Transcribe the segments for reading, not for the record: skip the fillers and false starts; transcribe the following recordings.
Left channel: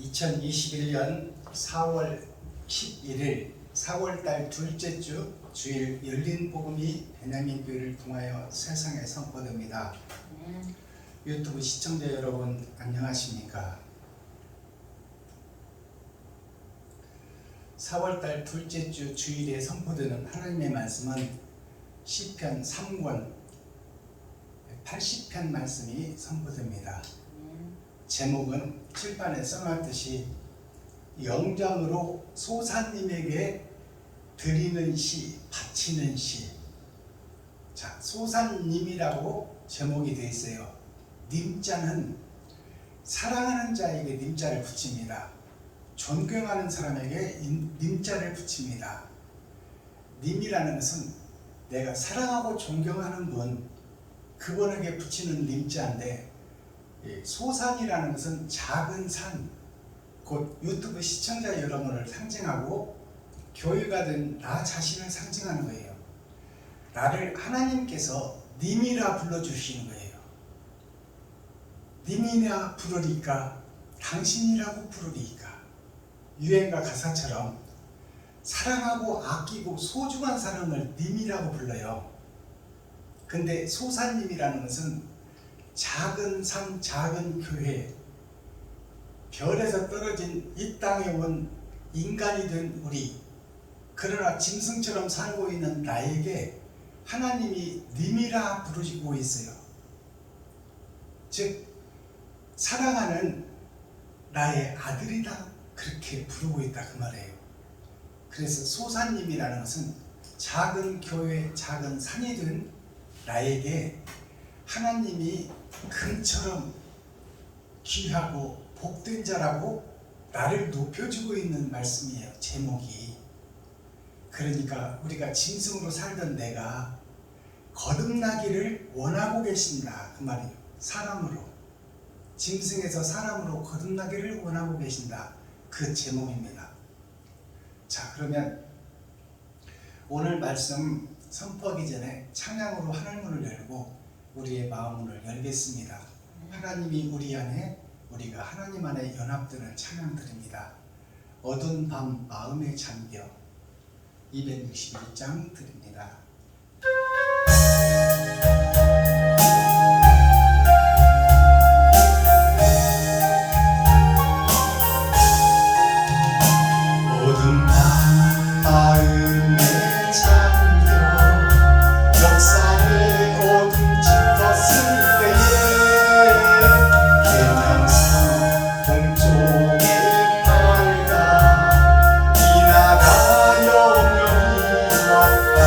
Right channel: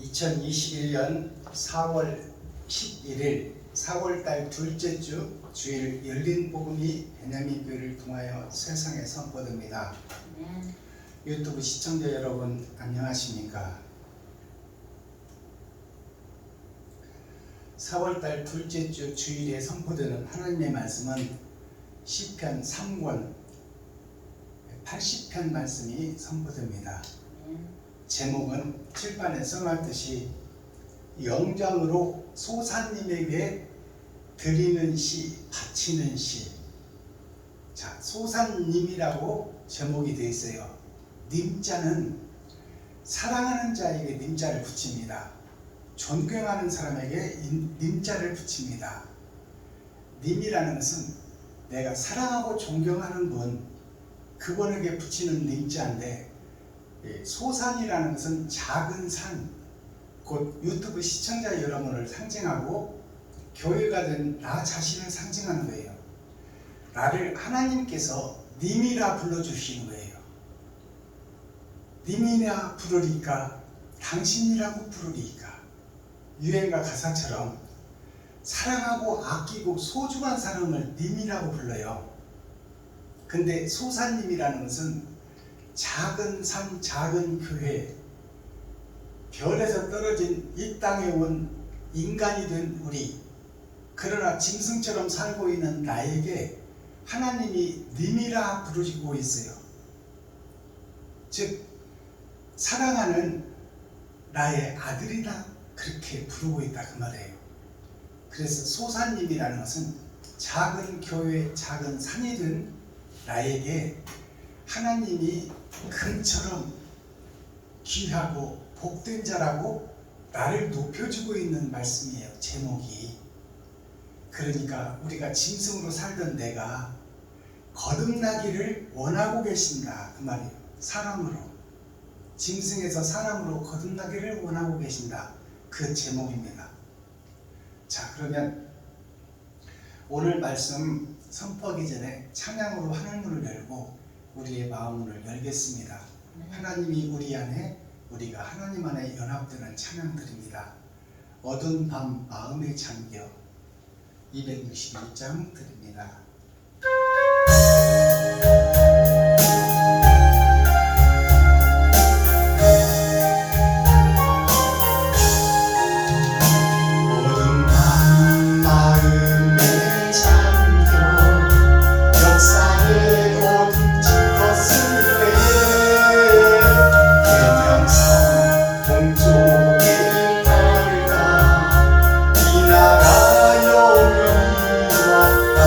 2021년 4월 11일 4월달 둘째 주 주일 열린 복음이 베냐민 교회를 통하여 세상에 선포됩니다. 유튜브 시청자 여러분 안녕하십니까? 4월달 둘째 주 주일에 선포되는 하나님의 말씀은 시편 3권 80편 말씀이 선포됩니다. 제목은 칠판에 써놨듯이 영장으로 소사님에게 드리는 시, 바치는 시. 자, 소사님이라고 제목이 되어 있어요. 님자는 사랑하는 자에게 님자를 붙입니다. 존경하는 사람에게 님자를 붙입니다. 님이라는 것은 내가 사랑하고 존경하는 분, 그분에게 붙이는 님자인데, 소산이라는 것은 작은 산, 곧 유튜브 시청자 여러분을 상징하고 교회가 된 나 자신을 상징하는 거예요. 나를 하나님께서 님이라 불러주시는 거예요. 님이라 부르리까 당신이라고 부르리까. 유행가 가사처럼 사랑하고 아끼고 소중한 사람을 님이라고 불러요. 근데 소사님이라는 것은 작은 산, 작은 교회, 별에서 떨어진 이 땅에 온 인간이 된 우리, 그러나 짐승처럼 살고 있는 나에게 하나님이 님이라 부르시고 있어요. 즉 사랑하는 나의 아들이다, 그렇게 부르고 있다 그 말이에요. 그래서 소사님이라는 것은 작은 교회, 작은 산이 된 나에게 하나님이 금처럼 귀하고 복된 자라고 나를 높여주고 있는 말씀이에요. 제목이. 그러니까 우리가 짐승으로 살던 내가 거듭나기를 원하고 계신다 그 말이에요. 사람으로, 짐승에서 사람으로 거듭나기를 원하고 계신다, 그 제목입니다. 자, 그러면 오늘 말씀 선포하기 전에 찬양으로 하늘문을 열고 우리의 마음문을 열겠습니다. 하나님이 우리 안에, 우리가 하나님 안에 연합되는 찬양 드립니다. 어두운 밤 마음에 잠겨 261장 드립니다. 어두운 밤 마음에 잠겨 역사의 어둠 짙었을 때에 계명성 동쪽에 밝아 이 나라 영원히 왔다.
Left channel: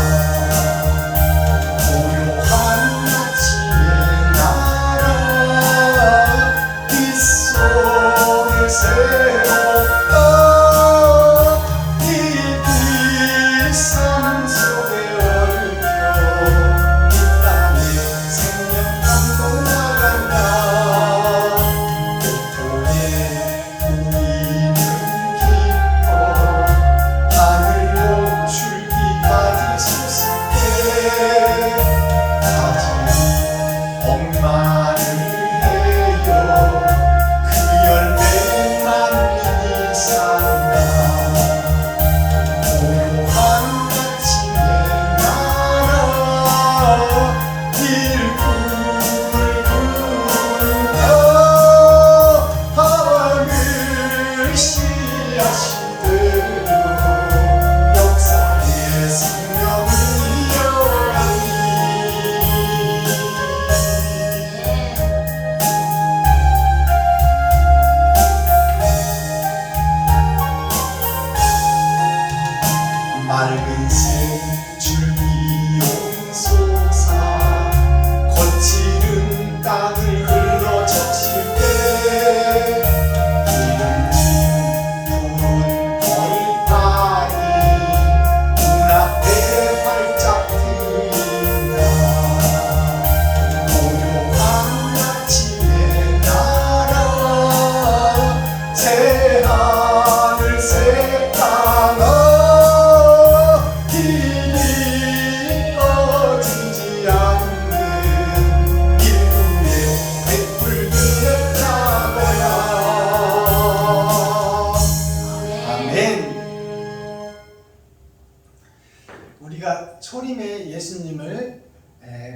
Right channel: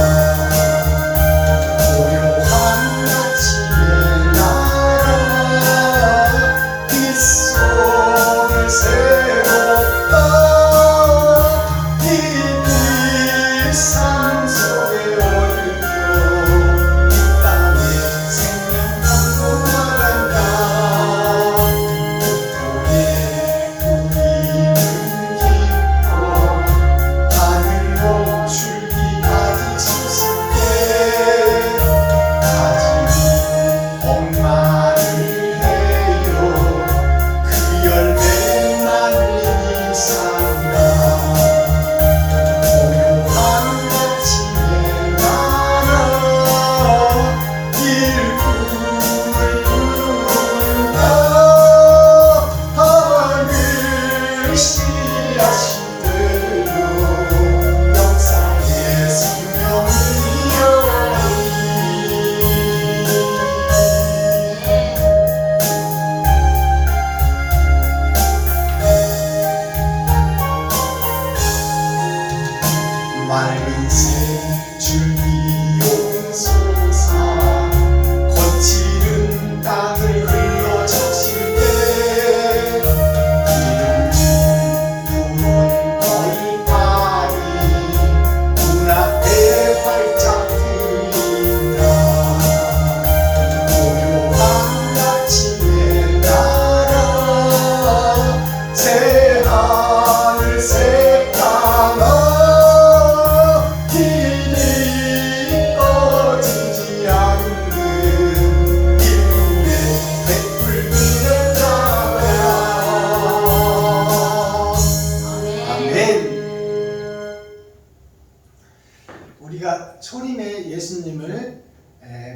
초림의 예수님을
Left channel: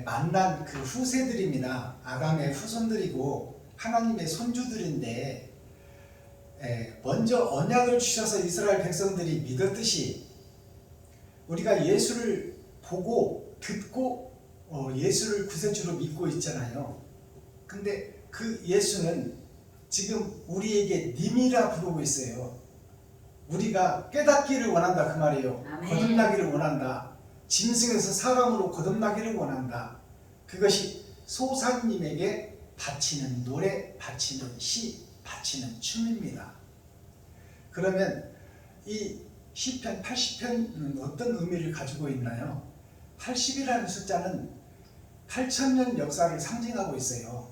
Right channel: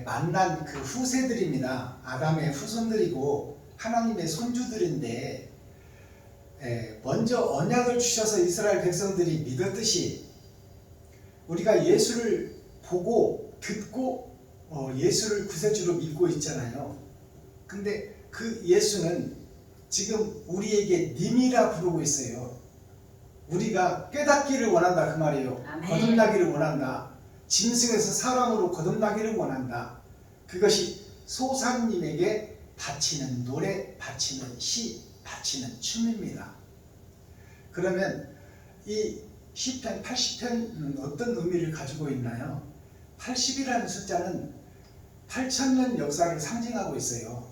만난 그 후세들입니다. 아담의 후손들이고 하나님의 손주들인데 먼저 언약을 주셔서 이스라엘 백성들이 믿었듯이 우리가 예수를 보고 듣고 예수를 구세주로 믿고 있잖아요. 근데 그 예수는 지금 우리에게 님이라 부르고 있어요. 우리가 깨닫기를 원한다 그 말이에요. 아멘. 거듭나기를 원한다. 짐승에서 사람으로 거듭나기를 원한다. 그것이 소사님에게 바치는 노래, 바치는 시, 바치는 춤입니다. 그러면 이 시편 80편은 어떤 의미를 가지고 있나요? 80이라는 숫자는 8,000년 역사를 상징하고 있어요.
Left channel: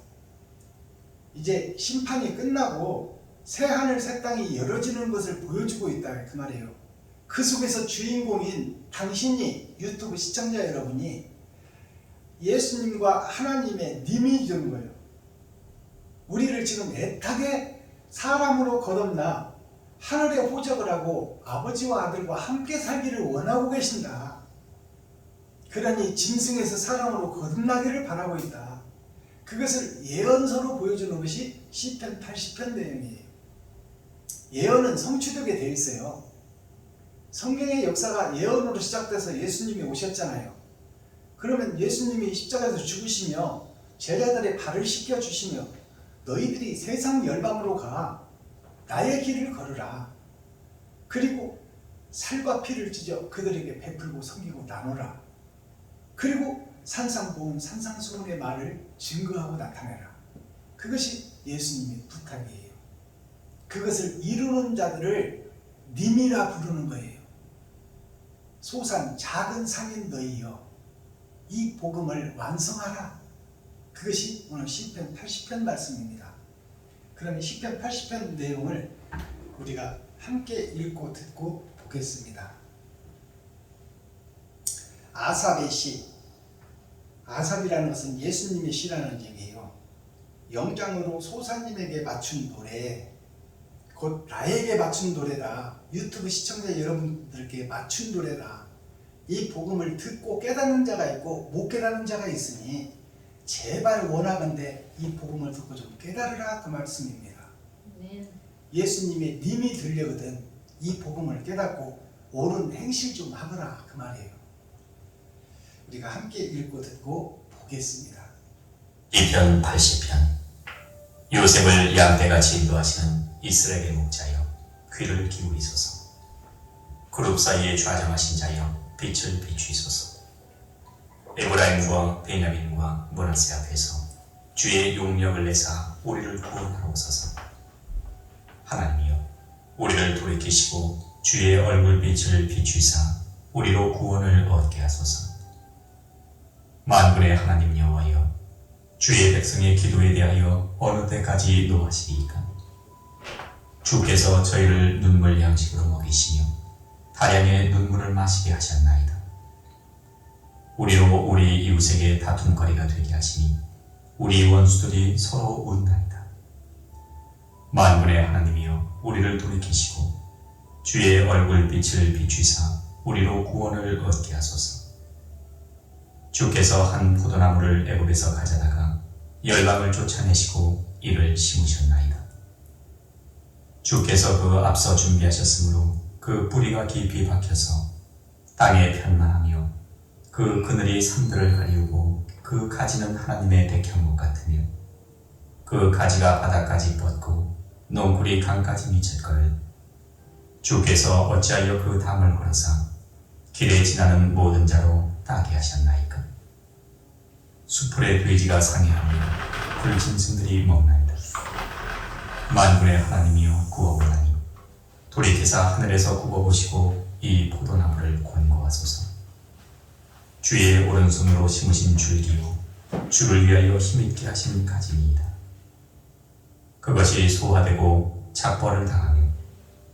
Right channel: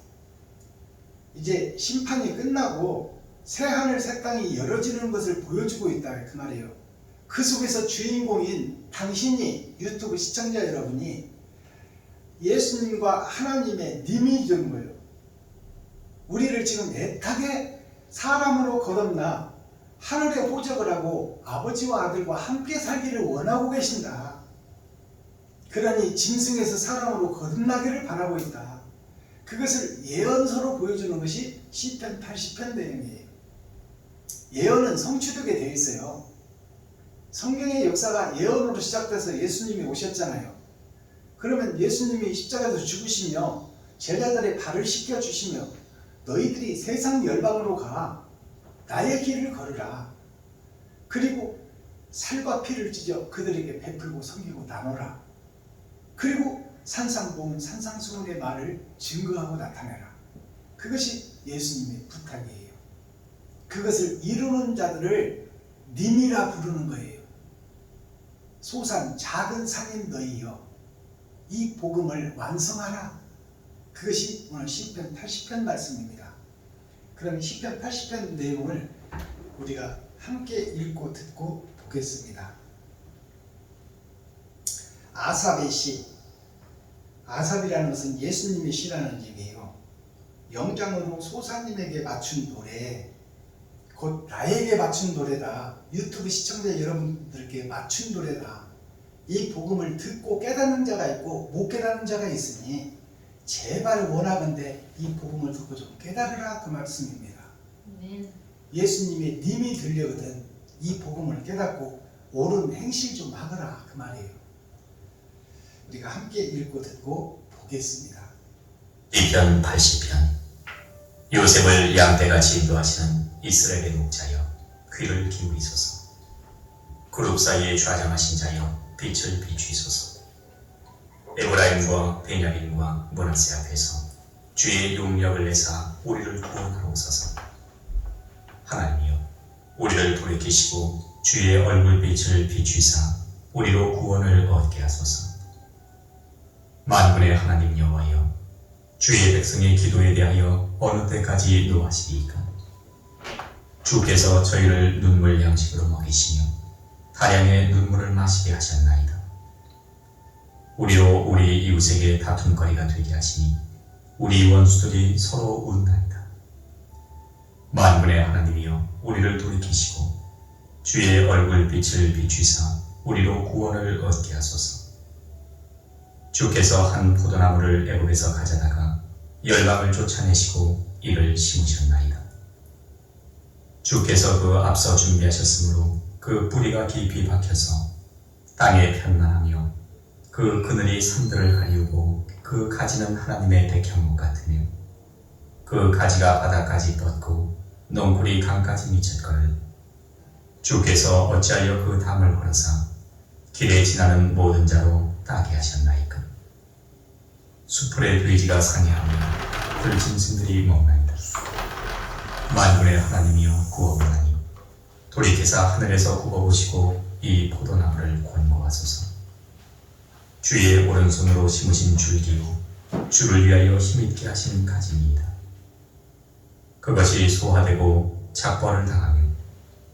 이제 심판이 끝나고 새하늘 새 땅이 열어지는 것을 보여주고 있다 그 말이에요. 그 속에서 주인공인 당신이, 유튜브 시청자 여러분이 예수님과 하나님의 님이 되는 거예요. 우리를 지금 애타게 사람으로 거듭나 하늘에 호적을 하고 아버지와 아들과 함께 살기를 원하고 계신다. 그러니 짐승에서 사람으로 거듭나기를 바라고 있다. 그것을 예언서로 보여주는 것이 시편 80편 내용이에요. 예언은 성취되게 되어 있어요. 성경의 역사가 예언으로 시작돼서 예수님이 오셨잖아요. 그러면 예수님이 십자가에서 죽으시며 제자들의 발을 씻겨주시며 너희들이 세상 열방으로 가 나의 길을 걸으라. 그리고 살과 피를 찢어 그들에게 베풀고 섬기고 나눠라. 그리고 산상보은 산상수훈의 말을 증거하고 나타내라. 그것이 예수님의 부탁이에요. 그것을 이루는 자들을 님이라 부르는 거예요. 소산 작은 산인 너희여 이 복음을 완성하라. 그것이 오늘 시편 80편 말씀입니다. 그럼 시편 80편 내용을 우리가 함께 읽고 듣고 보겠습니다. 아삽의 시, 아삽이라는 것은 예수님의 시라는 얘기예요. 영장으로 소사님에게 맞춘 노래, 곧 나에게 맞춘 노래다. 유튜브 시청자 여러분들께 맞춘 노래다. 이 복음을 듣고 깨닫는 자가 있고 못 깨닫는 자가 있으니 제발 원하건대 이 복음을 듣고 좀 깨달으라 그 말씀입니다. 아멘. 예수님의 님이 들려거든 이 복음을 깨닫고 옳은 행실 좀 하거라 그 말이에요. 우리가 함께 읽고 듣고 보겠습니다. 시편 80편. 요셉을 양떼같이 인도하시는 이스라엘의 목자여 귀를 기울이소서. 그룹 사이에 좌정하신 자여 빛을 비추소서. 에브라임과 베냐민과 므낫세 앞에서 주의 용력을 내사 우리를 구원하러 오소서. 하나님이여 우리를 돌이키시고 주의 얼굴빛을 비추사 우리로 구원을 얻게 하소서. 만군의 하나님 여호와여 주의 백성의 기도에 대하여 어느 때까지 노하시리이까? 주께서 저희를 눈물 양식으로 먹이시며 다량의 눈물을 마시게 하셨나이다. 우리로 우리 이웃에게 다툼거리가 되게 하시니 우리 원수들이 서로 웃나이다. 만군의 하나님이여 우리를 돌이키시고 주의 얼굴빛을 비추사 우리로 구원을 얻게 하소서. 주께서 한 포도나무를 애굽에서 가져다가 열방을 쫓아내시고 이를 심으셨나이다. 주께서 그 앞서 준비하셨으므로 그 뿌리가 깊이 박혀서 땅에 편만하며 그 그늘이 산들을 가리우고 그 가지는 하나님의 백향목 같으며 그 가지가 바닥까지 뻗고 넝쿨이 강까지 미쳤거늘 주께서 어찌하여 그 담을 헐사 길에 지나는 모든 자로 따게 하셨나이까? 수풀의 돼지가 상해하며 들짐승들이 먹나이다. 만군의 하나님이여 구하오나니 돌이키사 하늘에서 굽어보시고 이 포도나무를 권고하소서. 주의 오른손으로 심으신 줄기요 주를 위하여 힘있게 하신 가지니이다. 그것이 소화되고 작벌을 당하며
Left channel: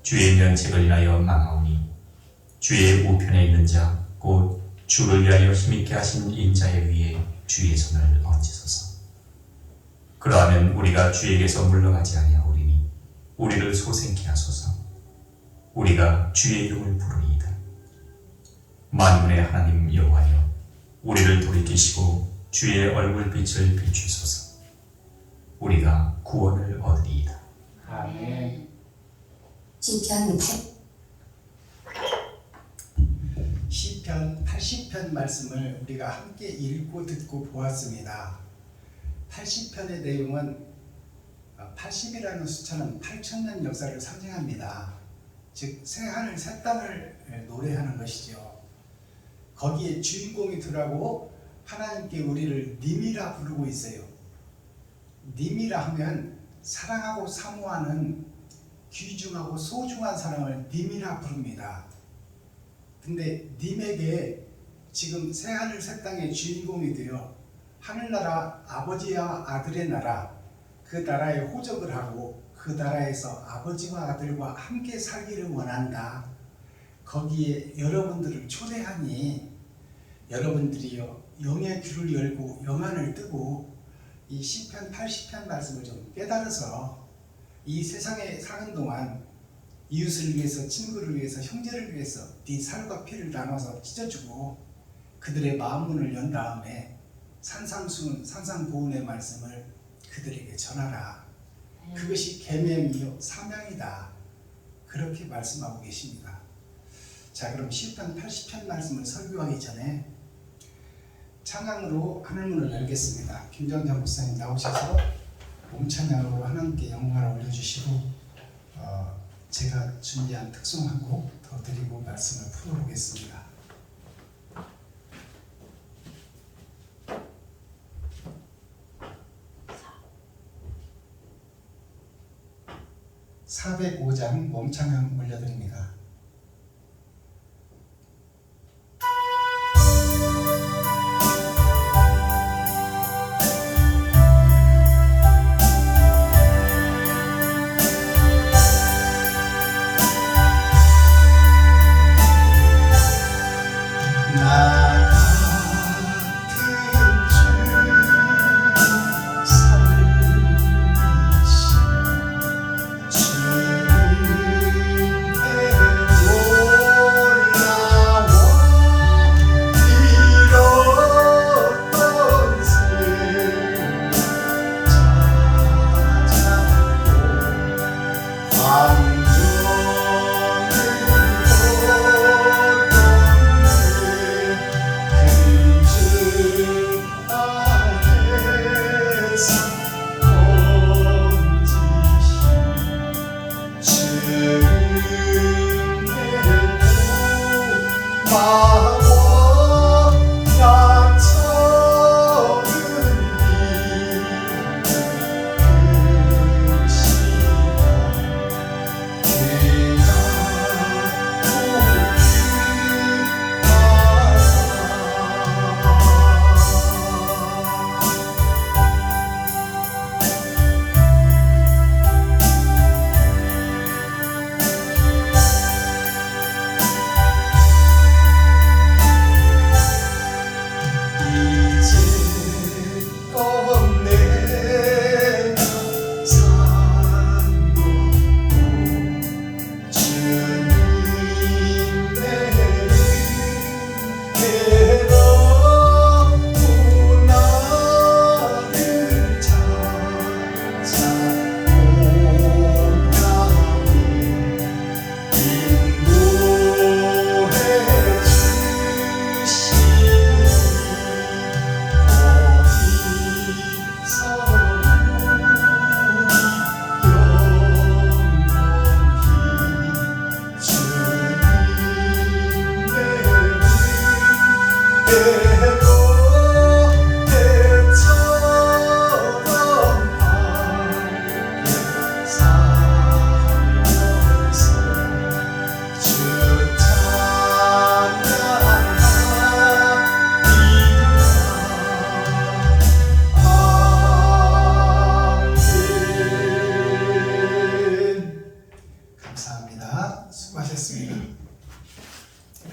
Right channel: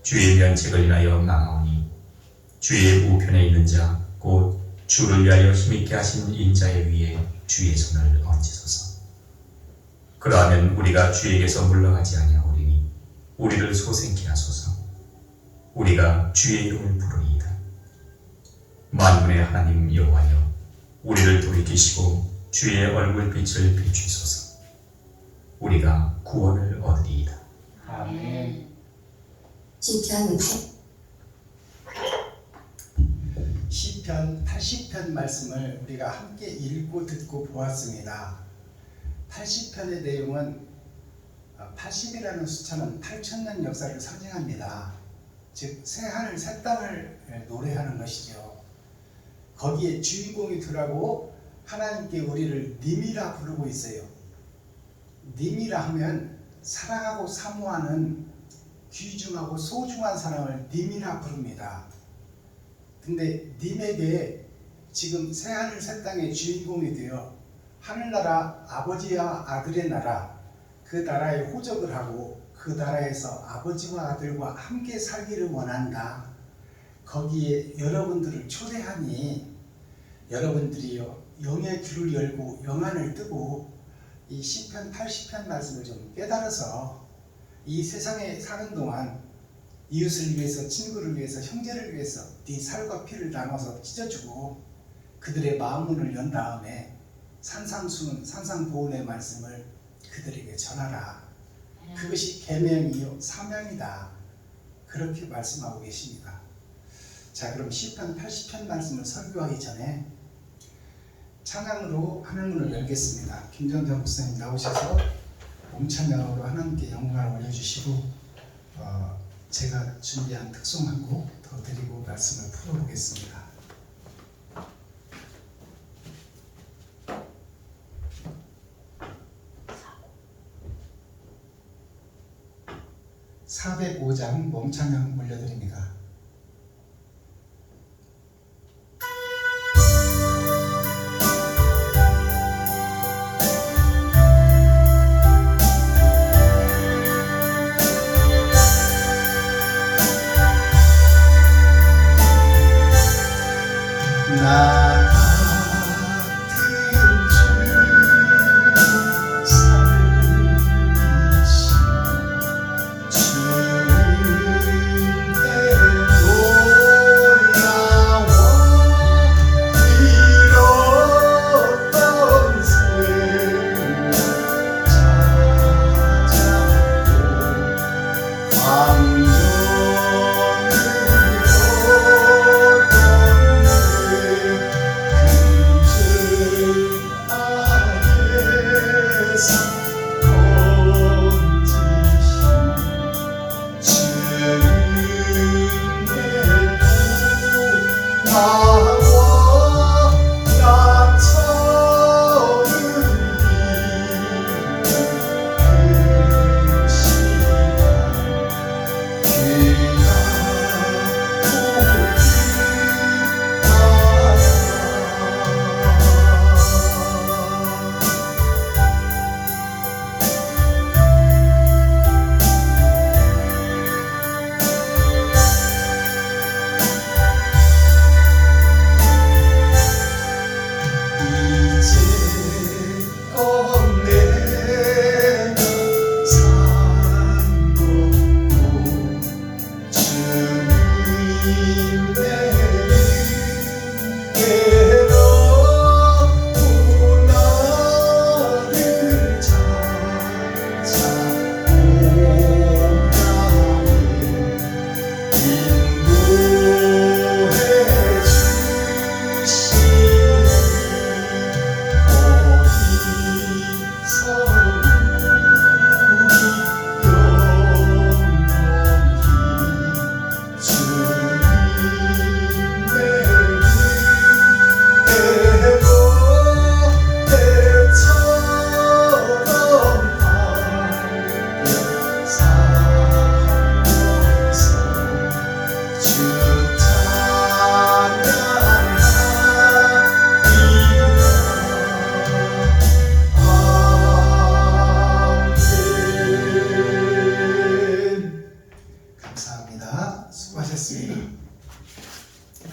주의 면책을 인하여 망하오니 주의 우편에 있는 자 곧 주를 위하여 힘있게 하신 인자의 위에 주의 손을 얹으소서. 그러하면 우리가 주에게서 물러가지 아니하오리니 우리를 소생케 하소서. 우리가 주의 이름을 부르리이다. 만군의 하나님 여호와여, 우리를 돌이키시고 주의 얼굴빛을 비추소서. 우리가 구원을 얻으리이다. 아멘. 시편 80편 말씀을 우리가 함께 읽고 듣고 보았습니다. 80편의 내용은 80이라는 숫자는 8,000년 역사를 상징합니다. 즉 새하늘 새 땅을 노래하는 것이죠. 거기에 주인공이 들어가고 하나님께 우리를 님이라 부르고 있어요. 님이라 하면 사랑하고 사모하는 귀중하고 소중한 사람을 님이라 부릅니다. 근데 님에게 지금 새하늘 새 땅의 주인공이 되어 하늘나라 아버지와 아들의 나라, 그 나라에 호적을 하고 그 나라에서 아버지와 아들과 함께 살기를 원한다. 거기에 여러분들을 초대하니 여러분들이요 영의 귀를 열고 영안을 뜨고 이 시편 80편 말씀을 좀 깨달아서 이 세상에 사는 동안 이웃을 위해서, 친구를 위해서, 형제를 위해서 네 살과 피를 나눠서 찢어주고 그들의 마음문을 연 다음에 산상보훈의 말씀을 그들에게 전하라. 그것이 계명이요 사명이다. 그렇게 말씀하고 계십니다. 자, 그럼 시편 80편 말씀을 설교하기 전에 찬양으로 하늘문을 열겠습니다. 김정자 목사님 나오셔서 몸찬양으로 하나님께 영광을 올려주시고 제가 준비한 특송하고 더 드리고 말씀을 풀어보겠습니다. (405장) 몸찬양 올려드립니다.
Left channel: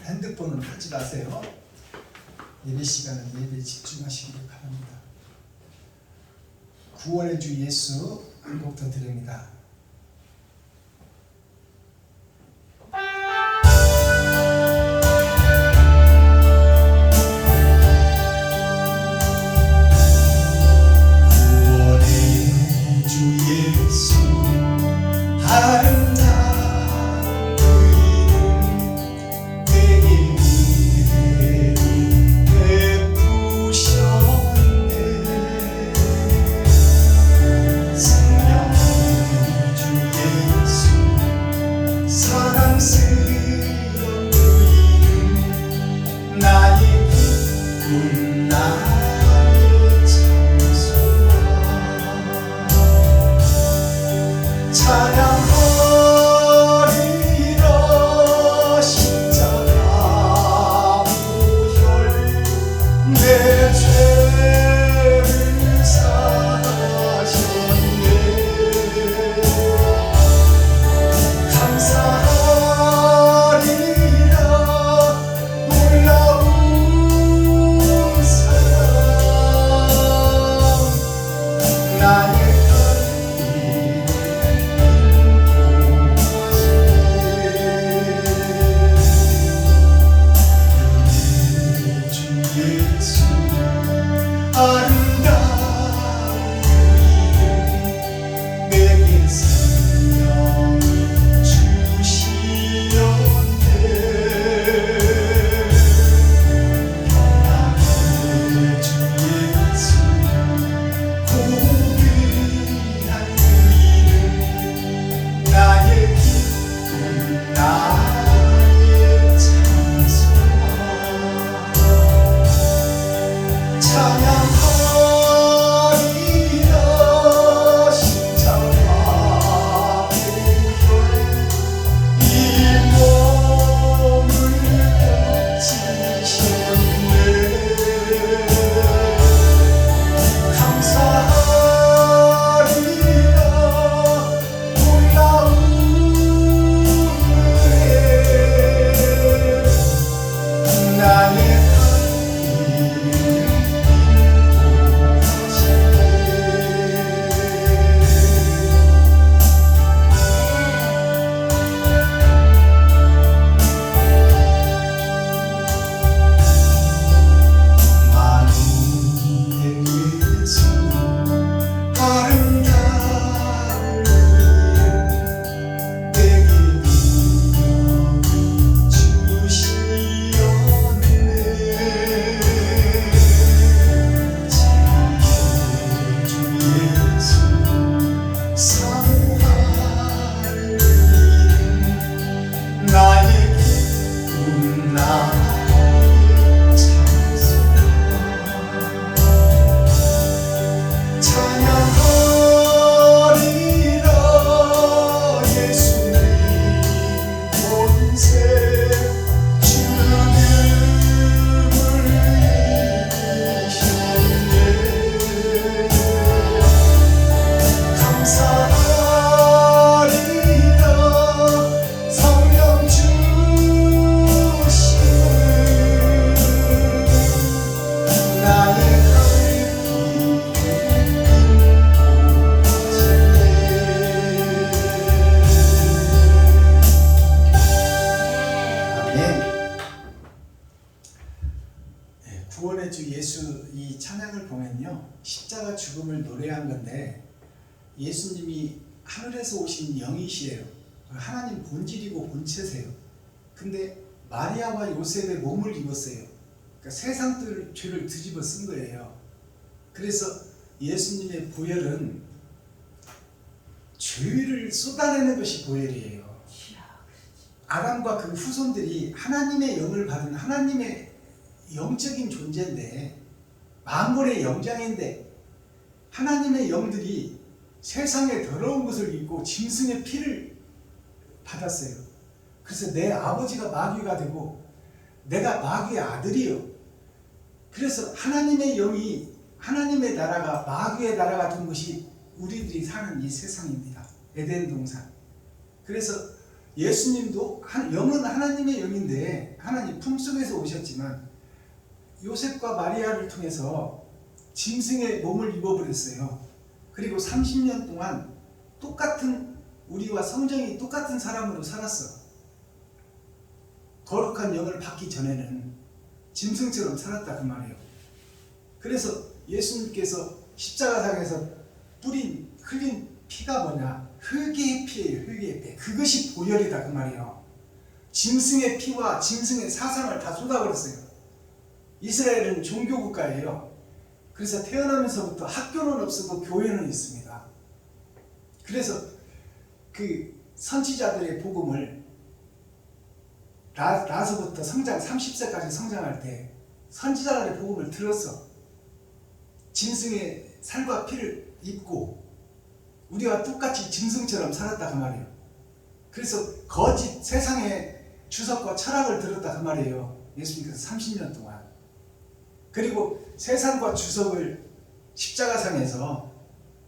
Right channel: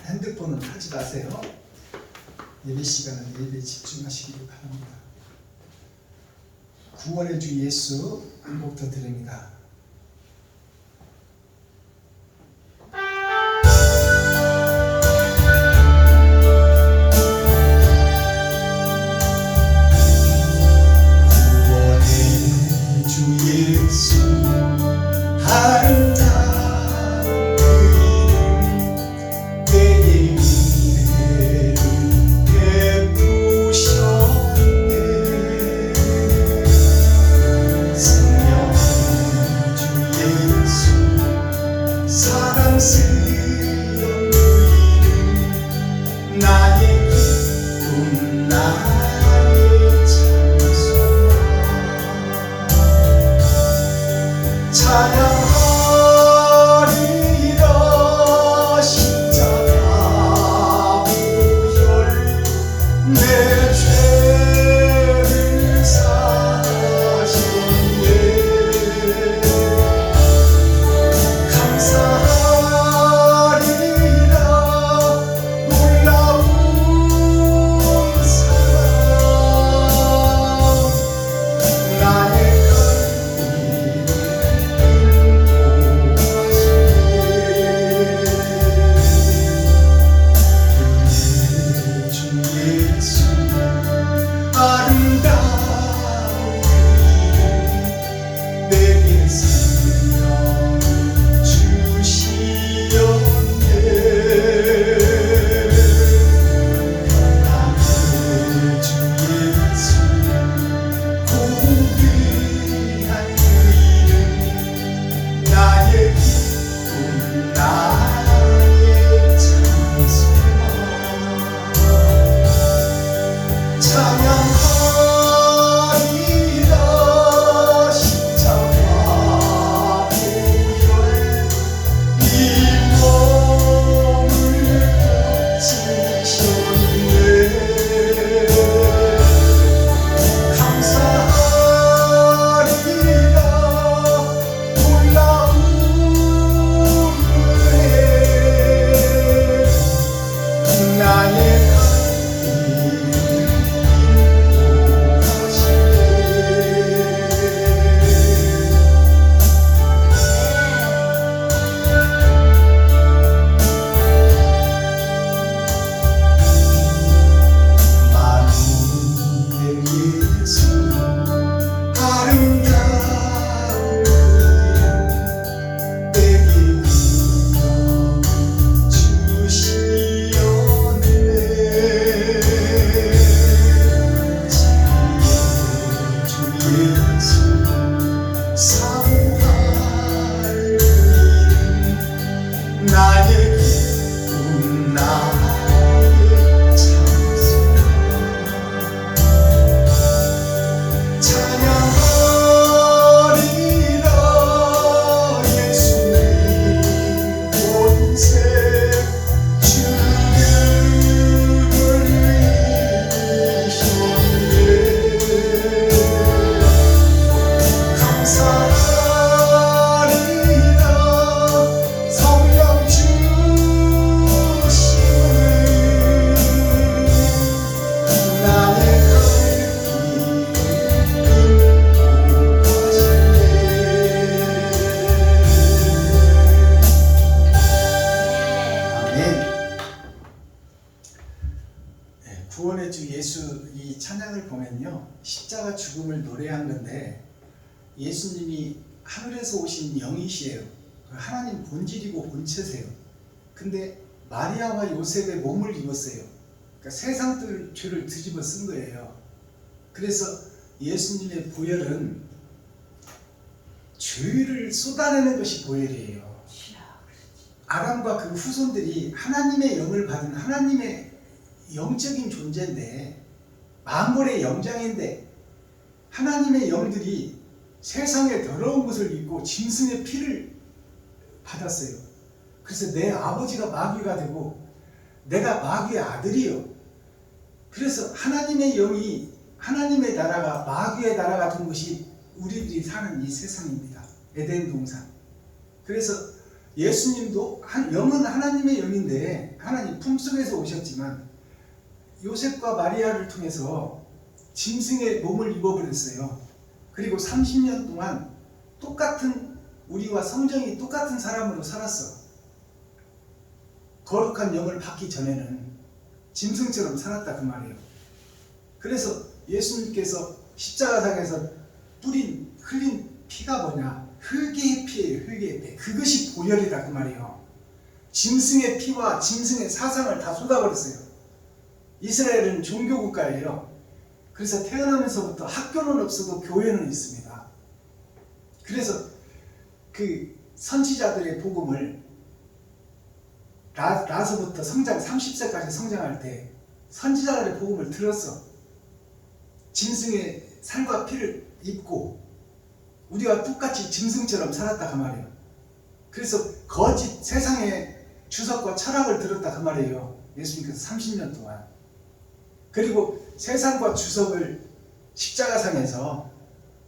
핸드폰은 하지 마세요. 예배 시간은 예배에 집중하시기 바랍니다. 구원의 주 예수 한 곡 더 드립니다. 이 찬양을 보면요, 십자가 죽음을 노래한 건데 예수님이 하늘에서 오신 영이시에요. 하나님 본질이고 본체세요. 근데 마리아와 요셉의 몸을 입었어요. 그러니까 세상 죄를 뒤집어 쓴 거예요. 그래서 예수님의 보혈은 죄를 쏟아내는 것이 보혈이에요. 아담과 그 후손들이 하나님의 영을 받은 하나님의 영적인 존재인데, 만물의 영장인데 하나님의 영들이 세상에 더러운 것을 입고 짐승의 피를 받았어요. 그래서 내 아버지가 마귀가 되고 내가 마귀의 아들이요. 그래서 하나님의 영이, 하나님의 나라가 마귀의 나라가 된 것이 우리들이 사는 이 세상입니다. 에덴 동산. 그래서 예수님도 영은 하나님의 영인데 하나님 품속에서 오셨지만 요셉과 마리아를 통해서 짐승의 몸을 입어버렸어요. 그리고 30년 동안 똑같은, 우리와 성정이 똑같은 사람으로 살았어. 거룩한 영을 받기 전에는 짐승처럼 살았다 그 말이에요. 그래서 예수님께서 십자가상에서 흘린 피가 뭐냐? 흙의 피예요. 흙의 피. 그것이 보혈이다 그 말이에요. 짐승의 피와 짐승의 사상을 다 쏟아버렸어요. 이스라엘은 종교국가예요. 그래서 태어나면서부터 학교는 없어도 교회는 있습니다. 그래서 그 선지자들의 복음을 나서부터 성장 30세까지 성장할 때 선지자들의 복음을 들었어. 짐승의 살과 피를 입고 우리와 똑같이 짐승처럼 살았다 그 말이에요. 그래서 거짓 세상의 주석과 철학을 들었다 그 말이에요. 예수님께서 30년 동안. 그리고 세상과 주석을 십자가상에서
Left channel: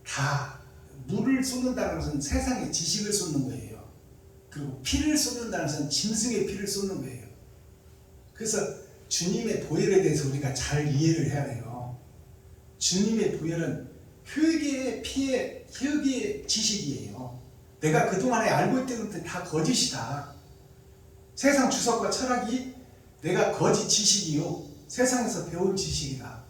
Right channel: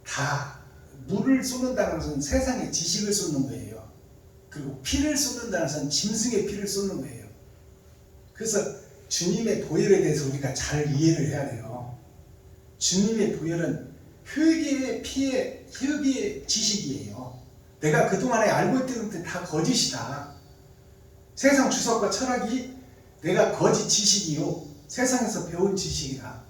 다 물을 쏟는다는 것은 세상의 지식을 쏟는 거예요. 그리고 피를 쏟는다는 것은 짐승의 피를 쏟는 거예요. 그래서 주님의 보혈에 대해서 우리가 잘 이해를 해야 돼요. 주님의 보혈은 흙의 피의 흙의 지식이에요. 내가 그동안에 알고 있던 것들 다 거짓이다. 세상 주석과 철학이 내가 거짓 지식이요, 세상에서 배운 지식이다.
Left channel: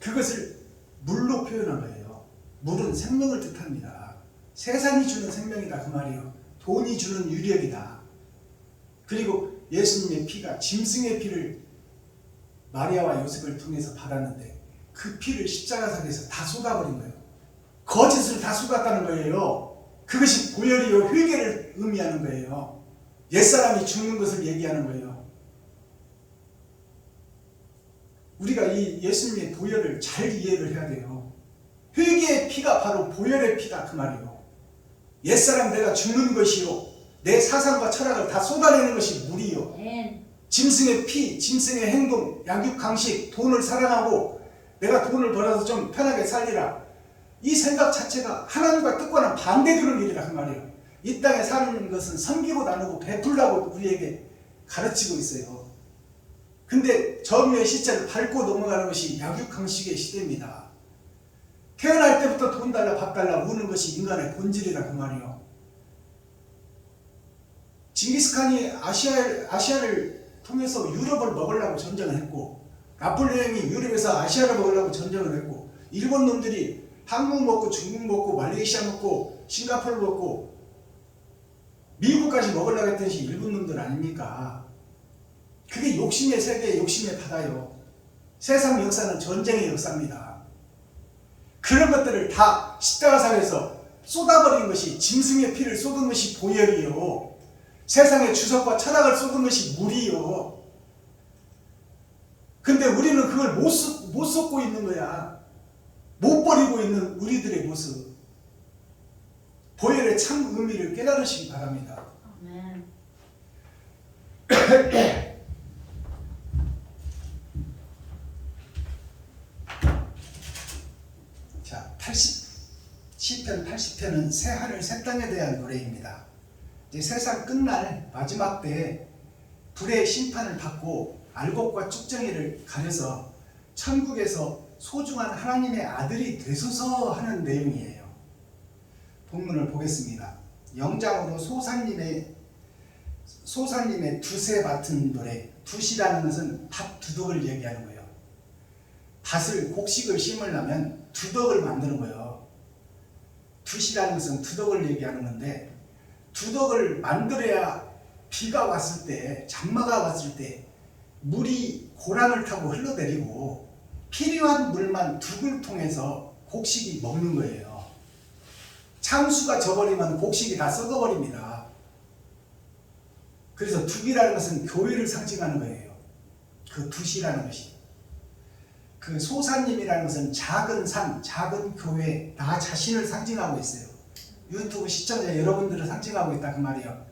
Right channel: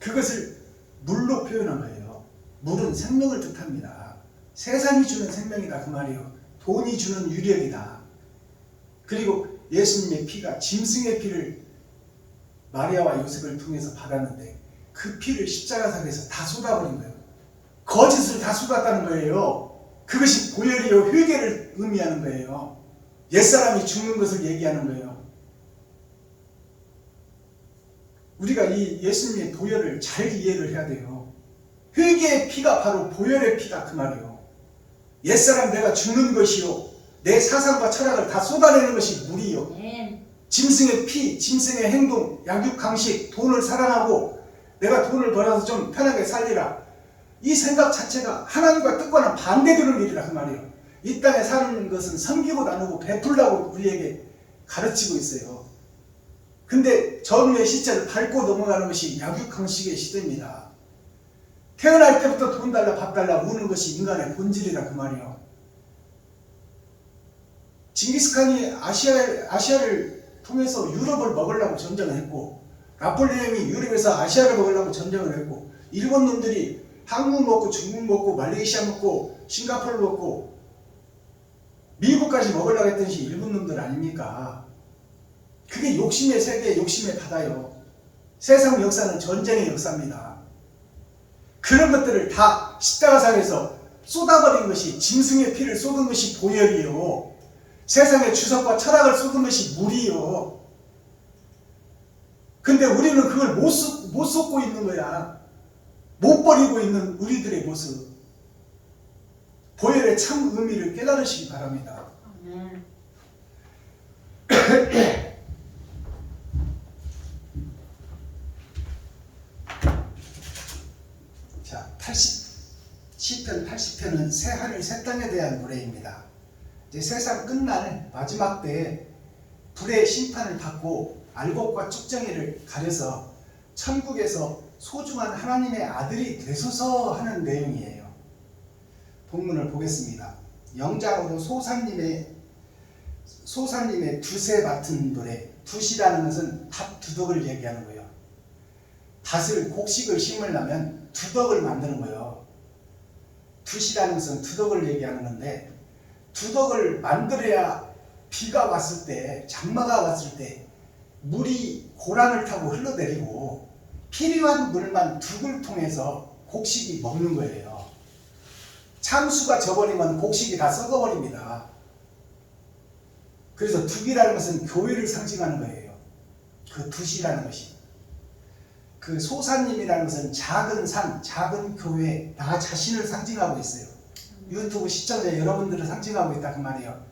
그것을 물로 표현한 거예요. 물은 생명을 뜻합니다. 세상이 주는 생명이다 그 말이에요. 돈이 주는 유력이다. 그리고 예수님의 피가 짐승의 피를 마리아와 요셉을 통해서 받았는데 그 피를 십자가상에서 다 쏟아버린 거예요. 거짓을 다 쏟았다는 거예요. 그것이 보혈이요 회개를 의미하는 거예요. 옛사람이 죽는 것을 얘기하는 거예요. 우리가 이 예수님의 보혈을 잘 이해를 해야 돼요. 회개의 피가 바로 보혈의 피다 그 말이에요. 옛사람 내가 죽는 것이요, 내 사상과 철학을 다 쏟아내는 것이 물이요. 짐승의 피, 짐승의 행동, 약육강식, 돈을 사랑하고 내가 돈을 벌어서 좀 편하게 살리라. 이 생각 자체가 하나님과 뜻과는 반대되는 일이라 그 말이에요. 이 땅에 사는 것은 섬기고 나누고 베풀라고 우리에게 가르치고 있어요. 근데 점유의 시체를 밟고 넘어가는 것이 약육강식의 시대입니다. 태어날 때부터 돈 달라 밥 달라 우는 것이 인간의 본질이라 그 말이에요. 징기스칸이 아시아를 통해서 유럽을 먹으려고 전쟁을 했고, 나폴레옹이 유럽에서 아시아를 먹으려고 전쟁을 했고, 일본 놈들이 한국 먹고 중국 먹고 말레이시아 먹고 싱가포르 먹고 미국까지 먹으려고 했던 것이 일본 놈들 아닙니까? 그게 욕심의 세계, 욕심의 바다요. 세상 역사는 전쟁의 역사입니다. 그런 것들을 다 십자가상에서 쏟아버린 것이, 짐승의 피를 쏟은 것이 보혈이요, 세상의 주석과 철학을 쏟은 것이 물이요. 근데 우리는 그걸 못 쏟고 있는 거야. 못 버리고 있는 우리들의 모습. 보혈의 참 의미를 깨달으시기 바랍니다. 자, 시편 80편은 새 하늘 새 땅에 대한 노래입니다. 이제 세상 끝날 마지막 때에 불의 심판을 받고 알곡과 쭉정이를 가려서 천국에서 소중한 하나님의 아들이 되소서 하는 내용이에요. 본문을 보겠습니다. 영장으로 소사님의 두세 맡은 노래. 돛이라는 것은 밭 두둑을 얘기하는 거예요. 밭을 곡식을 심으려면 두덕을 만드는 거예요. 돛이라는 것은 두덕을 얘기하는 건데 두덕을 만들어야 비가 왔을 때 장마가 왔을 때 물이 고랑을 타고 흘러내리고 필요한 물만 둑을 통해서 곡식이 먹는 거예요. 창수가 져버리면 곡식이 다 썩어버립니다. 그래서 둑이라는 것은 교회를 상징하는 거예요. 그 돛이라는 것이. 그 소사님이라는 것은 작은 산, 작은 교회, 나 자신을 상징하고 있어요. 유튜브 시청자 여러분들을 상징하고 있다 그 말이에요.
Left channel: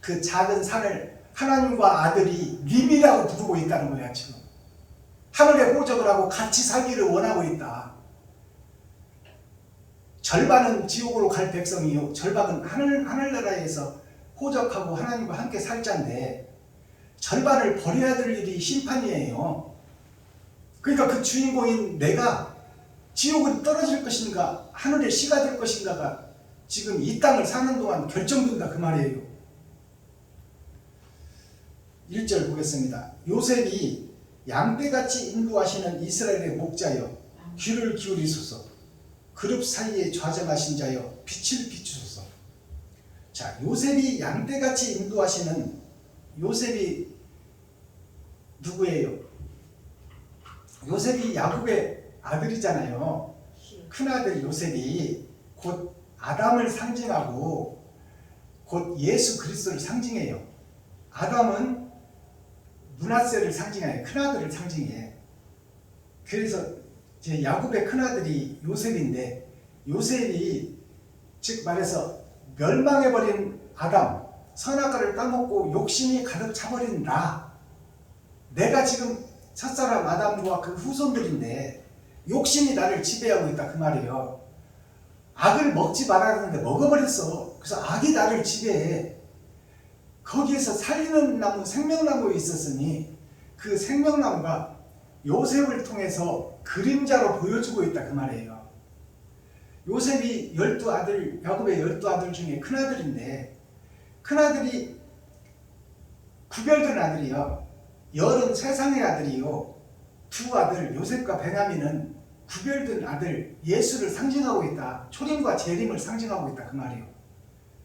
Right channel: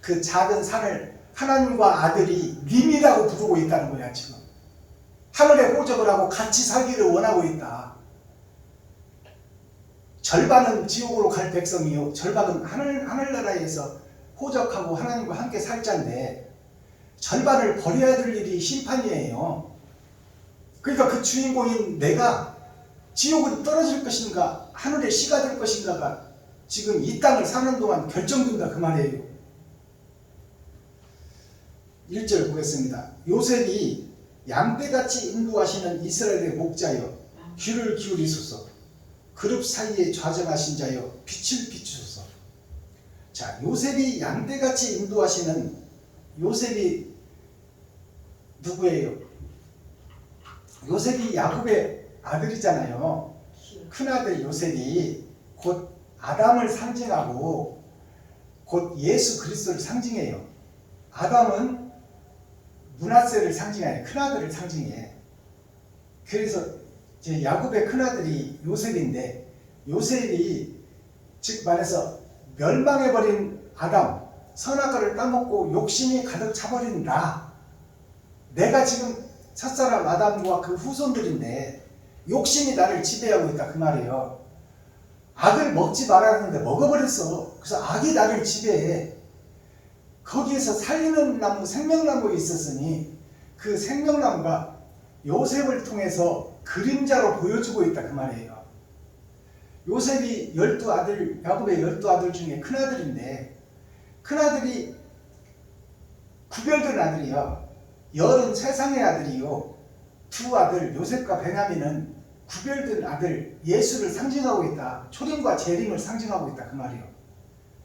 그 작은 산을 하나님과 아들이 님이라고 부르고 있다는 거야 지금. 하늘에 호적을 하고 같이 살기를 원하고 있다. 절반은 지옥으로 갈 백성이요, 절반은 하늘나라에서 호적하고 하나님과 함께 살 자인데 절반을 버려야 될 일이 심판이에요. 그러니까 그 주인공인 내가 지옥은 떨어질 것인가 하늘에 씨가 될 것인가가 지금 이 땅을 사는 동안 결정된다 그 말이에요. 1절 보겠습니다. 요셉이 양떼같이 인도하시는 이스라엘의 목자여 귀를 기울이소서. 그룹 사이에 좌정하신 자여 빛을 비추소서. 자, 요셉이 양떼같이 인도하시는 요셉이 누구예요? 요셉이 야곱의 아들이잖아요. 큰아들 요셉이 곧 아담을 상징하고 곧 예수 그리스도를 상징해요. 아담은 므낫세를 상징해, 큰아들을 상징해. 그래서 이제 야곱의 큰아들이 요셉인데 요셉이 즉 말해서 멸망해버린 아담, 선악과를 따먹고 욕심이 가득 차버린 나, 내가 지금 첫사람 아담과 그 후손들인데 욕심이 나를 지배하고 있다 그 말이에요. 악을 먹지 말아야 하는데 먹어버렸어. 그래서 악이 나를 지배해. 거기에서 살리는 나무, 생명나무에 있었으니 그 생명나무가 요셉을 통해서 그림자로 보여주고 있다 그 말이에요. 요셉이 12아들, 야곱의 12아들 중에 큰아들인데 큰아들이 구별된 아들이요, 열은 세상의 아들이요, 두 아들 요셉과 베냐민은 구별된 아들 예수를 상징하고 있다. 초림과 재림을 상징하고 있다 그 말이에요.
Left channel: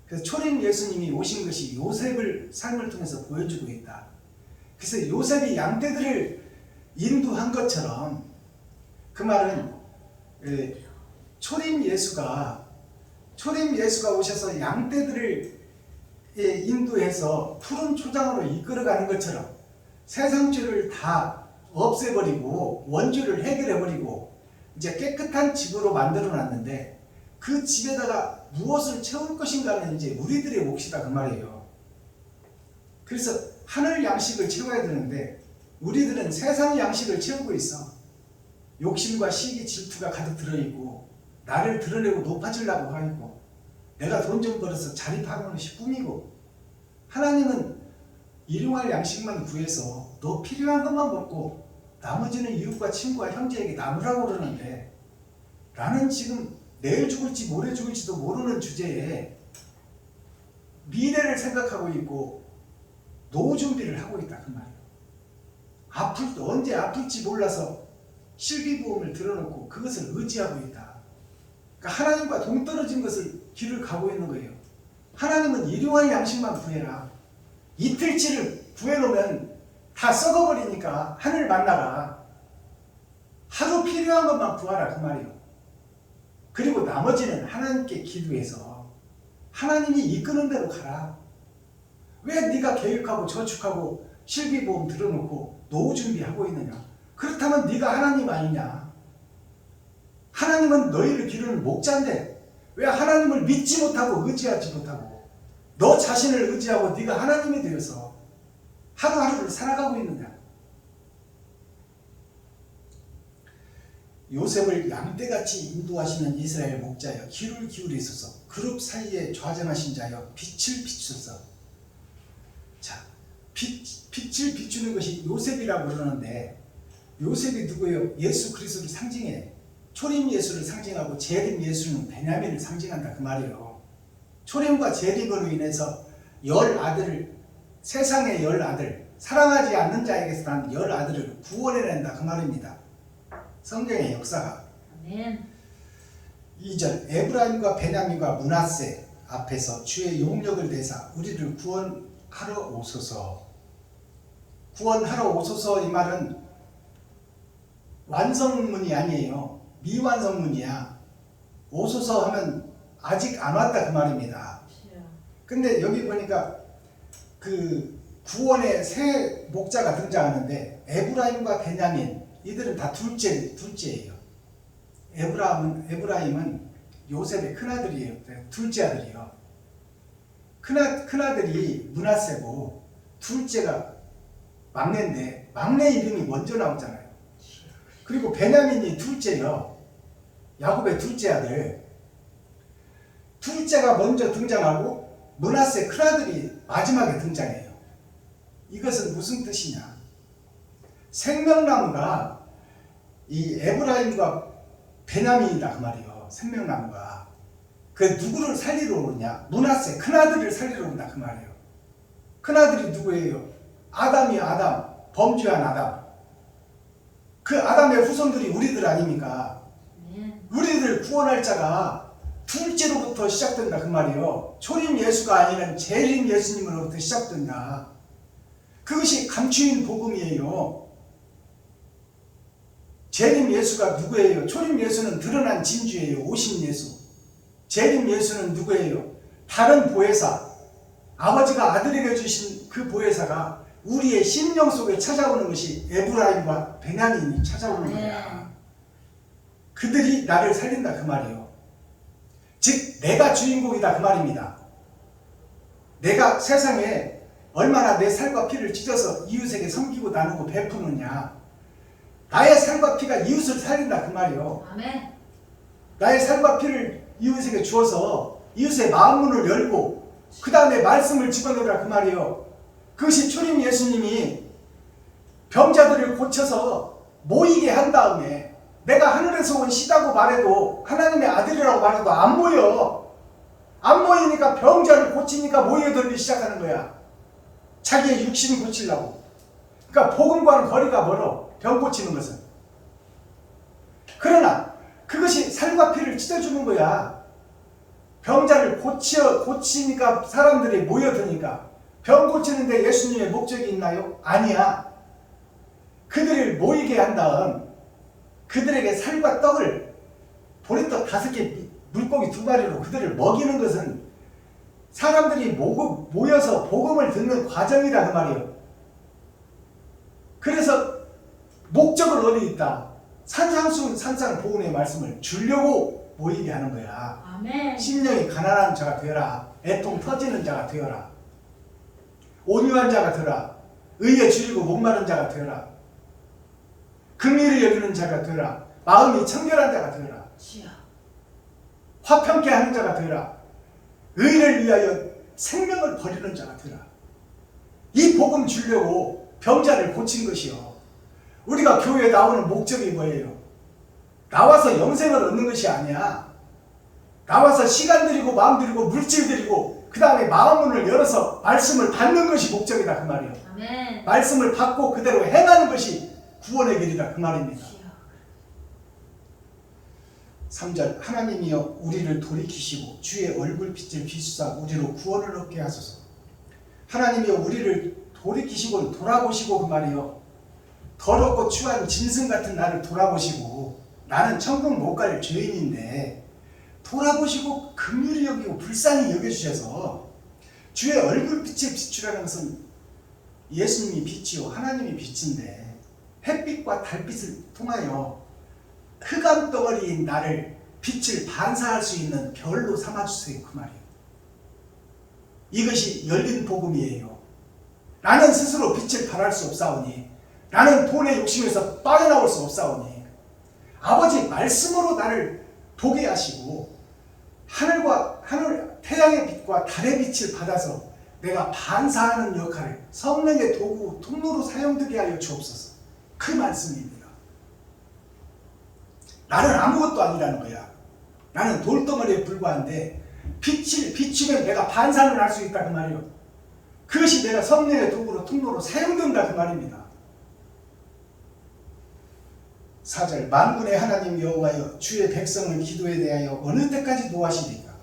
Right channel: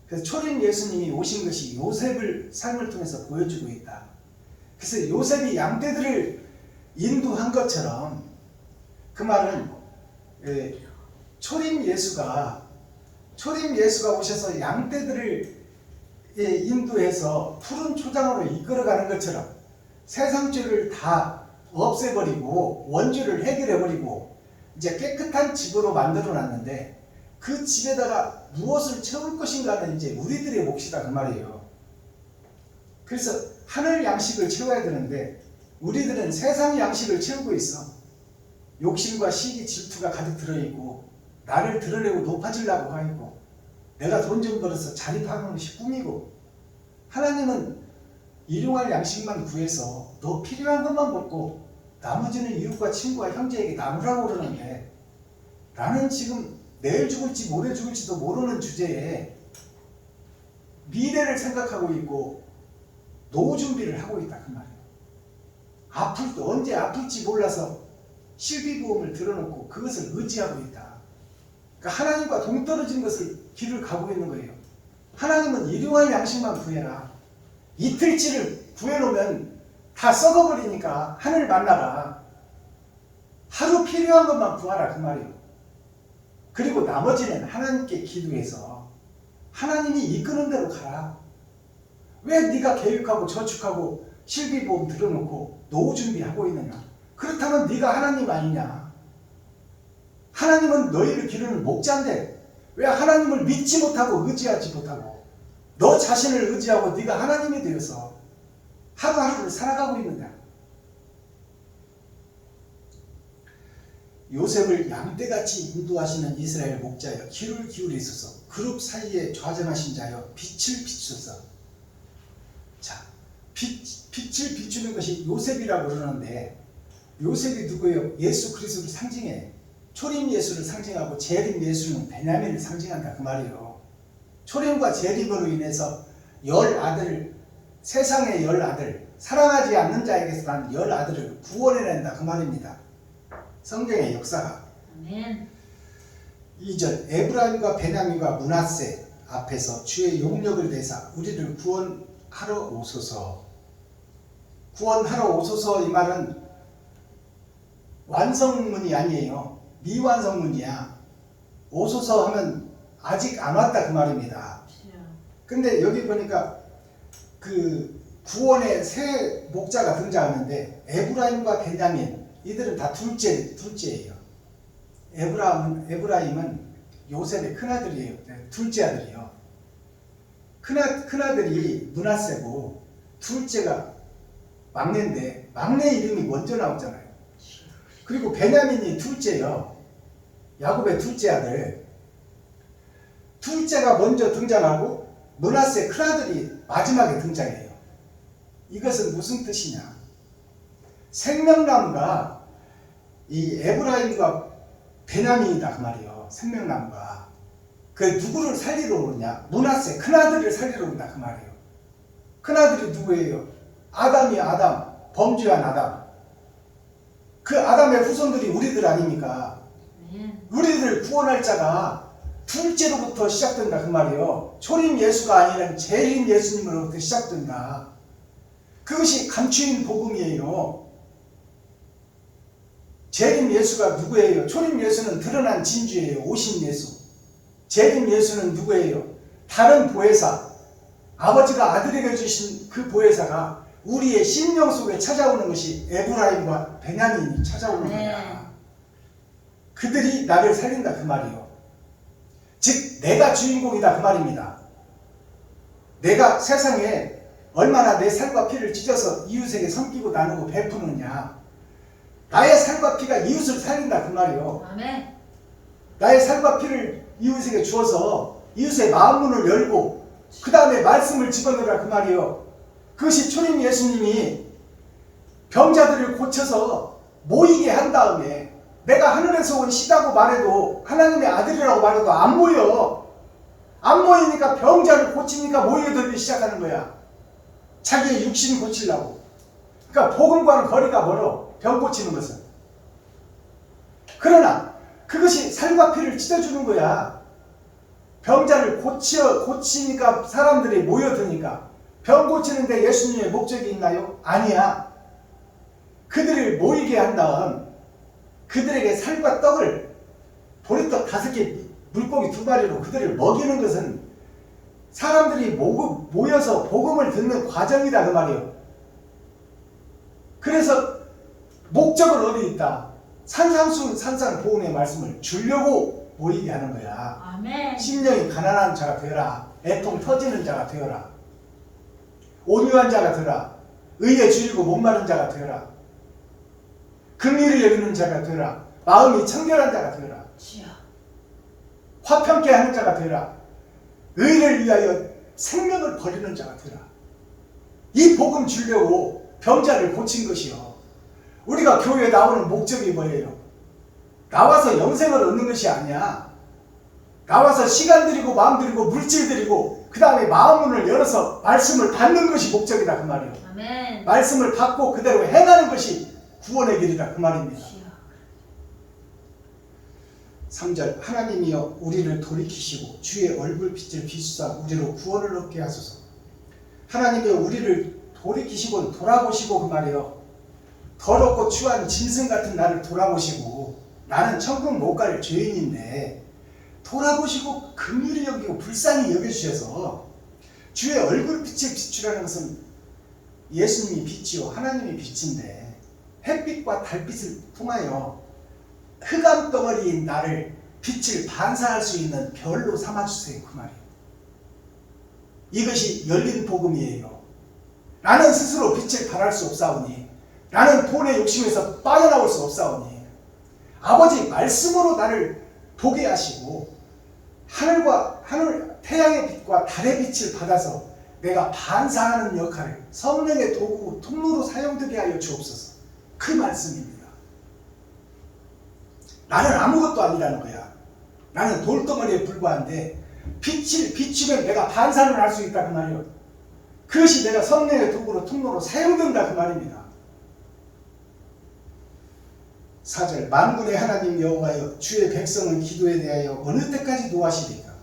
그래서 초림 예수님이 오신 것이 요셉을 삶을 통해서 보여주고 있다. 그래서 요셉이 양떼들을 인도한 것처럼 그 말은 초림 예수가 오셔서 양떼들을 인도해서 푸른 초장으로 이끌어가는 것처럼 세상죄를 다 없애버리고 원죄를 해결해버리고 이제 깨끗한 집으로 만들어놨는데 그 집에다가 무엇을 채울 것인가는 이제 우리들의 몫이다 그 말이에요. 그래서 하늘 양식을 채워야 되는데 우리들은 세상 양식을 채우고 있어. 욕심과 시기 질투가 가득 들어있고 나를 드러내고 높아지려고 하고 내가 돈 좀 벌어서 자립하는 것이 꿈이고, 하나님은 일용할 양식만 구해서 너 필요한 것만 먹고 나머지는 이웃과 친구와 형제에게 나누라고 그러는데 나는 지금 내일 죽을지 모레 죽을지도 모르는 주제에 미래를 생각하고 있고 노후 준비를 하고 있다 그 말이에요. 언제 아플지 몰라서 실비보험을 들어놓고 그것을 의지하고 있다. 그러니까 하나님과 동떨어진 것을 길을 가고 있는 거예요. 하나님은 일용할 양식만 구해라. 이틀치를 구해놓으면 다 썩어버리니까 하늘 만나가. 하루 필요한 것만 구하라 그 말이에요. 그리고 나머지는 하나님께 기도해서 하나님이 이끄는 대로 가라. 왜 네가 계획하고 저축하고 실비보험 들어놓고 노후 준비하고 있느냐? 그렇다면 네가 하나님 아니냐? 하나님은 너희를 기르는 목자인데 왜 하나님을 믿지 못하고 의지하지 못하고 너 자신을 의지하고 네가 하나님이 되어서 하루하루를 살아가고 있느냐? 요셉을 양떼같이 인도하시는 이스라엘 목자여 귀를 기울이소서. 그룹 사이에 좌정하신 자여 빛을 비추소서. 자, 빛을 비추는 것이 요셉이라고 그러는데 요셉이 누구예요? 예수 그리스도를 상징해. 초림 예수를 상징하고 재림 예수는 베냐민을 상징한다 그 말이에요. 초림과 재림으로 인해서 세상의 10아들, 사랑하지 않는 자에게서 난 10아들을 구원해낸다 그 말입니다. 성경의 역사가. 아멘. 2절 에브라임과 베냐민과 므낫세 앞에서 주의 용력을 내사 우리를 구원하러 오소서. 구원하러 오소서 이 말은 완성문이 아니에요. 미완성문이야. 오소서 하면 아직 안 왔다 그 말입니다. 근데 여기 보니까 그 구원의 세 목자가 등장하는데 에브라임과 베냐민 이들은 다 둘째예요. 에브라임은 요셉의 큰아들이에요. 둘째 아들이요. 큰아들이 므낫세고 둘째가 막내인데 막내 이름이 먼저 나오잖아요. 그리고 베냐민이 둘째요. 야곱의 둘째 아들. 둘째가 먼저 등장하고 므낫세 큰아들이 마지막에 등장해요. 이것은 무슨 뜻이냐? 생명나무가 이 에브라임과 베냐민이다 그 말이에요. 생명나무가. 그 누구를 살리러 오느냐? 므낫세 큰아들을 살리러 온다 그 말이에요. 큰아들이 누구예요? 아담이 아담, 범죄한 아담. 그 아담의 후손들이 우리들 아닙니까? 우리들 구원할 자가 둘째로부터 시작된다 그 말이에요. 초림 예수가 아니라 재림 예수님으로부터 시작된다. 그것이 감추인 복음이에요. 재림 예수가 누구예요? 초림 예수는 드러난 진주예요. 오신 예수. 재림 예수는 누구예요? 다른 보혜사. 아버지가 아들에게 주신 그 보혜사가 우리의 심령 속에 찾아오는 것이 에브라임과 베냐민이 찾아오는 거야. 그들이 나를 살린다 그 말이에요. 즉 내가 주인공이다 그 말입니다. 내가 세상에 얼마나 내 살과 피를 찢어서 이웃에게 섬기고 나누고 베푸느냐. 나의 살과 피가 이웃을 살린다 그 말이에요. 아멘. 나의 살과 피를 이웃에게 주어서 이웃의 마음문을 열고 그 다음에 말씀을 집어넣으라 그 말이에요. 그것이 초림 예수님이 병자들을 고쳐서 모이게 한 다음에 내가 하늘에서 온 시다고 말해도 하나님의 아들이라고 말해도 안 모여. 안 모이니까 병자를 고치니까 모여들기 시작하는 거야. 자기의 육신 고치려고. 그러니까 복음과는 거리가 멀어. 병 고치는 것은. 그러나 그것이 살과 피를 찢어주는 거야. 병자를 고치니까 사람들이 모여드니까. 병 고치는데 예수님의 목적이 있나요? 아니야. 그들을 모이게 한 다음 그들에게 살과 떡을 보리떡 5개 물고기 2마리로 그들을 먹이는 것은 사람들이 모여서 복음을 듣는 과정이라 그 말이에요. 그래서 목적은 어디 있다? 산상보훈의 말씀을 주려고 모이게 하는 거야. 아멘. 심령이 가난한 자가 되어라. 애통 터지는 자가 되어라. 온유한 자가 되어라. 의에 줄이고 목마른 자가 되어라. 긍휼히 여기는 자가 되어라. 마음이 청결한 자가 되어라. 화평케 하는 자가 되어라. 의를 위하여 생명을 버리는 자가 되어라. 이 복음 주려고 병자를 고친 것이요. 우리가 교회에 나오는 목적이 뭐예요? 나와서 영생을 얻는 것이 아니야. 나와서 시간 들이고 마음 들이고 물질 들이고 그 다음에 마음문을 열어서 말씀을 받는 것이 목적이다 그 말이에요. 아멘. 말씀을 받고 그대로 행하는 것이 구원의 길이다 그 말입니다. 3절 하나님이여 우리를 돌이키시고 주의 얼굴빛을 비추사 우리로 구원을 얻게 하소서. 하나님이여 우리를 돌이키시고 돌아보시고 그 말이에요. 더럽고 추한 짐승 같은 나를 돌아보시고 나는 천국 못 갈 죄인인데 돌아보시고 긍휼히 여기고 불쌍히 여겨주셔서 주의 얼굴빛을 비추라는 것은 예수님이 빛이요 하나님이 빛인데 햇빛과 달빛을 통하여 흑암 덩어리인 나를 빛을 반사할 수 있는 별로 삼아주세요 그 말이에요. 이것이 열린 복음이에요. 나는 스스로 빛을 발할 수 없사오니 나는 돈의 욕심에서 빠져나올 수 없사오니 아버지 말씀으로 나를 보게 하시고 태양의 빛과 달의 빛을 받아서 내가 반사하는 역할을 성령의 도구 통로로 사용되게 하여 주옵소서. 그 말씀입니다. 나는 아무것도 아니라는 거야. 나는 돌덩어리에 불과한데 빛을 비추면 내가 반사를 할 수 있다 그 말이에요. 그것이 내가 성령의 도구로 통로로 사용된다 그 말입니다. 4절 만군의 하나님 여호와여 주의 백성을 기도에 대하여 어느 때까지 노하시리까?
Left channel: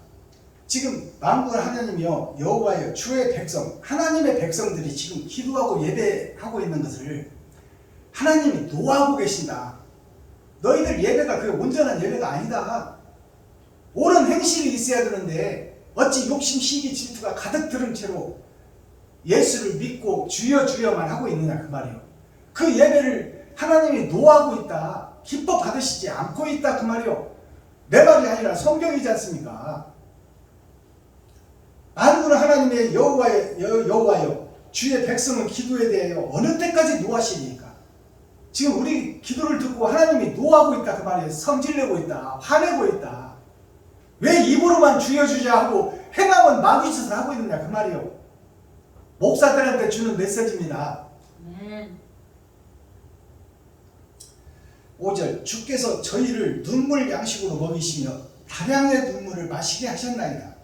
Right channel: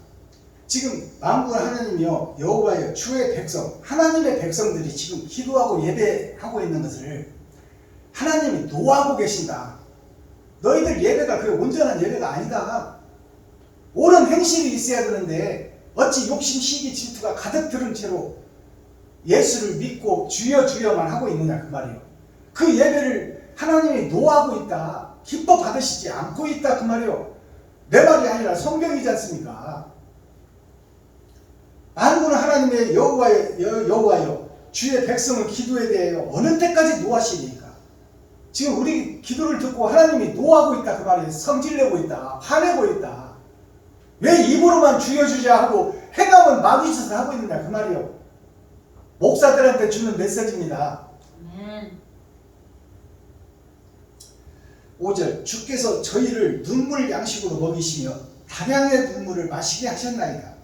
지금 만군의 하나님이여 여호와여 주의 백성 하나님의 백성들이 지금 기도하고 예배하고 있는 것을 하나님이 노하고 계신다. 너희들 예배가 그 온전한 예배가 아니다. 옳은 행실이 있어야 되는데 어찌 욕심 시기 질투가 가득 들은 채로 예수를 믿고 주여 주여만 하고 있느냐 그 말이요. 그 예배를 하나님이 노하고 있다. 기뻐 받으시지 않고 있다 그 말이요. 내 말이 아니라 성경이지 않습니까? 만군의 하나님의 여호와여 주의 백성은 기도에 대하여 어느 때까지 노하시니까? 지금 우리 기도를 듣고 하나님이 노하고 있다 그 말이에요. 성질내고 있다. 화내고 있다. 왜 입으로만 주여 주자 하고 행함은 마귀짓을 하고 있느냐 그 말이요. 목사들한테 주는 메시지입니다. 5절 주께서 저희를 눈물 양식으로 먹이시며 다량의 눈물을 마시게 하셨나이다.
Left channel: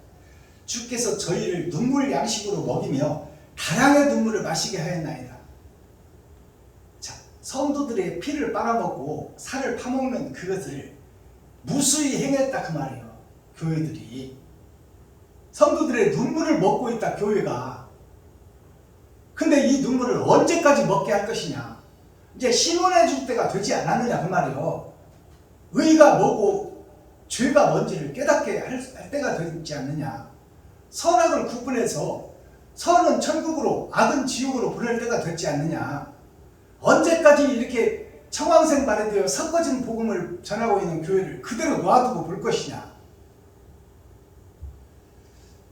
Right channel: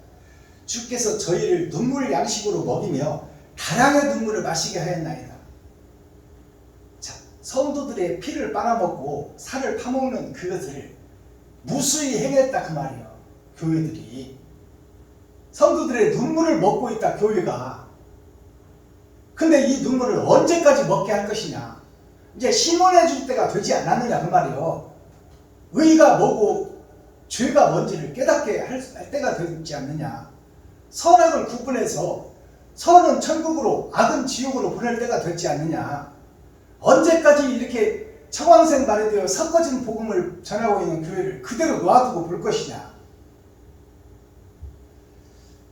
주께서 저희를 눈물 양식으로 먹이며 다량의 눈물을 마시게 하였나이다. 자, 성도들의 피를 빨아먹고 살을 파먹는 그것을 무수히 행했다 그 말이에요. 교회들이 성도들의 눈물을 먹고 있다 교회가. 근데 이 눈물을 언제까지 먹게 할 것이냐? 이제 신원해 줄 때가 되지 않았느냐 그 말이요. 의가 뭐고 죄가 뭔지를 깨닫게 할 때가 되지 않느냐. 선악을 구분해서 선은 천국으로 악은 지옥으로 보낼 때가 되지 않느냐. 언제까지 이렇게 청황생 발휘되어 섞어진 복음을 전하고 있는 교회를 그대로 놔두고 볼 것이냐.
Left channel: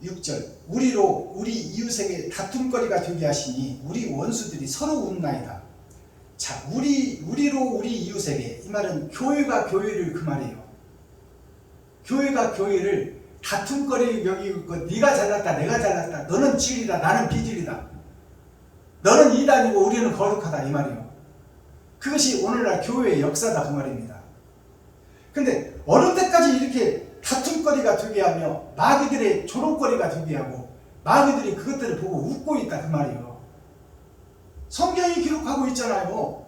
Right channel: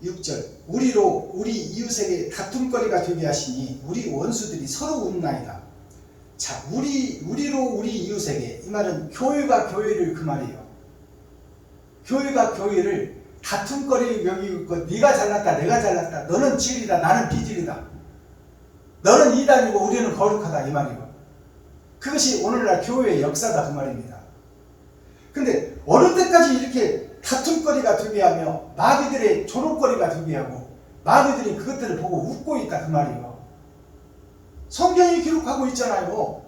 6절 우리로 우리 이웃에게 다툼거리가 되게 하시니 우리 원수들이 서로 웃나이다. 자, 우리로 우리 이웃에게, 이 말은 교회가 교회를 그 말이에요. 교회가 교회를 다툼거리 여기고 있고, 네가 잘났다 내가 잘났다, 너는 진리다 나는 비진리다, 너는 이단이고 우리는 거룩하다 이 말이에요. 그것이 오늘날 교회의 역사다 그 말입니다. 근데 어느 때까지 이렇게 다툼거리가 되게 하며 마귀들의 조롱거리가 되게 하고 마귀들이 그것들을 보고 웃고 있다 그 말이에요. 성경이 기록하고 있잖아요.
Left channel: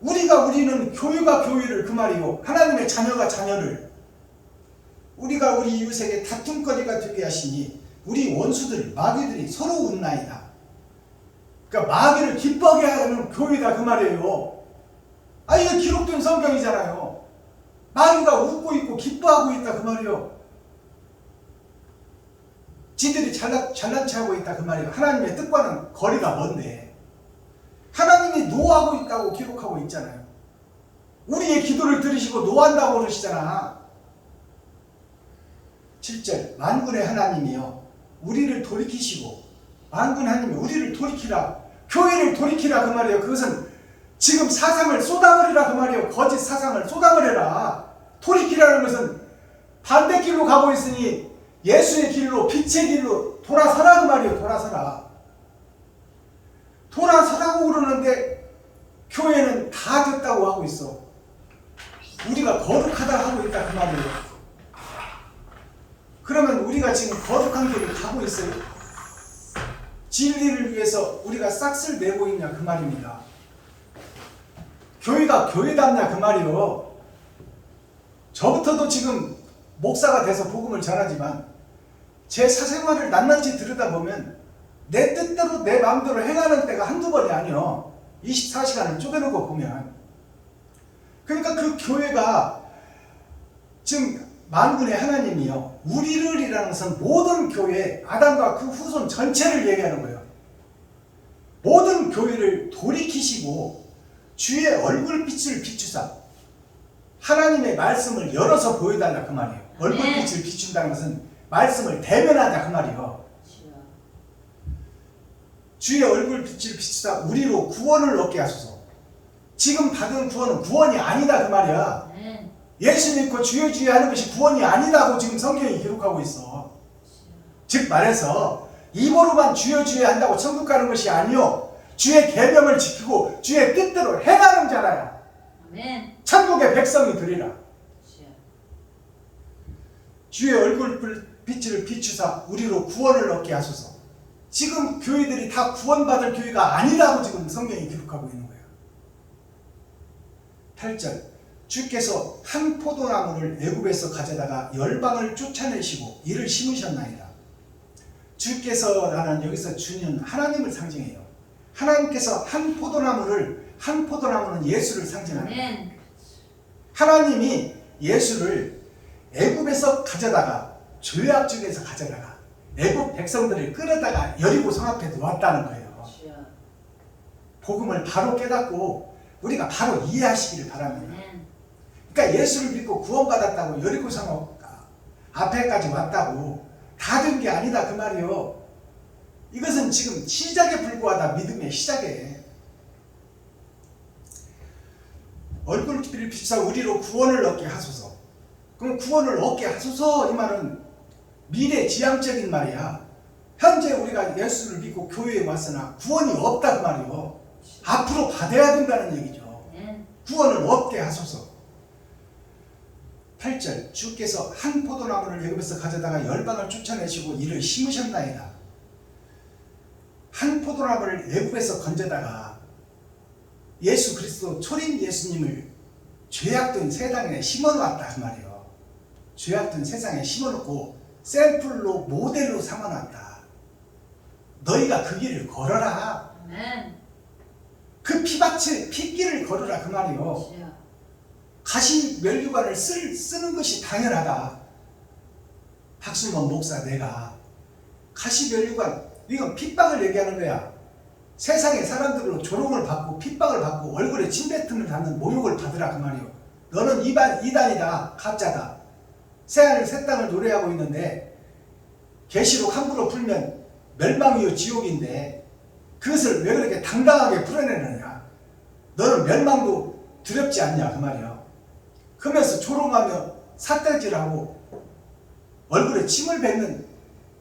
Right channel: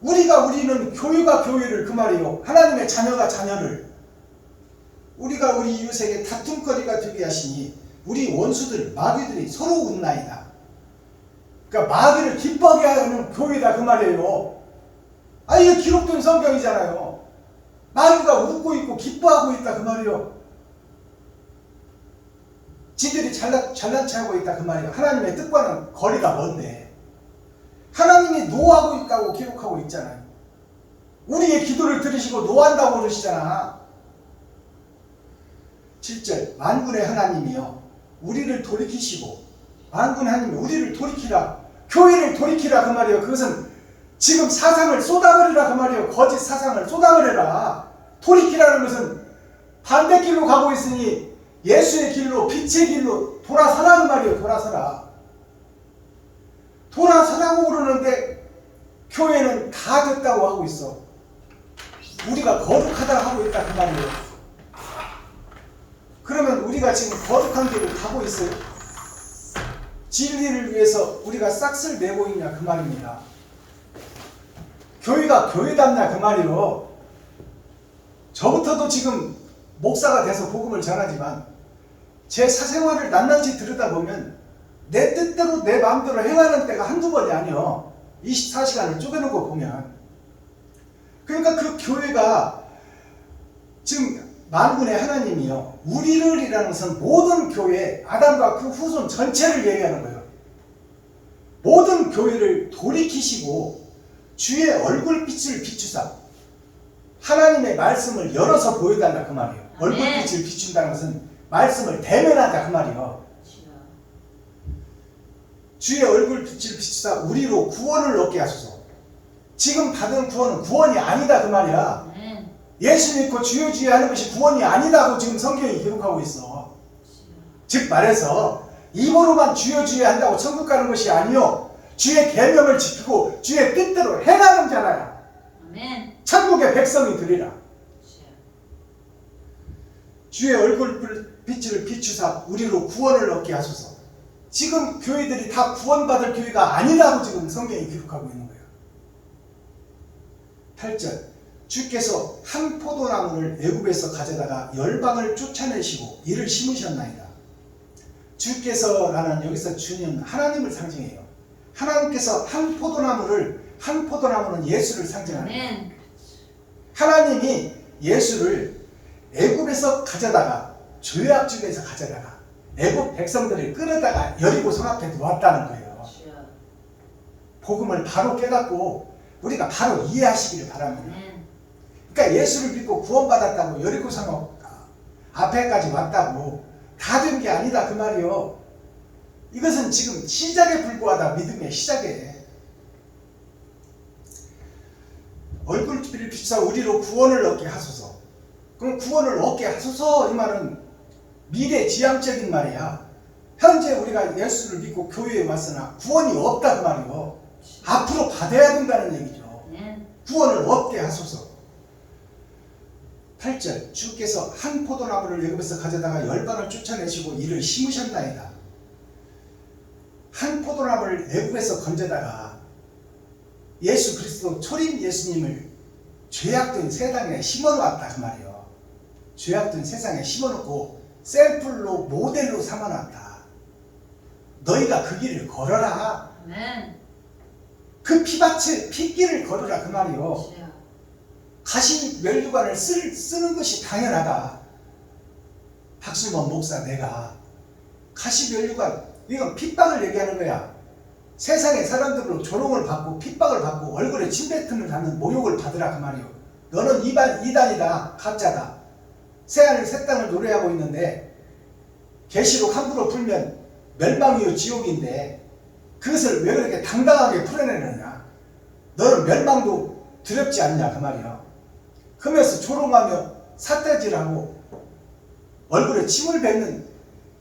우리는 교회가 교회를 그 말이에요. 하나님의 자녀가 자녀를 우리가 우리 이웃에게 다툼거리가 되게 하시니 우리 원수들 마귀들이 서로 웃나이다. 그러니까 마귀를 기뻐하게 하는 교회다 그 말이에요. 아, 이거 기록된 성경이잖아요. 마귀가 웃고 있고 기뻐하고 있다 그 말이에요. 지들이 잘난 체 하고 있다 그 말이에요. 하나님의 뜻과는 거리가 먼데 하나님이 노하고 있다고 기록하고 있잖아요. 우리의 기도를 들으시고 노한다고 그러시잖아. 7절 만군의 하나님이여 우리를 돌이키시고, 만군의 하나님이 우리를 돌이키라, 교회를 돌이키라 그 말이에요. 그것은 지금 사상을 쏟아버리라 그 말이에요. 거짓 사상을 쏟아버려라. 돌이키라는 것은 반대길로 가고 있으니 예수의 길로, 빛의 길로 돌아서라 그 말이에요. 돌아서라고 그러는데 교회는 다 됐다고 하고 있어. 우리가 거룩하다 하고 있다 그 말이에요. 그러면 우리가 지금 거룩한 길을 가고 있어요? 진리를 위해서 우리가 싹쓸 내고 있냐 그 말입니다. 교회가 교회답냐 그 말이요. 저부터도 지금 목사가 돼서 복음을 전하지만 제 사생활을 낱낱이 들여다보면 내 뜻대로 내 마음대로 행하는 때가 한두 번이 아니요. 24시간을 쪼개놓고 보면. 그러니까 그 교회가 지금 만군의 하나님이요 우리를 이라는 것은 모든 교회, 아담과 그 후손 전체를 얘기하는 거예요. 모든 교회를 돌이키시고 주의 얼굴빛을 비추사 하나님의 말씀을 열어서 보여달라 그 말이에요. 얼굴빛을 비춘다는 것은 말씀을 대면하자 그 말이에요. 주의 얼굴빛을 비추사 우리로 구원을 얻게 하소서. 지금 받은 구원은 구원이 아니다 그 말이야. 예수 믿고 주여 주여 하는 것이 구원이 아니다고 지금 성경이 기록하고 있어. 즉 말해서 입으로만 주여 주여 한다고 천국 가는 것이 아니요, 주의 계명을 지키고 주의 뜻대로 행하는 자라야 천국의 백성이 되리라. 주의 얼굴빛을 비추사 우리로 구원을 얻게 하소서. 지금 교회들이 다 구원받을 교회가 아니라고 지금 성경이 기록하고 있는 거예요. 8절 주께서 한 포도나무를 애굽에서 가져다가 열방을 쫓아내시고 이를 심으셨나이다. 주께서라는 여기서 주는 하나님을 상징해요. 하나님께서 한 포도나무는 예수를 상징합니다. 아멘. 하나님이 예수를 애굽에서 가져다가 죄악중에서 가져다가 애굽 백성들을 끌어다가 여리고 성 앞에 놓았다는 거예요. 주여. 복음을 바로 깨닫고 우리가 바로 이해하시기를 바랍니다. 아멘. 그러니까 예수를 믿고 구원받았다고 여리고 성 앞에까지 왔다고 다 된 게 아니다 그 말이요. 이것은 지금 시작에 불과하다. 믿음의 시작에. 얼굴빛을 비추사 우리로 구원을 얻게 하소서. 그럼 구원을 얻게 하소서 이 말은 미래 지향적인 말이야. 현재 우리가 예수를 믿고 교회에 왔으나 구원이 없다 그 말이요. 앞으로 받아야 된다는 얘기죠. 아멘. 구원을 얻게 하소서. 8절 주께서 한 포도나무를 애굽에서 가져다가 열방을 쫓아내시고 이를 심으셨나이다. 한 포도나무를 애굽에서 건져다가 예수 그리스도 초림 예수님을 죄악된 세상에 심어놓았다 그 말이에요. 죄악된 세상에 심어놓고 샘플로 모델로 삼아놨다. 너희가 그 길을 걸어라. 아멘. 그 피밭을 핏길을 걸어라 그 말이에요. 주여. 가시 면류관을 쓰는 것이 당연하다. 박수범 목사 내가 가시 면류관 이건 핍박을 얘기하는 거야. 세상의 사람들로 조롱을 받고 핍박을 받고 얼굴에 침뱉음을 받는 모욕을 받으라 그 말이요. 너는 이단이다 가짜다. 새하늘 새 땅을 노래하고 있는데 계시록 함부로 풀면 멸망이요 지옥인데 그것을 왜 그렇게 당당하게 풀어내느냐. 너는 멸망도 두렵지 않냐 그 말이요. 그러면서 조롱하며 삿대질하고 얼굴에 침을 뱉는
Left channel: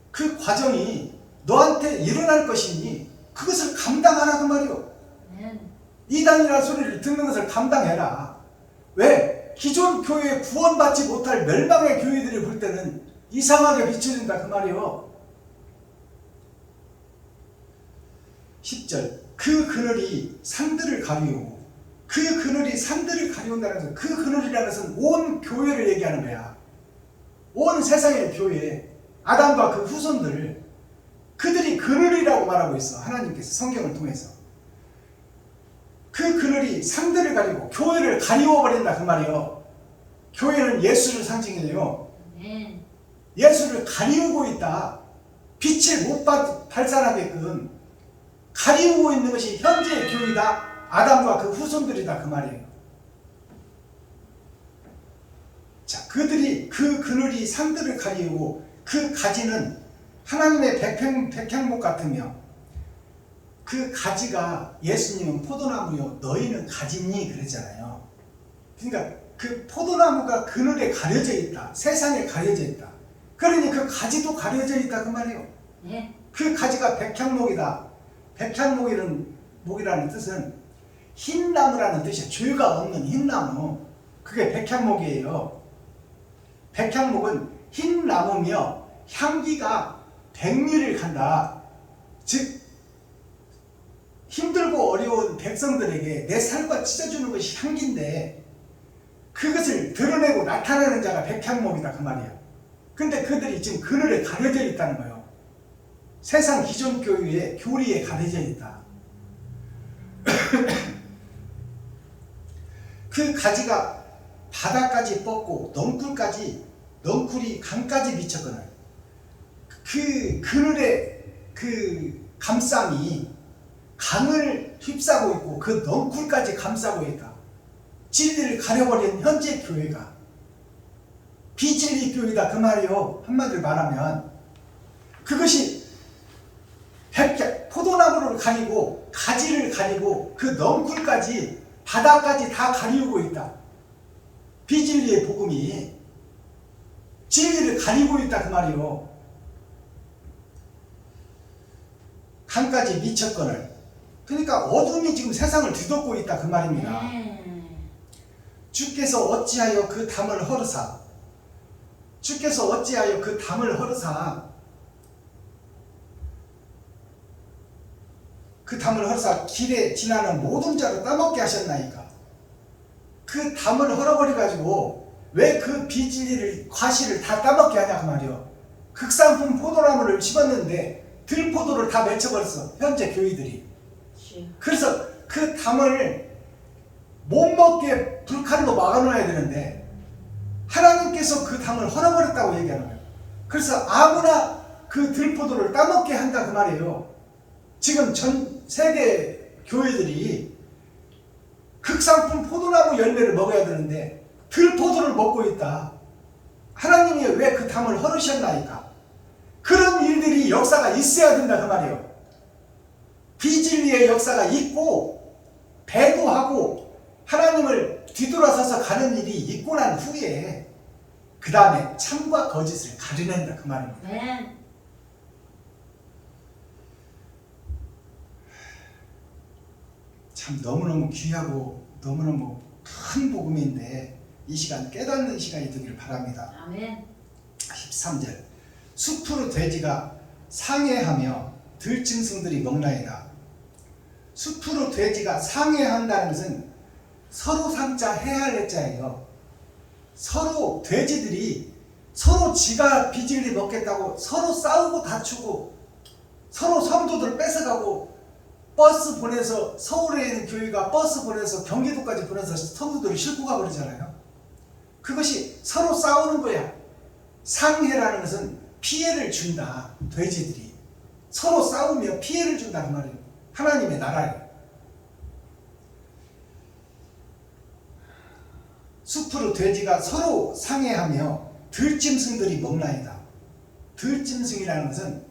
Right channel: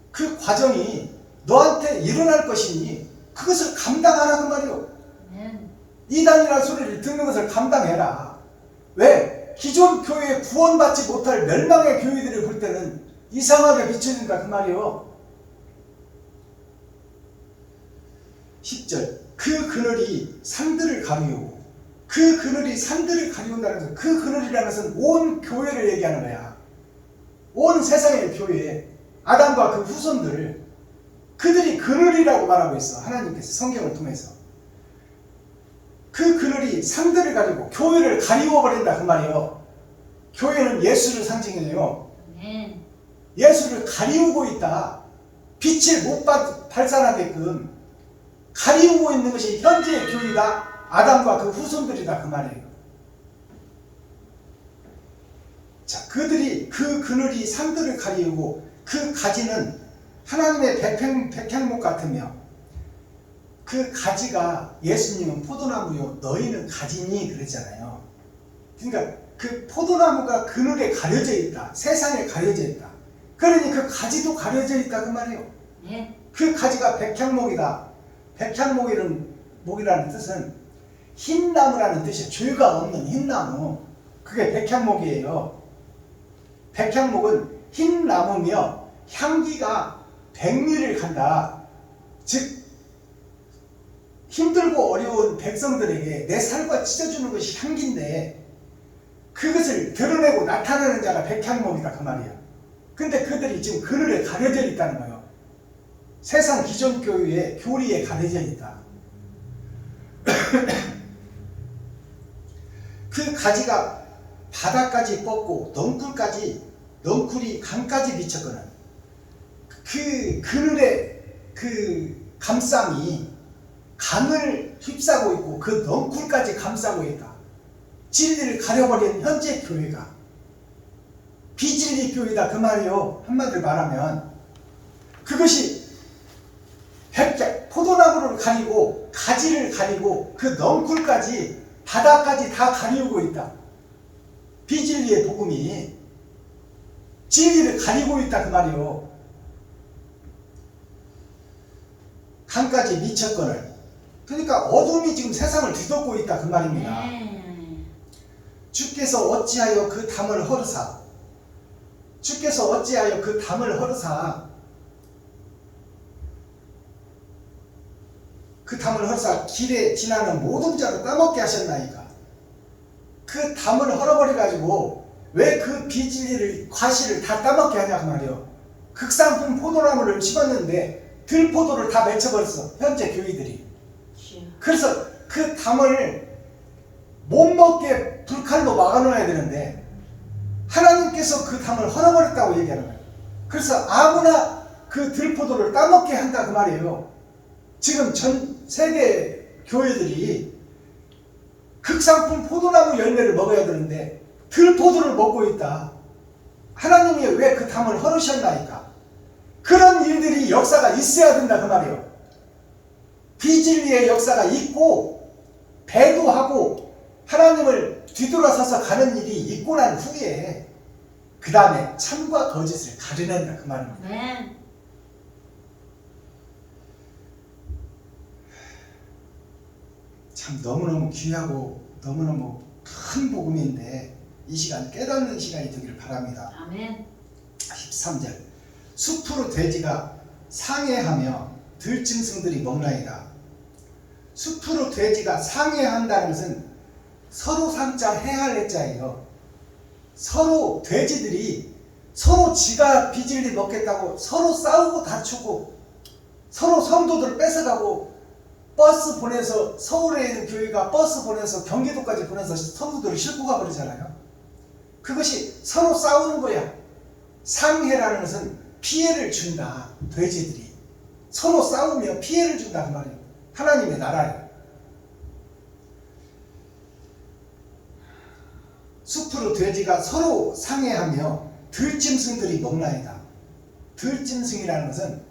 그 과정이 너한테 일어날 것이니 그것을 감당하라 그 말이요. 아멘. 이단이라는 소리를 듣는 것을 감당해라. 왜? 기존 교회에 구원받지 못할 멸망의 교회들을 볼 때는 이상하게 비춰진다 그 말이요. 10절 그 그늘이 산들을 가리우고 그 그늘이 산들을 가리운다는 것은 그 그늘이라는 것은 온 교회를 얘기하는 거야. 온 세상의 교회 아담과 그 후손들 그들이 그늘이라고 말하고 있어. 하나님께서 성경을 통해서 그 그늘이 산들을 가리고 교회를 가리워 버린다 그 말이에요. 교회는 예수를 상징해요. 아멘. 예수를 가리우고 있다. 빛을 못 발산하게끔 가리우고 있는 것이 현재의 교회다. 아담과 그 후손들이다 그 말이에요. 자, 그들이 그 그늘이 산들을 가리우고 그 가지는 하나님의 백향목 같으며 그 가지가 예수님은 포도나무요 너희는 가지니 그랬잖아요. 그러니까 그 포도나무가 그늘에 가려져 있다. 세상에 가려져 있다. 그러니 그 가지도 가려져 있다 그 말이에요. 아멘. 그 가지가 백향목이다. 백향목이라는 뜻은 흰나무라는 뜻이에요. 죄가 없는 흰나무. 그게 백향목이에요. 백향목은 흰나무며 향기가 백리를 간다. 즉 힘들고 어려운 백성들에게 내 살과 찢어주는 것이 향기인데 그것을 드러내고 나타나는 자가 백향목이다 그 말이야. 근데 그들이 지금 그늘에 가려져 있다는 거예요. 세상 기존 교회의 교리에 가려져 있다. 그 가지가 바닥까지 뻗고 넝쿨이 강까지 미쳤거늘 그 그늘의 그 감상이 강을 휩싸고 있고 그 넝쿨까지 감싸고 있다. 진리를 가려버린 현재 교회가 비진리 교회다 그 말이요. 한마디로 말하면 그것이 포도나무를 가리고 가지를 가리고 그 넝쿨까지 바닥까지 다 가리우고 있다. 비진리의 복음이 진리를 가리고 있다 그 말이요. 강까지 미쳤거늘 그러니까 어둠이 지금 세상을 뒤덮고 있다 그 말입니다. 주께서 어찌하여 그 담을 허르사 주께서 어찌하여 그 담을 허르사 그 담을 허르사 길에 지나는 모든 자를 따먹게 하셨나이까. 그 담을 헐어버려가지고 왜 그 비진리를 과실을 다 따먹게 하냐 그 말이요. 극상품 포도나무를 심었는데 들포도를 다 맺혀버렸어 현재 교회들이. 그래서 그 담을 못 먹게 불칼로 막아놓아야 되는데 하나님께서 그 담을 헐어버렸다고 얘기하는 거예요. 그래서 아무나 그 들포도를 따먹게 한다 그 말이에요. 지금 전 세계 교회들이 극상품 포도나무 열매를 먹어야 되는데 들포도를 먹고 있다. 하나님이 왜 그 담을 헐으셨나이까? 그런 일들이 역사가 있어야 된다 그 말이에요. 비진리의 역사가 있고 배도하고 하나님을 뒤돌아서서 가는 일이 있고 난 후에 그 다음에 참과 거짓을 가려낸다 그 말입니다. 네. 참 너무너무 귀하고 너무너무 큰 복음인데 이 시간 깨닫는 시간이 되길 바랍니다. 아멘. 13절 숲으로 돼지가 상해하며 들짐승들이 먹나이다. 숲으로 돼지가 상해한다는 것은 서로 상자 해할 해자예요. 서로 돼지들이 서로 지가 비질리 먹겠다고 서로 싸우고 다투고 서로 성도들 뺏어가고 버스 보내서 서울에 있는 교회가 버스 보내서 경기도까지 보내서 성도들을 싣고 가버리잖아요. 그것이 서로 싸우는 거야. 상해라는 것은 피해를 준다. 돼지들이 서로 싸우며 피해를 준다 그 말이에요. 하나님의 나라예요. 숲으로 돼지가 서로 상해하며 들짐승들이 먹나이다. 들짐승이라는 것은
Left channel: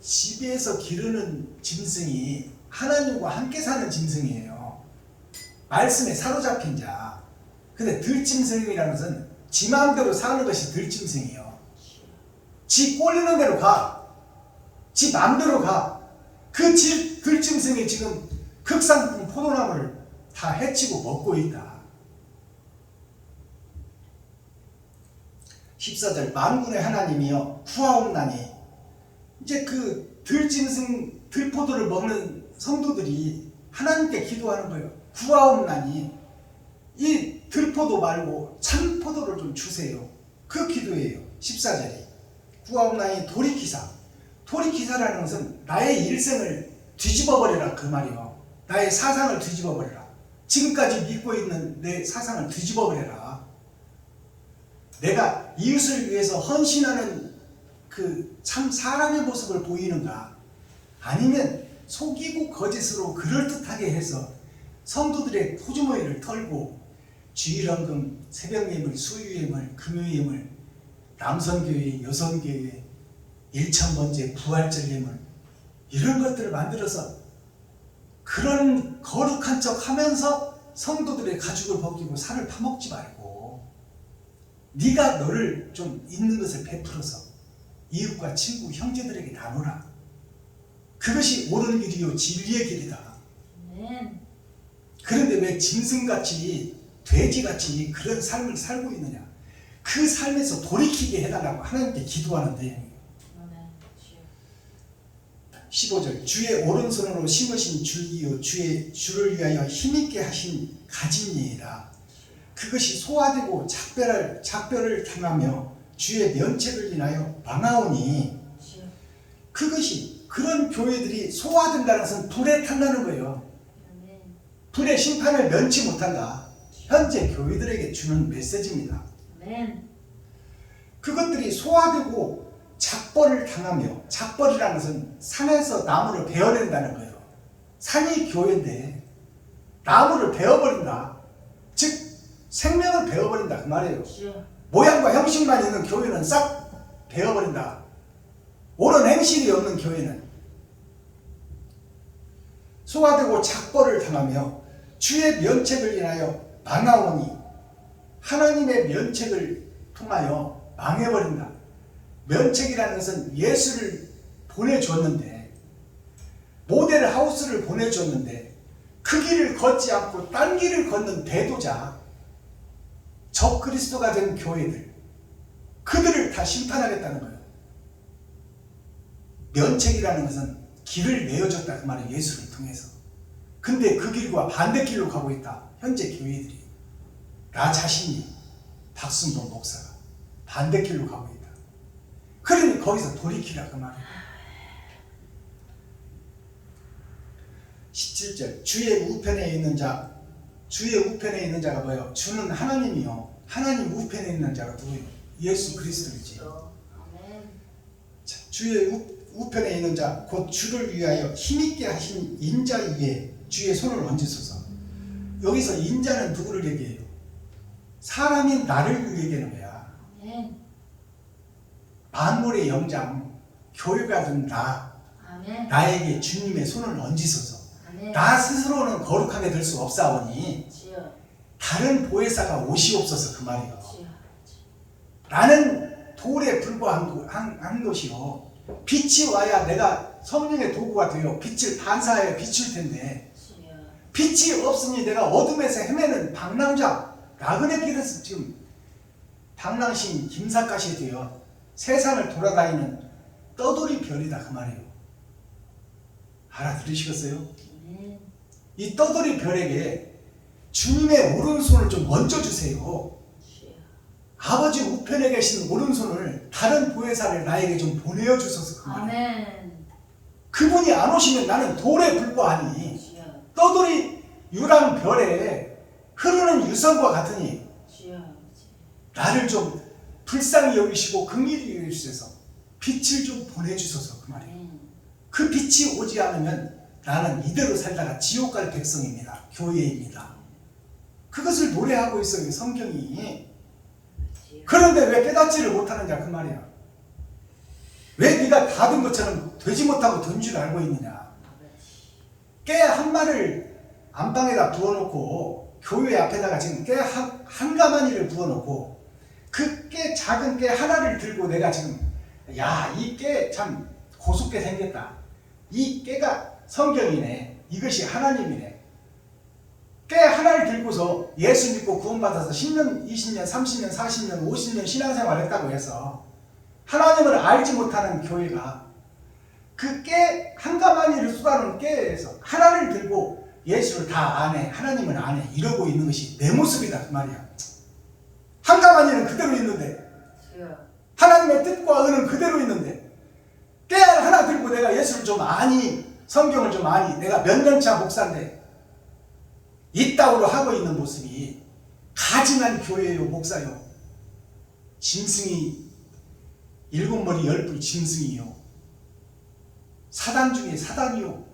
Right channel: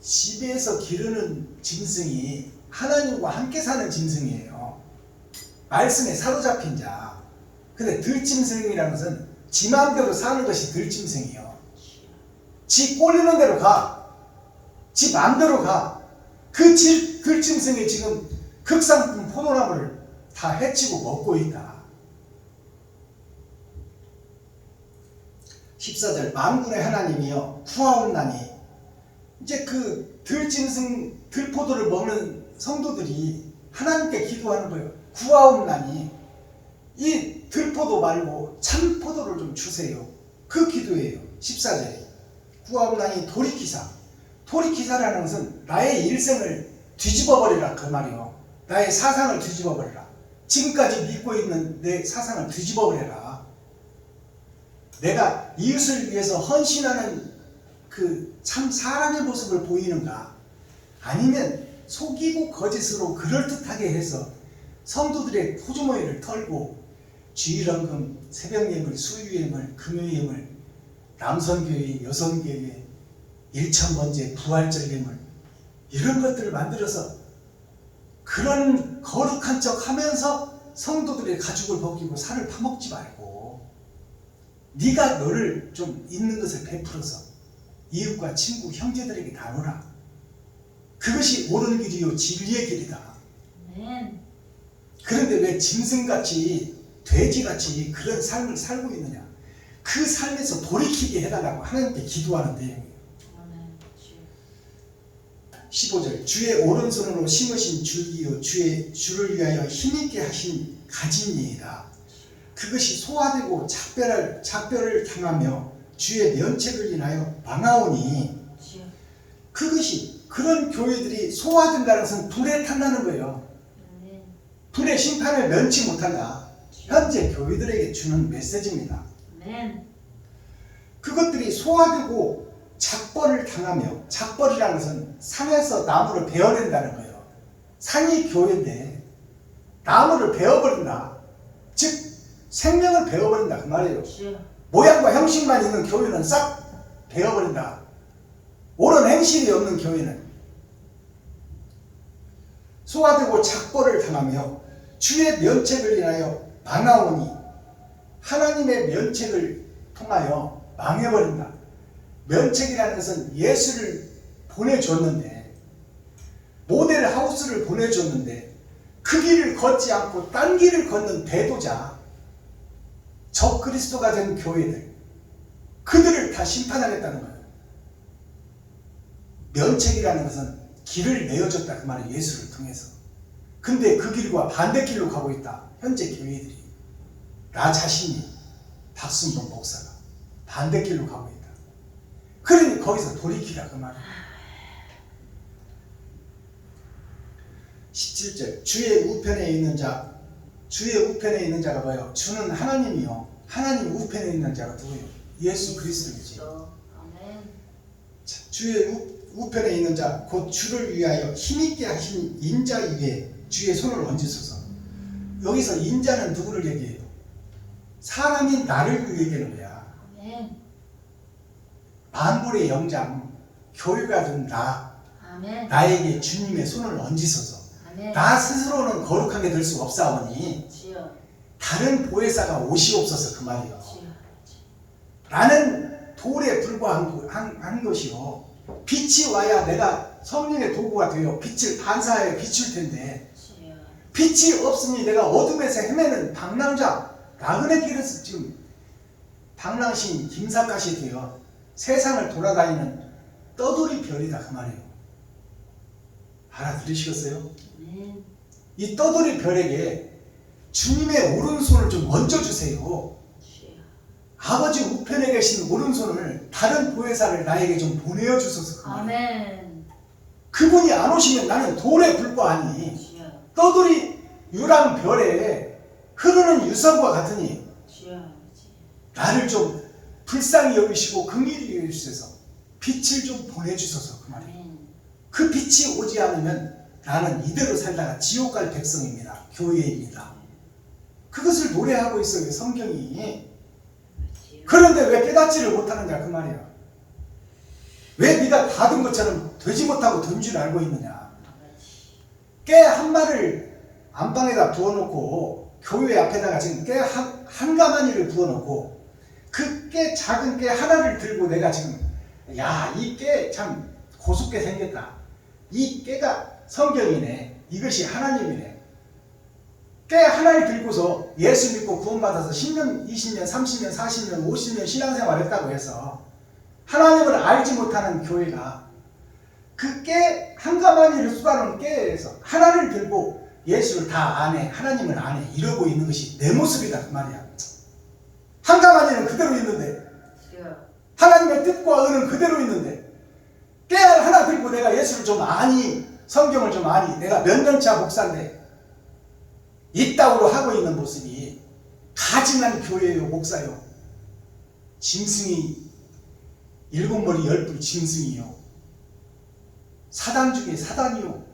집에서 기르는 짐승이 하나님과 함께 사는 짐승이에요. 말씀에 사로잡힌 자. 근데 들짐승이라는 것은 지 마음대로 사는 것이 들짐승이에요. 지 꼴리는 대로 가. 지 마음대로 가. 그 들짐승이 지금 극상품 포도나무를 다 해치고 먹고 있다. 14절 만군의 하나님이여 구하옵나니. 이제 그 들짐승 들포도를 먹는 성도들이 하나님께 기도하는 거예요. 구하옵나니 이 들포도 말고 참포도를 좀 주세요. 그 기도예요. 14절에 구하옵나니 돌이키사. 돌이키사라는 것은 나의 일생을 뒤집어버리라 그 말이요. 나의 사상을 뒤집어버리라. 지금까지 믿고 있는 내 사상을 뒤집어버려라. 내가 이웃을 위해서 헌신하는 그 참 사람의 모습을 보이는가, 아니면 속이고 거짓으로 그럴듯하게 해서 성도들의 토주머니를 털고 주일헌금, 새벽예물, 수유예물, 금요예물, 남성교회, 여성교회, 일천번제, 부활절 예물 이런 것들을 만들어서 그런 거룩한 척 하면서 성도들의 가죽을 벗기고 살을 파먹지 말고 네가 너를 좀 있는 것을 베풀어서 이웃과 친구, 형제들에게 나누라. 그것이 옳은 길이요 진리의 길이다. 그런데 왜 짐승같이 돼지같이 그런 삶을 살고 있느냐. 그 삶에서 돌이키게 해달라고 하나님께 기도하는 내용이에요. 15절 주의 오른손으로 심으신 줄기요 주의 주를 위하여 힘있게 하신 가짐이이다. 그것이 소화되고 작별을 당하며 주의 면책을 인하여 망하오니. 그것이 그런 교회들이 소화된다는 것은 불에 탄다는 거예요. 불의 심판을 면치 못한다. 현재 교회들에게 주는 메시지입니다. 그것들이 소화되고 작벌을 당하며, 작벌이라는 것은 산에서 나무를 베어낸다는 거예요. 산이 교회인데 나무를 베어버린다. 즉 생명을 베어버린다 그 말이에요. 모양과 형식만 있는 교회는 싹 베어버린다. 옳은 행실이 없는 교회는. 소화되고 작벌을 당하며 주의 면책을 인하여 망하오니. 하나님의 면책을 통하여 망해버린다. 면책이라는 것은 예수를 보내줬는데, 모델 하우스를 보내줬는데 그 길을 걷지 않고 딴 길을 걷는 배도자, 적그리스도가 된 교회들, 그들을 다 심판하겠다는 거예요. 면책이라는 것은 길을 내어줬다 그 말은 예수를 통해서. 근데 그 길과 반대길로 가고 있다 현재 교회들이. 나 자신이 박순봉 목사가 반대길로 가고 있다. 그러니 거기서 돌이키라 그 말이야. 17절 주의 우편에 있는 자, 주의 우편에 있는 자가 뭐예요? 주는 하나님이요. 하나님 우편에 있는 자가 누구예요? 예수 그리스도이지. 아멘. 주의 우편에 있는 자, 곧 주를 위하여 힘있게 하신 인자 위에 주의 손을 얹으소서. 여기서 인자는 누구를 얘기해요? 사람인 나를 얘기하는 거야. 아멘. 만물의 영장, 교회가 된 아멘. 나에게 주님의 손을 얹으소서. 아멘. 나 스스로는 거룩하게 될 수 없사오니 주여. 다른 보혜사가 오시옵소서 그 말이요. 주여. 나는 돌에 불과한 것이요. 빛이 와야 내가 성령의 도구가 되어 빛을 반사하여 비출 텐데 주여. 빛이 없으니 내가 어둠에서 헤매는 방랑자 나그네 길에서 지금 방랑신 김삿갓이 되어 세상을 돌아다니는 떠돌이 별이다 그 말이에요. 알아들으시겠어요? 아멘. 이 떠돌이 별에게 주님의 오른손을 좀 얹어주세요. 주여. 아버지 우편에 계신 오른손을 다른 보혜사를 나에게 좀 보내어 주소서 그 말이에요. 아멘. 그분이 안 오시면 나는 돌에 불과하니 주여. 떠돌이 유랑별에 흐르는 유성과 같으니 주여. 나를 좀 불쌍히 여기시고 긍휼히 여기셔서 빛을 좀 보내주소서 그 말이에요. 아멘. 그 빛이 오지 않으면 나는 이대로 살다가 지옥 갈 백성입니다. 교회입니다. 그것을 노래하고 있어요 성경이. 그런데 왜 깨닫지를 못하느냐 그 말이야. 왜 네가 받은 것처럼 되지 못하고 된 줄 알고 있느냐. 깨 한 마리를 안방에다 부어놓고 교회 앞에다가 지금 깨 한 가마니를 부어놓고 그 깨 작은 깨 하나를 들고 내가 지금 야 이 깨 참 고속게 생겼다. 이 깨가 성경이네. 이것이 하나님이네. 깨 하나를 들고서 예수 믿고 구원받아서 10년, 20년, 30년, 40년, 50년 신앙생활 했다고 해서 하나님을 알지 못하는 교회가 그 깨 한 가마니를 쏟아놓은 깨에서 하나를 들고 예수를 다 아네, 하나님을 아네 이러고 있는 것이 내 모습이다 그 말이야. 한 가마니는 그대로 있는데 주여. 하나님의 뜻과 의는 그대로 있는데 깨 하나 들고 내가 예수를 좀 아니, 성경을 좀 아니, 내가 몇 년차 목사인데 이따구로 하고 있는 모습이 가증한 교회요 목사요. 짐승이 7머리 10뿔 짐승이요. 사단 중에 사단이요.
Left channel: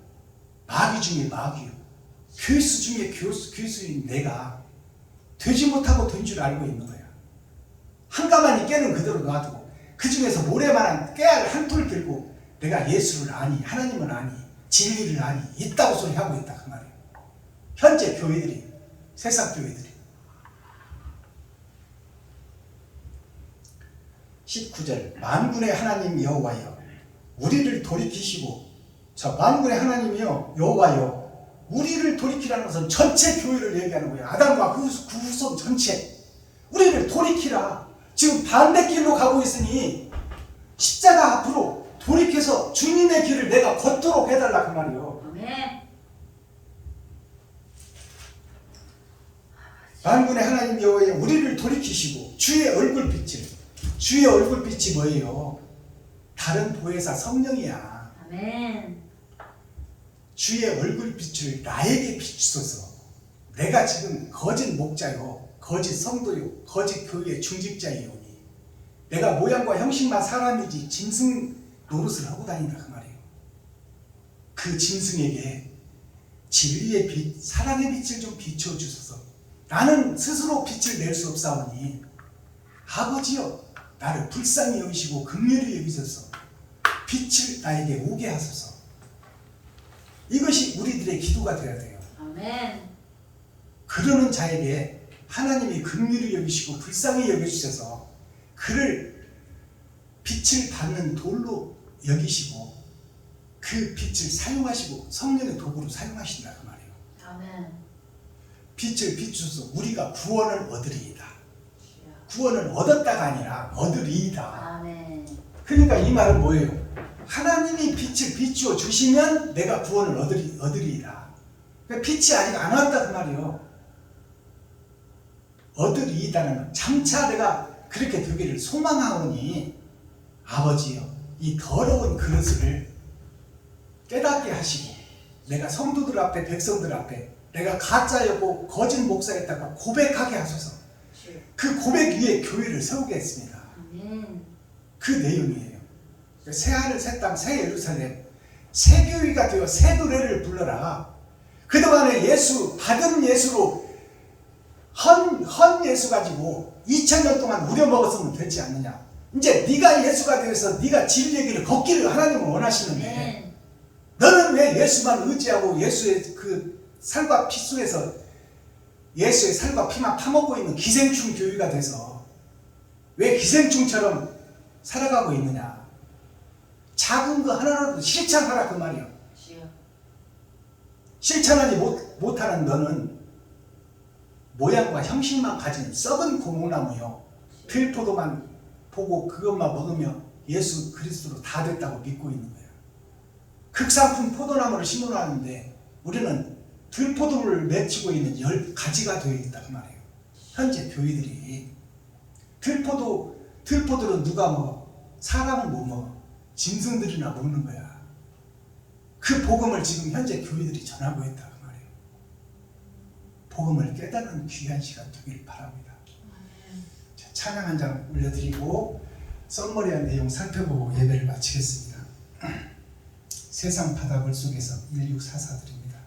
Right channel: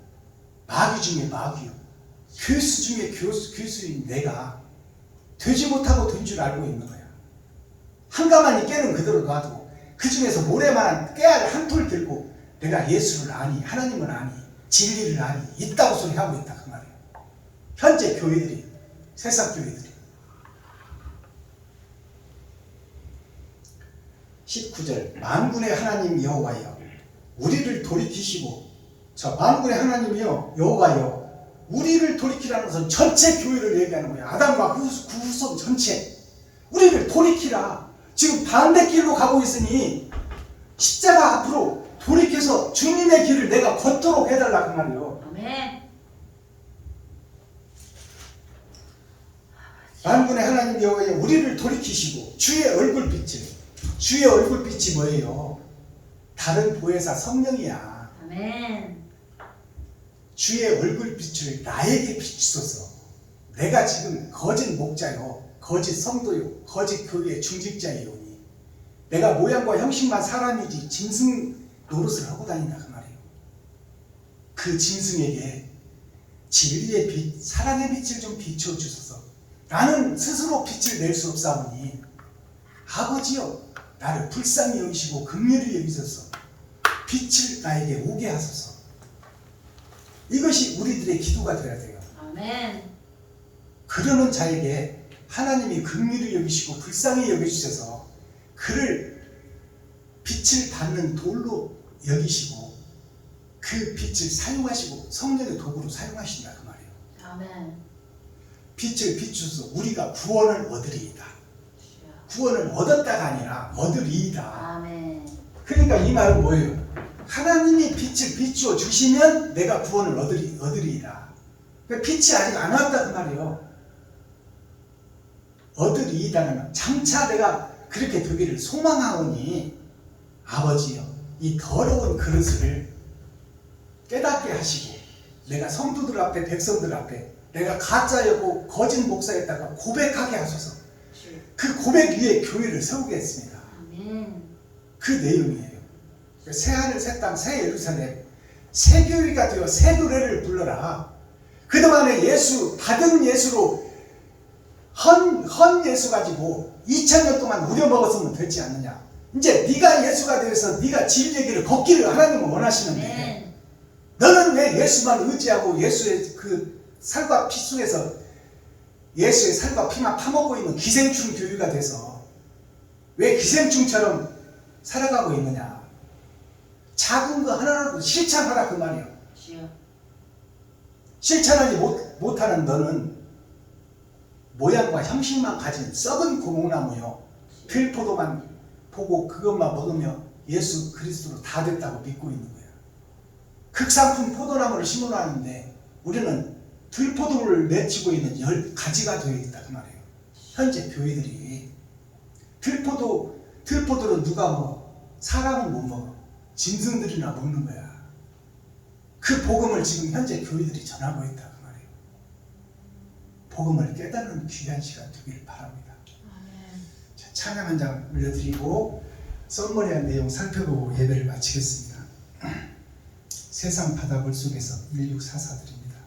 마귀 중에 마귀요. 교수 중에 교수인 내가 되지 못하고 된 줄 알고 있는 거야. 한 가마니 깨는 그대로 놔두고 그 중에서 모래만한 깨알 한 톨 들고 내가 예수를 아니, 하나님을 아니, 진리를 아니 있다고 소리하고 있다 그 말이에요. 현재 교회들이, 세상 교회들이. 19절 만군의 하나님 여호와여 우리를 돌이키시고, 자 만군의 하나님이여 여호와여 우리를 돌이키라는 것은 전체 교회를 얘기하는 거야. 아담과 그 후손 전체 우리를 돌이키라. 지금 반대길로 가고 있으니 십자가 앞으로 돌이켜서 주님의 길을 내가 걷도록 해달라 그 말이에요. 아멘. 만군의 하나님 여호와여 우리를 돌이키시고 주의 얼굴빛을, 주의 얼굴빛이 뭐예요? 다른 보혜사 성령이야. 아멘. 주의 얼굴빛을 나에게 비추소서. 내가 지금 거짓 목자요, 거짓 성도요, 거짓 교회 중직자이오니 내가 모양과 형식만 사람이지 짐승 노릇을 하고 다닌다 그 말이에요. 그 짐승에게 진리의 빛, 사랑의 빛을 좀 비춰주소서. 나는 스스로 빛을 낼 수 없사오니 아버지여 나를 불쌍히 여기시고 긍휼히 여기소서. 빛을 나에게 오게 하소서. 이것이 우리들의 기도가 되어야 돼요. 아멘. 그러는 자에게 하나님이 긍휼히 여기시고 불쌍히 여겨주셔서 그를 빛을 받는 돌로 여기시고 그 빛을 사용하시고 성령의 도구로 사용하신다 그 말이에요. 아멘. 빛을 비추어서 우리가 구원을 얻으리이다. 주여. 구원을 얻었다가 아니라 얻으리이다. 아멘. 그러니까 이 말은 뭐예요? 하나님이 빛을 비추어 주시면 내가 구원을 얻으리이다. 그러니까 빛이 아직 안 왔다 그 말이에요. 얻으리이다는 장차 내가 그렇게 되기를 소망하오니 아버지여 이 더러운 그릇을 깨닫게 하시고 내가 성도들 앞에 백성들 앞에 내가 가짜였고 거짓 목사였다고 고백하게 하소서. 그 고백 위에 교회를 세우겠습니다. 아멘. 그 내용이에요. 새하늘 새 땅 새 예루살렘 새 교회가 되어 새 노래를 불러라. 그동안에 예수 받은 예수로 헌 예수 가지고 2000년 동안 우려먹었으면 되지 않느냐. 이제 네가 예수가 되어서 네가 진리의 길을 걷기를 하나님은 원하시는데 아멘. 너는 왜 예수만 의지하고 예수의 그 살과 피 속에서 예수의 살과 피만 파먹고 있는 기생충 교회가 돼서 왜 기생충처럼 살아가고 있느냐. 작은 거 하나라도 실천하라 그 말이야. 주여. 실천하지 못하는 너는 모양과 형식만 가진 썩은 고목나무요. 들포도만 보고 그것만 먹으며 예수 그리스도로 다 됐다고 믿고 있는 거야. 극상품 포도나무를 심어놨는데 우리는 들포도를 맺히고 있는 10가지가 되어 있다 그 말이에요. 현재 교회들이 들포도는 누가 먹어? 사람은 못 먹어. 짐승들이나 먹는 거야. 그 복음을 지금 현재 교회들이 전하고 있다 그 말이에요. 복음을 깨닫는 귀한 시간 되길 바랍니다. 자, 찬양 한 장 올려드리고 썰머리한 내용 살펴보고 예배를 마치겠습니다. 세상 바다물 속에서 1644 드립니다.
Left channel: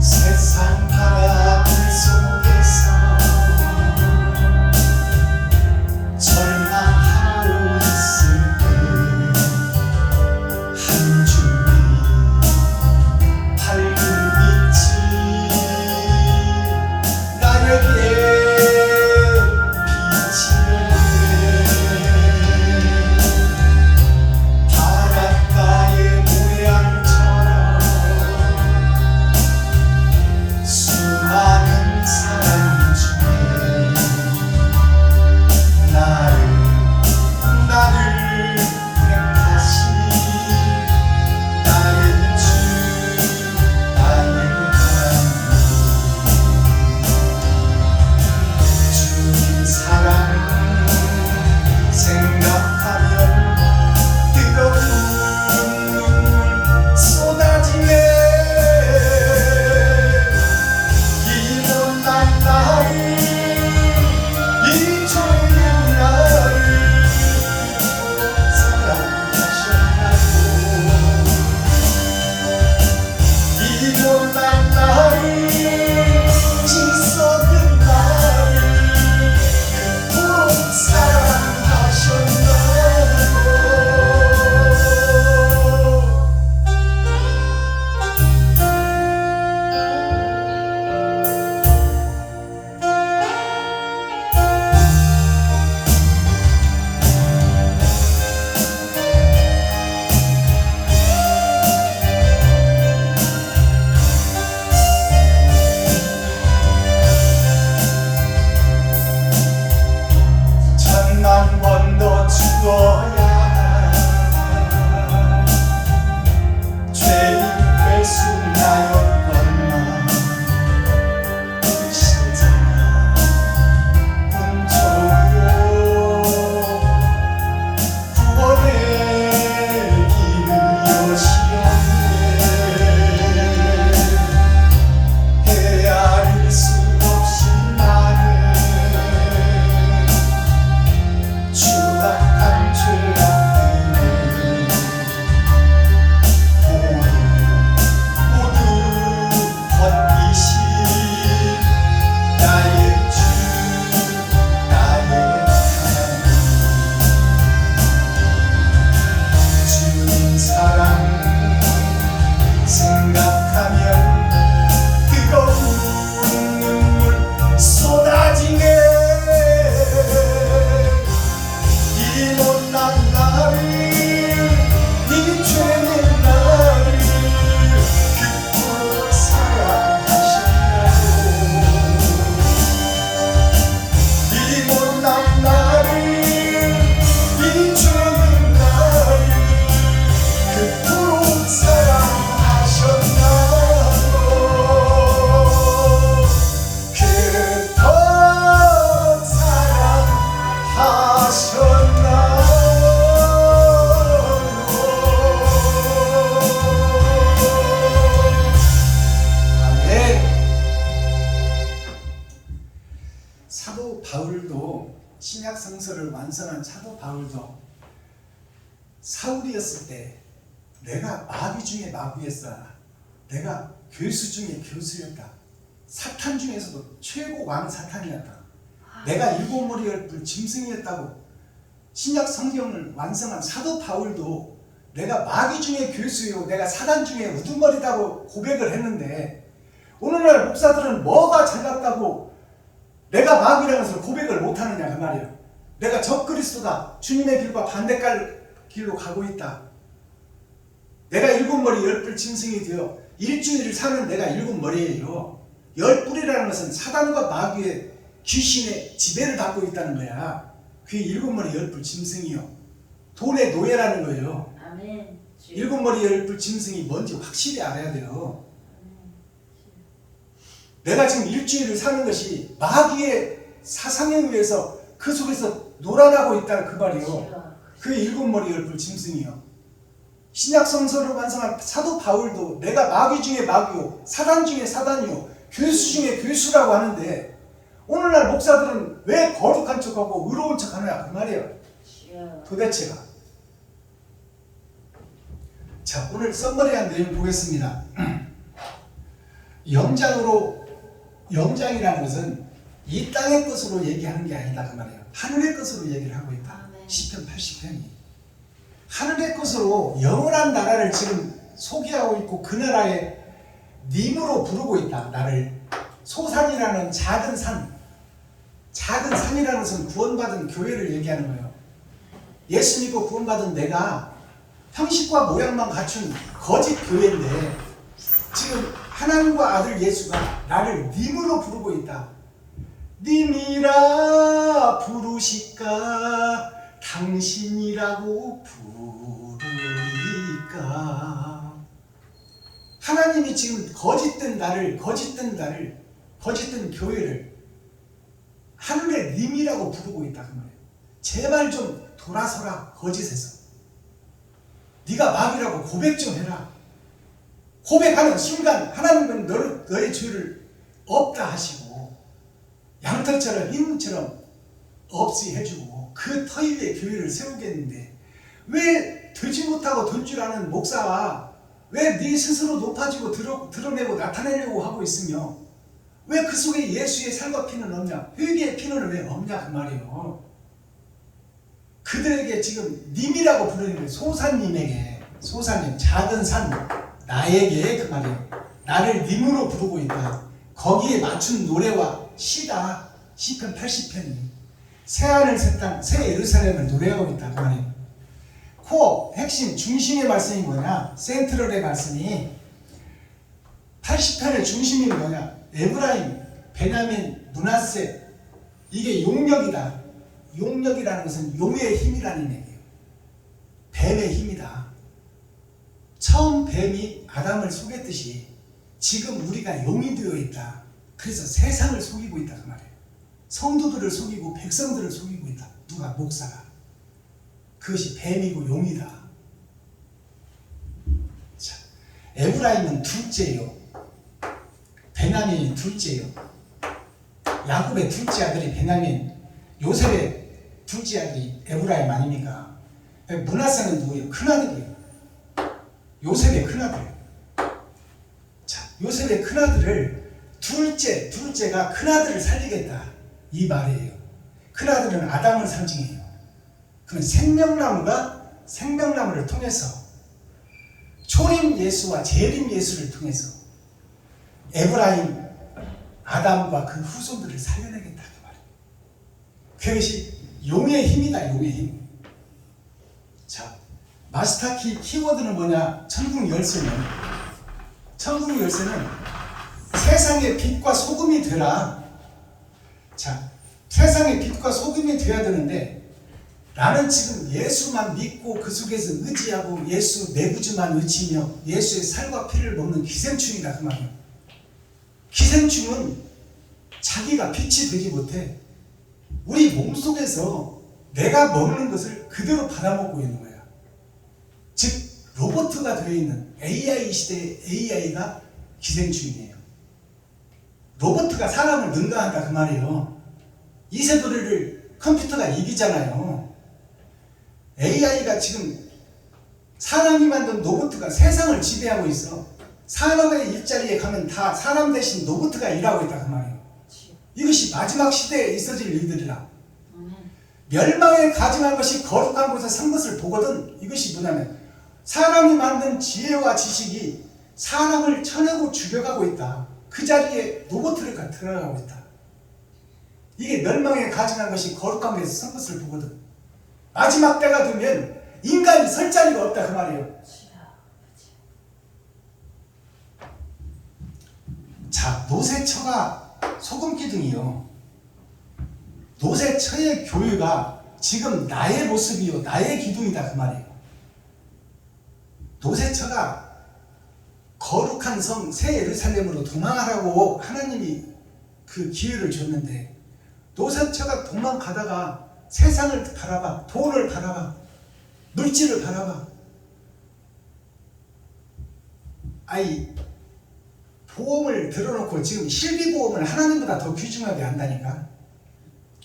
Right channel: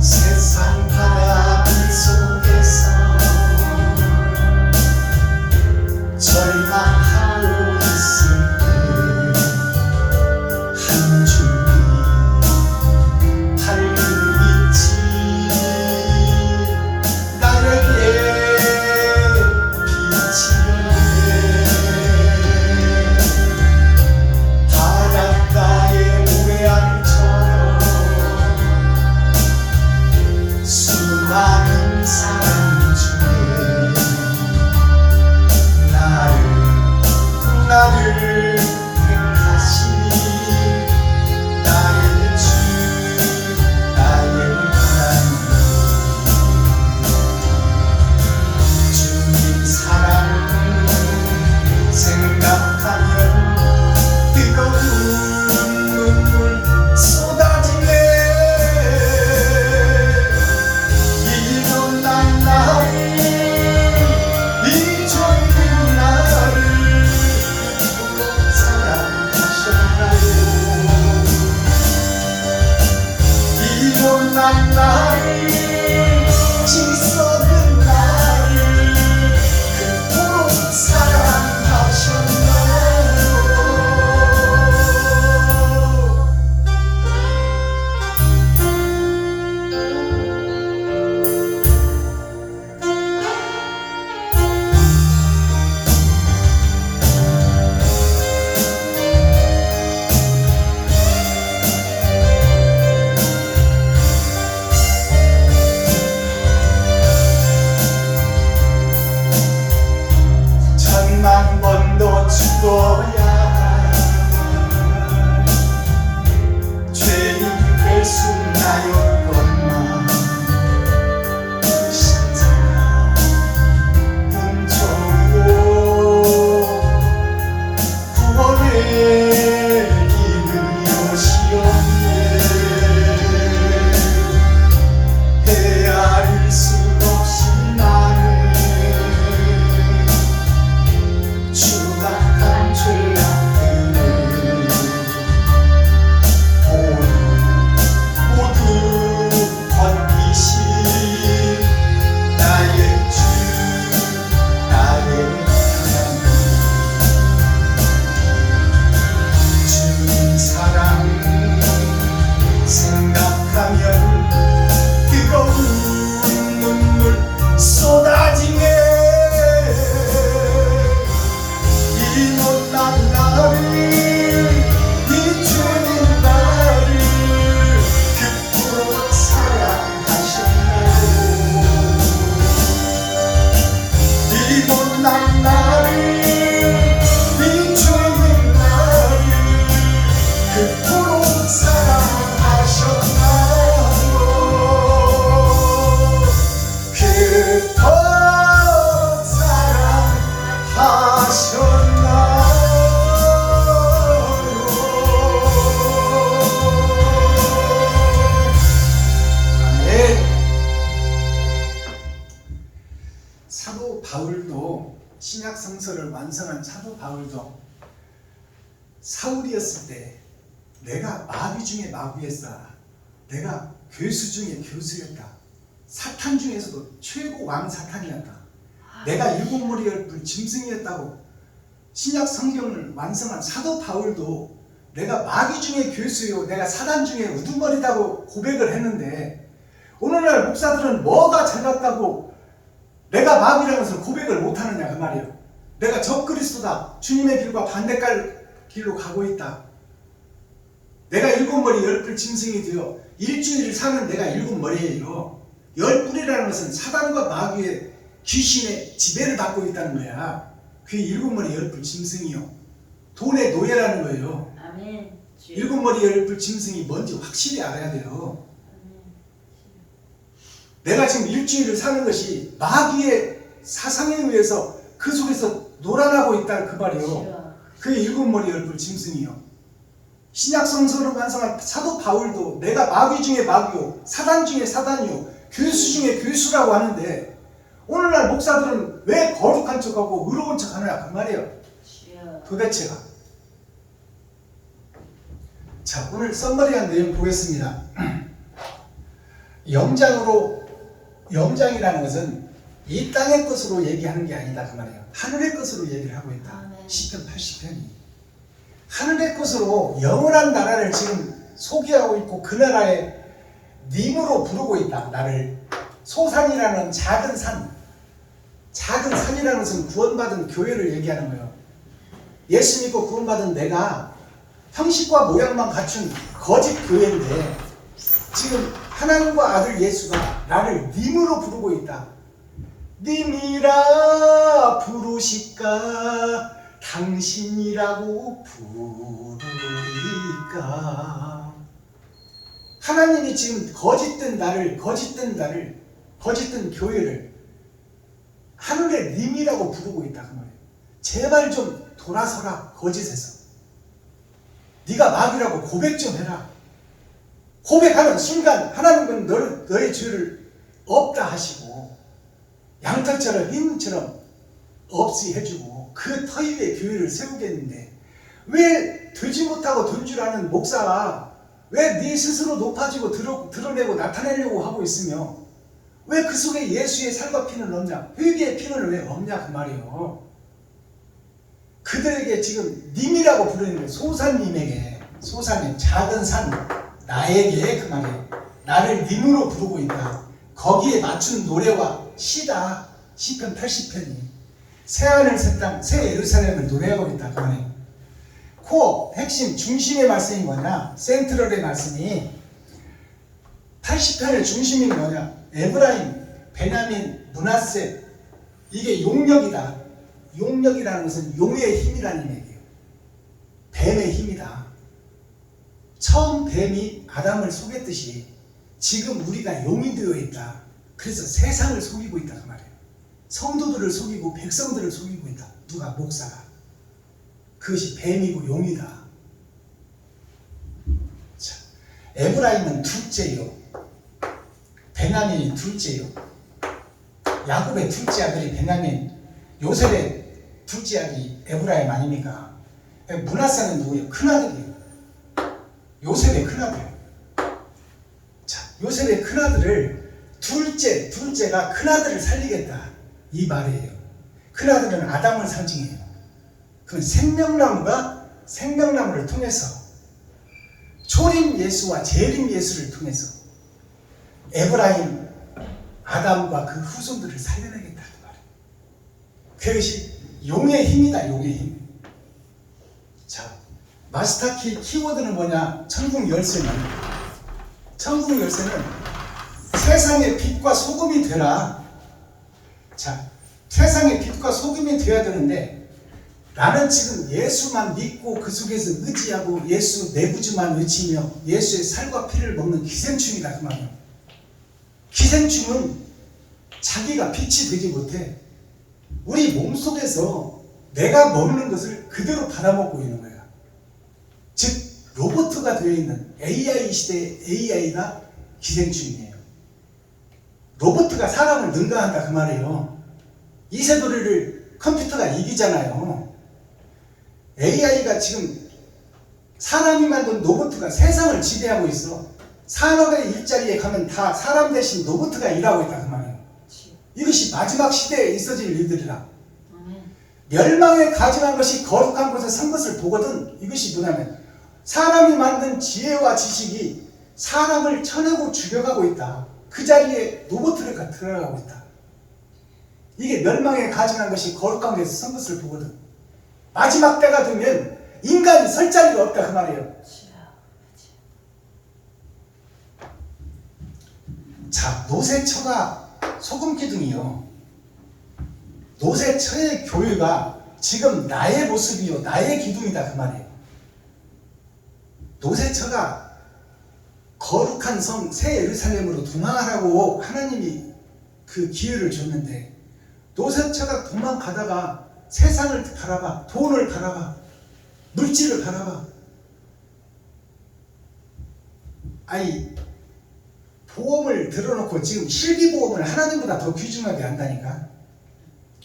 세상 바람을 속에서 절망하고 있을 때 한 줄기 밝은 빛이 나에게 비치네. 바닷가의 모래알처럼 수많은 사랑 중에 나를 택하시니 나의 주 나의 하나님 주님 사랑 생각하면 뜨거운 눈물 쏟아지네. 이런 나를 이 죄인 나를 그토록 사랑하셨나요. 이런 나를 지썩은 나를 그토록 사랑하셨나요. 신약 성서를 완성한 사도 바울도 사울이었을 때 내가 마귀 중에 마귀였어. 내가 교수 중에 교수였다. 사탄 중에서도 최고 왕 사탄이었다. 내가 일곱 머리 열 짐승이었다고 신약 성경을 완성한 사도 바울도 내가 마귀 중에 교수요, 내가 사단 중에 우두머리다고 고백을 했는데 오늘날 목사들은 뭐가 잘났다고 내가 마귀라는 것을 고백을 못하느냐 그 말이야. 내가 적그리스도다. 주님의 길과 반대갈 길로 가고 있다. 내가 일곱 머리 열 뿔 짐승이 되어 일주일을 사는 내가 일곱 머리예요. 열 뿔이라는 것은 사단과 마귀의 귀신의 지배를 받고 있다는 거야. 그게 일곱 머리 열 뿔 짐승이요. 돈의 노예라는 거예요. 아멘. 주여. 일곱 머리 열 뿔 짐승이 뭔지 확실히 알아야 돼요. 아멘. 내가 지금 일주일을 사는 것이 마귀의 사상에 의해서 그 속에서 놀아나고 있다는 그 말이요. 주여. 그게 일곱 머리 열 뿔 짐승이요. 신약 성서를 완성한 사도 바울도 내가 마귀 중에 마귀요, 사단 중에 사단이요, 교수 중에 교수라고 하는데 오늘날 목사들은 왜 거룩한 척하고 의로운 척하느냐 그 말이에요. 주여. 도대체가. 자, 오늘 썸머리한 내용 보겠습니다. 영장이라는 것은 이 땅의 것으로 얘기하는 게 아니다 그 말이에요. 하늘의 것으로 얘기를 하고 있다. 아멘. 10편 80편이 하늘의 것으로 영원한 나라를 지금 소개하고 있고 그 나라에 님으로 부르고 있다. 나를 소산이라는 작은 산이라는 것은 구원받은 교회를 얘기하는 거예요. 예수 믿고 구원받은 내가 형식과 모양만 갖춘 거짓 교회인데 지금 하나님과 아들 예수가 나를 님으로 부르고 있다. 님이라 부르실까 당신이라고 부르리까. 하나님이 지금 거짓된 교회를 하늘의 님이라고 부르고 있다 그 말이에요. 제발 좀 돌아서라 거짓에서. 네가 마귀라고 고백 좀 해라. 고백하는 순간 하나님은 너의 죄를 없다 하시고 양털처럼 흰무처럼 없이 해주고 그 터 위에 교회를 세우겠는데 왜 되지 못하고 된 줄 아는 목사가 왜 네 스스로 높아지고 드러내고 나타내려고 하고 있으며 왜 그 속에 예수의 살과 피는 없냐, 회개의 피는 왜 없냐 그 말이에요. 그들에게 지금 님이라고 부르는 거예요. 소산님에게, 소산님 작은 산 나에게 그 말이에요. 나를 님으로 부르고 있다. 거기에 맞춘 노래와 시다. 시편 80편이 새하늘 새 땅 새 예루살렘을 노래하고 있다 그 말이에요. 코어 핵심 중심의 말씀이 뭐냐, 센트럴의 말씀이 80편의 중심이 뭐냐, 에브라임, 베냐민, 므낫세. 이게 용력이다. 용력이라는 것은 용의 힘이라는 얘기예요. 뱀의 힘이다. 처음 뱀이 아담을 속였듯이 지금 우리가 용이 되어 있다. 그래서 세상을 속이고 있다 그 말이에요. 성도들을 속이고 백성들을 속이고 있다. 누가? 목사가. 그것이 뱀이고 용이다. 자, 에브라임은 둘째요. 베냐민이 둘째요. 야곱의 둘째 아들이 베냐민, 요셉의 둘째 아들이 에브라임 아닙니까? 므낫세는 누구예요? 큰아들이에요. 요셉의 큰아들. 자, 요셉의 큰아들을 둘째가 큰아들을 살리겠다 이 말이에요. 큰아들은 아담을 상징해요. 그 생명나무를 통해서 초림 예수와 재림 예수를 통해서 에브라임, 아담과 그 후손들을 살려내겠다 그 말이에요. 그것이 용의 힘이다. 용의 힘. 자, 마스터키 키워드는 뭐냐? 천국 열쇠는 세상의 빛과 소금이 되라. 자, 세상의 빛과 소금이 되어야 되는데 나는 지금 예수만 믿고 그 속에서 의지하고 예수 내구주만 외치며 예수의 살과 피를 먹는 기생충이다 그 말이에요. 기생충은 자기가 빛이 되지 못해. 우리 몸속에서 내가 먹는 것을 그대로 받아먹고 있는 거야. 즉 로봇가 되어 있는 AI 시대의 AI가 기생충이에요. 로봇가 사람을 능가한다 그 말이에요. 이세돌이를 컴퓨터가 이기잖아요. AI가 지금 사람이 만든 로봇가 세상을 지배하고 있어. 사람의 일자리에 가면 다 사람 대신 로봇가 일하고 있다 그 말이에요. 이것이 마지막 시대에 있어질 일들이라. 아멘. 멸망에 가증한 것이 거룩한 곳에 선 것을 보거든. 이것이 뭐냐면 사람이 만든 지혜와 지식이 사람을 쳐내고 죽여가고 있다. 그 자리에 로봇가 들어가고 있다. 이게 멸망에 가증한 것이 거룩한 곳에 선 것을 보거든. 마지막 때가 되면 인간이 설 자리가 없다 그 말이에요. 자, 노세처가 소금기둥이요. 노세처의 교회가 지금 나의 모습이요, 나의 기둥이다 그 말이에요. 노세처가 거룩한 성 새 예루살렘으로 도망하라고 하나님이 그 기회를 줬는데 노세처가 도망가다가 세상을 바라봐, 돈을 바라봐, 물질을 바라봐. 아이 보험을 들어놓고 지금 실비보험을 하나님보다 더 귀중하게 한다니까.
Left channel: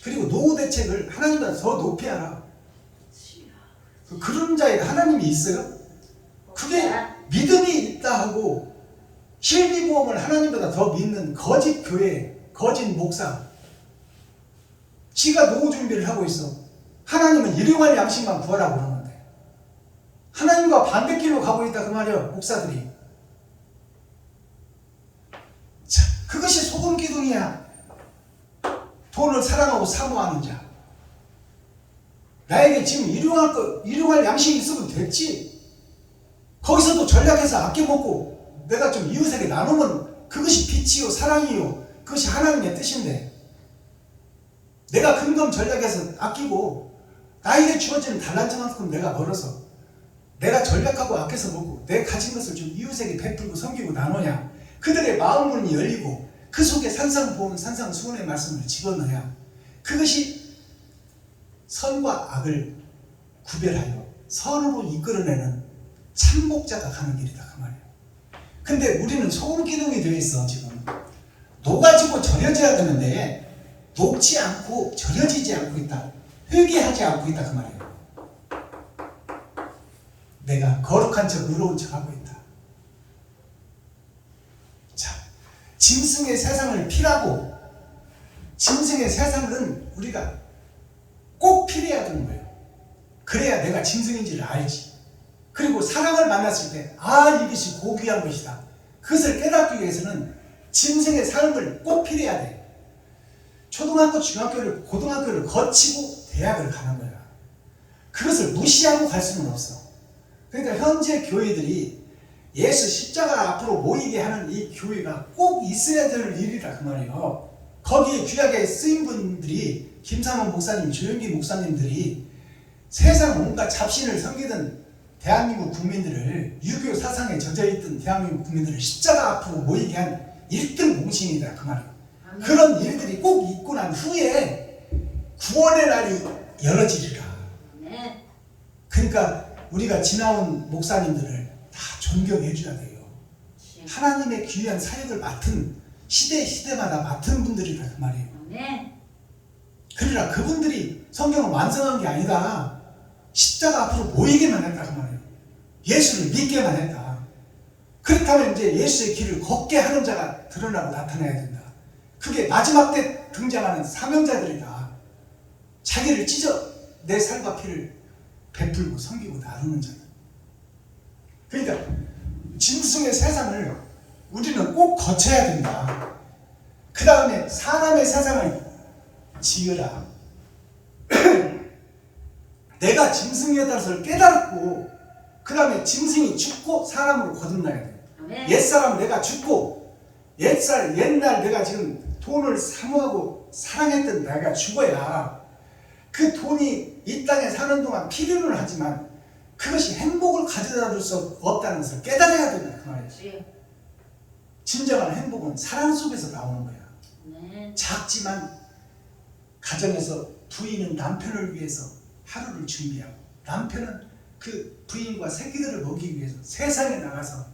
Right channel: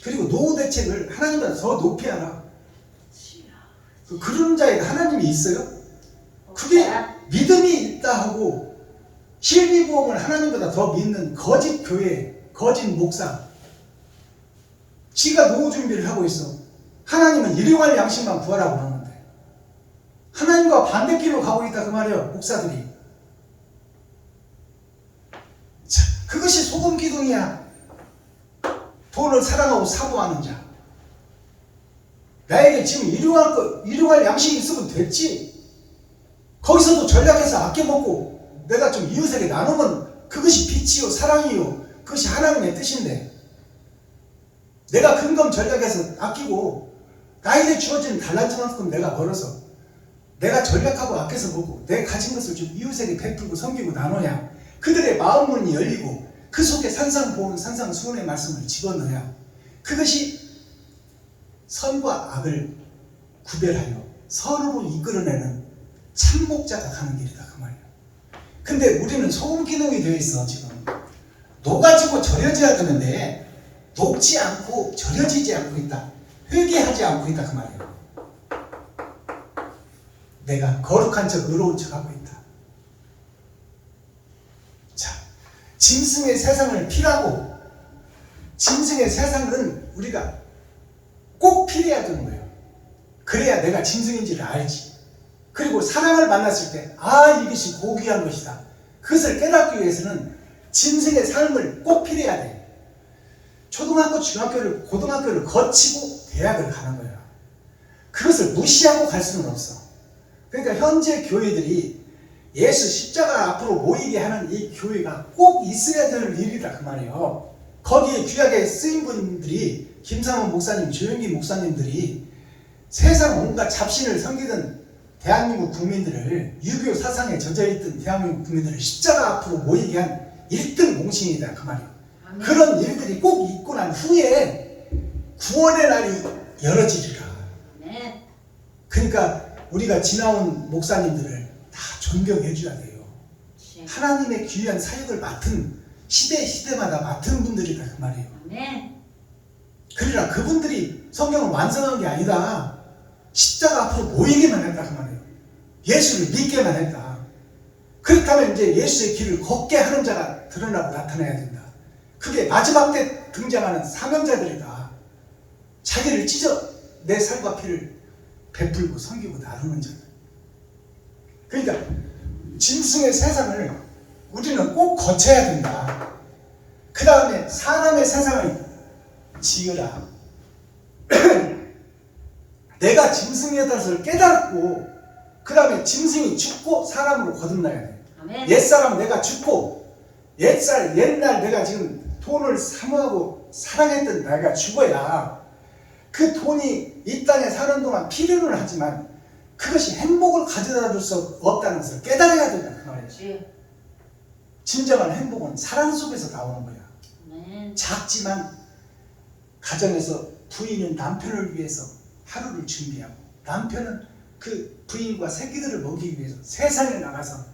그리고 노후 대책을 하나님보다 더 높이 하라. 그런 자에게 하나님이 있어요? 그게 믿음이 있다 하고 실비보험을 하나님보다 더 믿는 거짓 교회, 거짓 목사. 지가 노후 준비를 하고 있어. 하나님은 일용할 양식만 구하라고 그러는데 하나님과 반대길로 가고 있다 그 말이야, 목사들이. 자, 그것이 소금 기둥이야. 돈을 사랑하고 사모하는 자. 나에게 지금 일용할 양식이 있으면 됐지. 거기서도 전략해서 아껴먹고 내가 좀 이웃에게 나누면 그것이 빛이요 사랑이요 그것이 하나님의 뜻인데 내가 근검 전략해서 아끼고 나에게 주어진 달란트만큼 내가 벌어서 내가 전략하고 아껴서 먹고 내 가진 것을 좀 이웃에게 베풀고 섬기고 나눠야 그들의 마음 문이 열리고 그 속에 산상보은 산상수훈의 말씀을 집어넣어야 그것이 선과 악을 구별하여 선으로 이끌어내는 참목자가 가는 길이다 그 말이에요. 근데 우리는 소금 기둥이 되어 있어. 지금 녹아지고 절여져야 되는데 녹지 않고 절여지지 않고 있다. 회개하지 않고 있다 그 말이에요. 내가 거룩한 척 의로운 척 하고 있다. 자, 짐승의 세상을 피하고 짐승의 세상은 우리가 꼭 피해야 되는 거예요. 그래야 내가 짐승인지를 알지. 그리고 사랑을 만났을 때 이것이 고귀한 것이다. 그것을 깨닫기 위해서는 짐승의 삶을 꼭 피해야 돼. 초등학교, 중학교를, 고등학교를 거치고 대학을 가는 거야. 그것을 무시하고 갈 수는 없어. 그러니까 현재 교회들이 예수 십자가 앞으로 모이게 하는 이 교회가 꼭 있어야 될 일이다 그 말이에요. 거기에 귀하게 쓰인 분들이 김상원 목사님, 조영기 목사님들이 세상 온갖 잡신을 섬기던 대한민국 국민들을 유교 사상에 젖어있던 대한민국 국민들을 십자가 앞으로 모이게 한 1등 공신이다 그 말이에요. 아멘. 그런 일들이 꼭 있고 난 후에 구원의 날이 열어지리라. 아멘. 그러니까 우리가 지나온 목사님들을 다 존경해 줘야 돼요. 하나님의 귀한 사역을 맡은 시대마다 맡은 분들이다 그 말이에요. 아멘. 그러나 그분들이 성경을 완성한 게 아니다. 십자가 앞으로 모이기만 했다 그 말이에요. 예수를 믿게만 했다. 그렇다면 이제 예수의 길을 걷게 하는 자가 드러나고 나타나야 된다. 그게 마지막 때 등장하는 사명자들이다. 자기를 찢어 내 살과 피를 베풀고 섬기고 나누는 자들. 그러니까 짐승의 세상을 우리는 꼭 거쳐야 된다. 그 다음에 사람의 세상을 지으라. 내가 짐승이었다는 것을 깨닫고 그 다음에 짐승이 죽고 사람으로 거듭나야 돼. 아멘. 옛사람 내가 죽고 옛날 내가 지금 돈을 사모하고 사랑했던 내가 죽어야 그 돈이 이 땅에 사는 동안 필요는 하지만 그것이 행복을 가져다 줄 수 없다는 것을 깨달아야 된다 그 말이에요. 그렇지. 진정한 행복은 사랑 속에서 나오는 거야. 아멘. 작지만 가정에서 부인은 남편을 위해서 하루를 준비하고 남편은 그 부인과 새끼들을 먹이기 위해서 세상에 나가서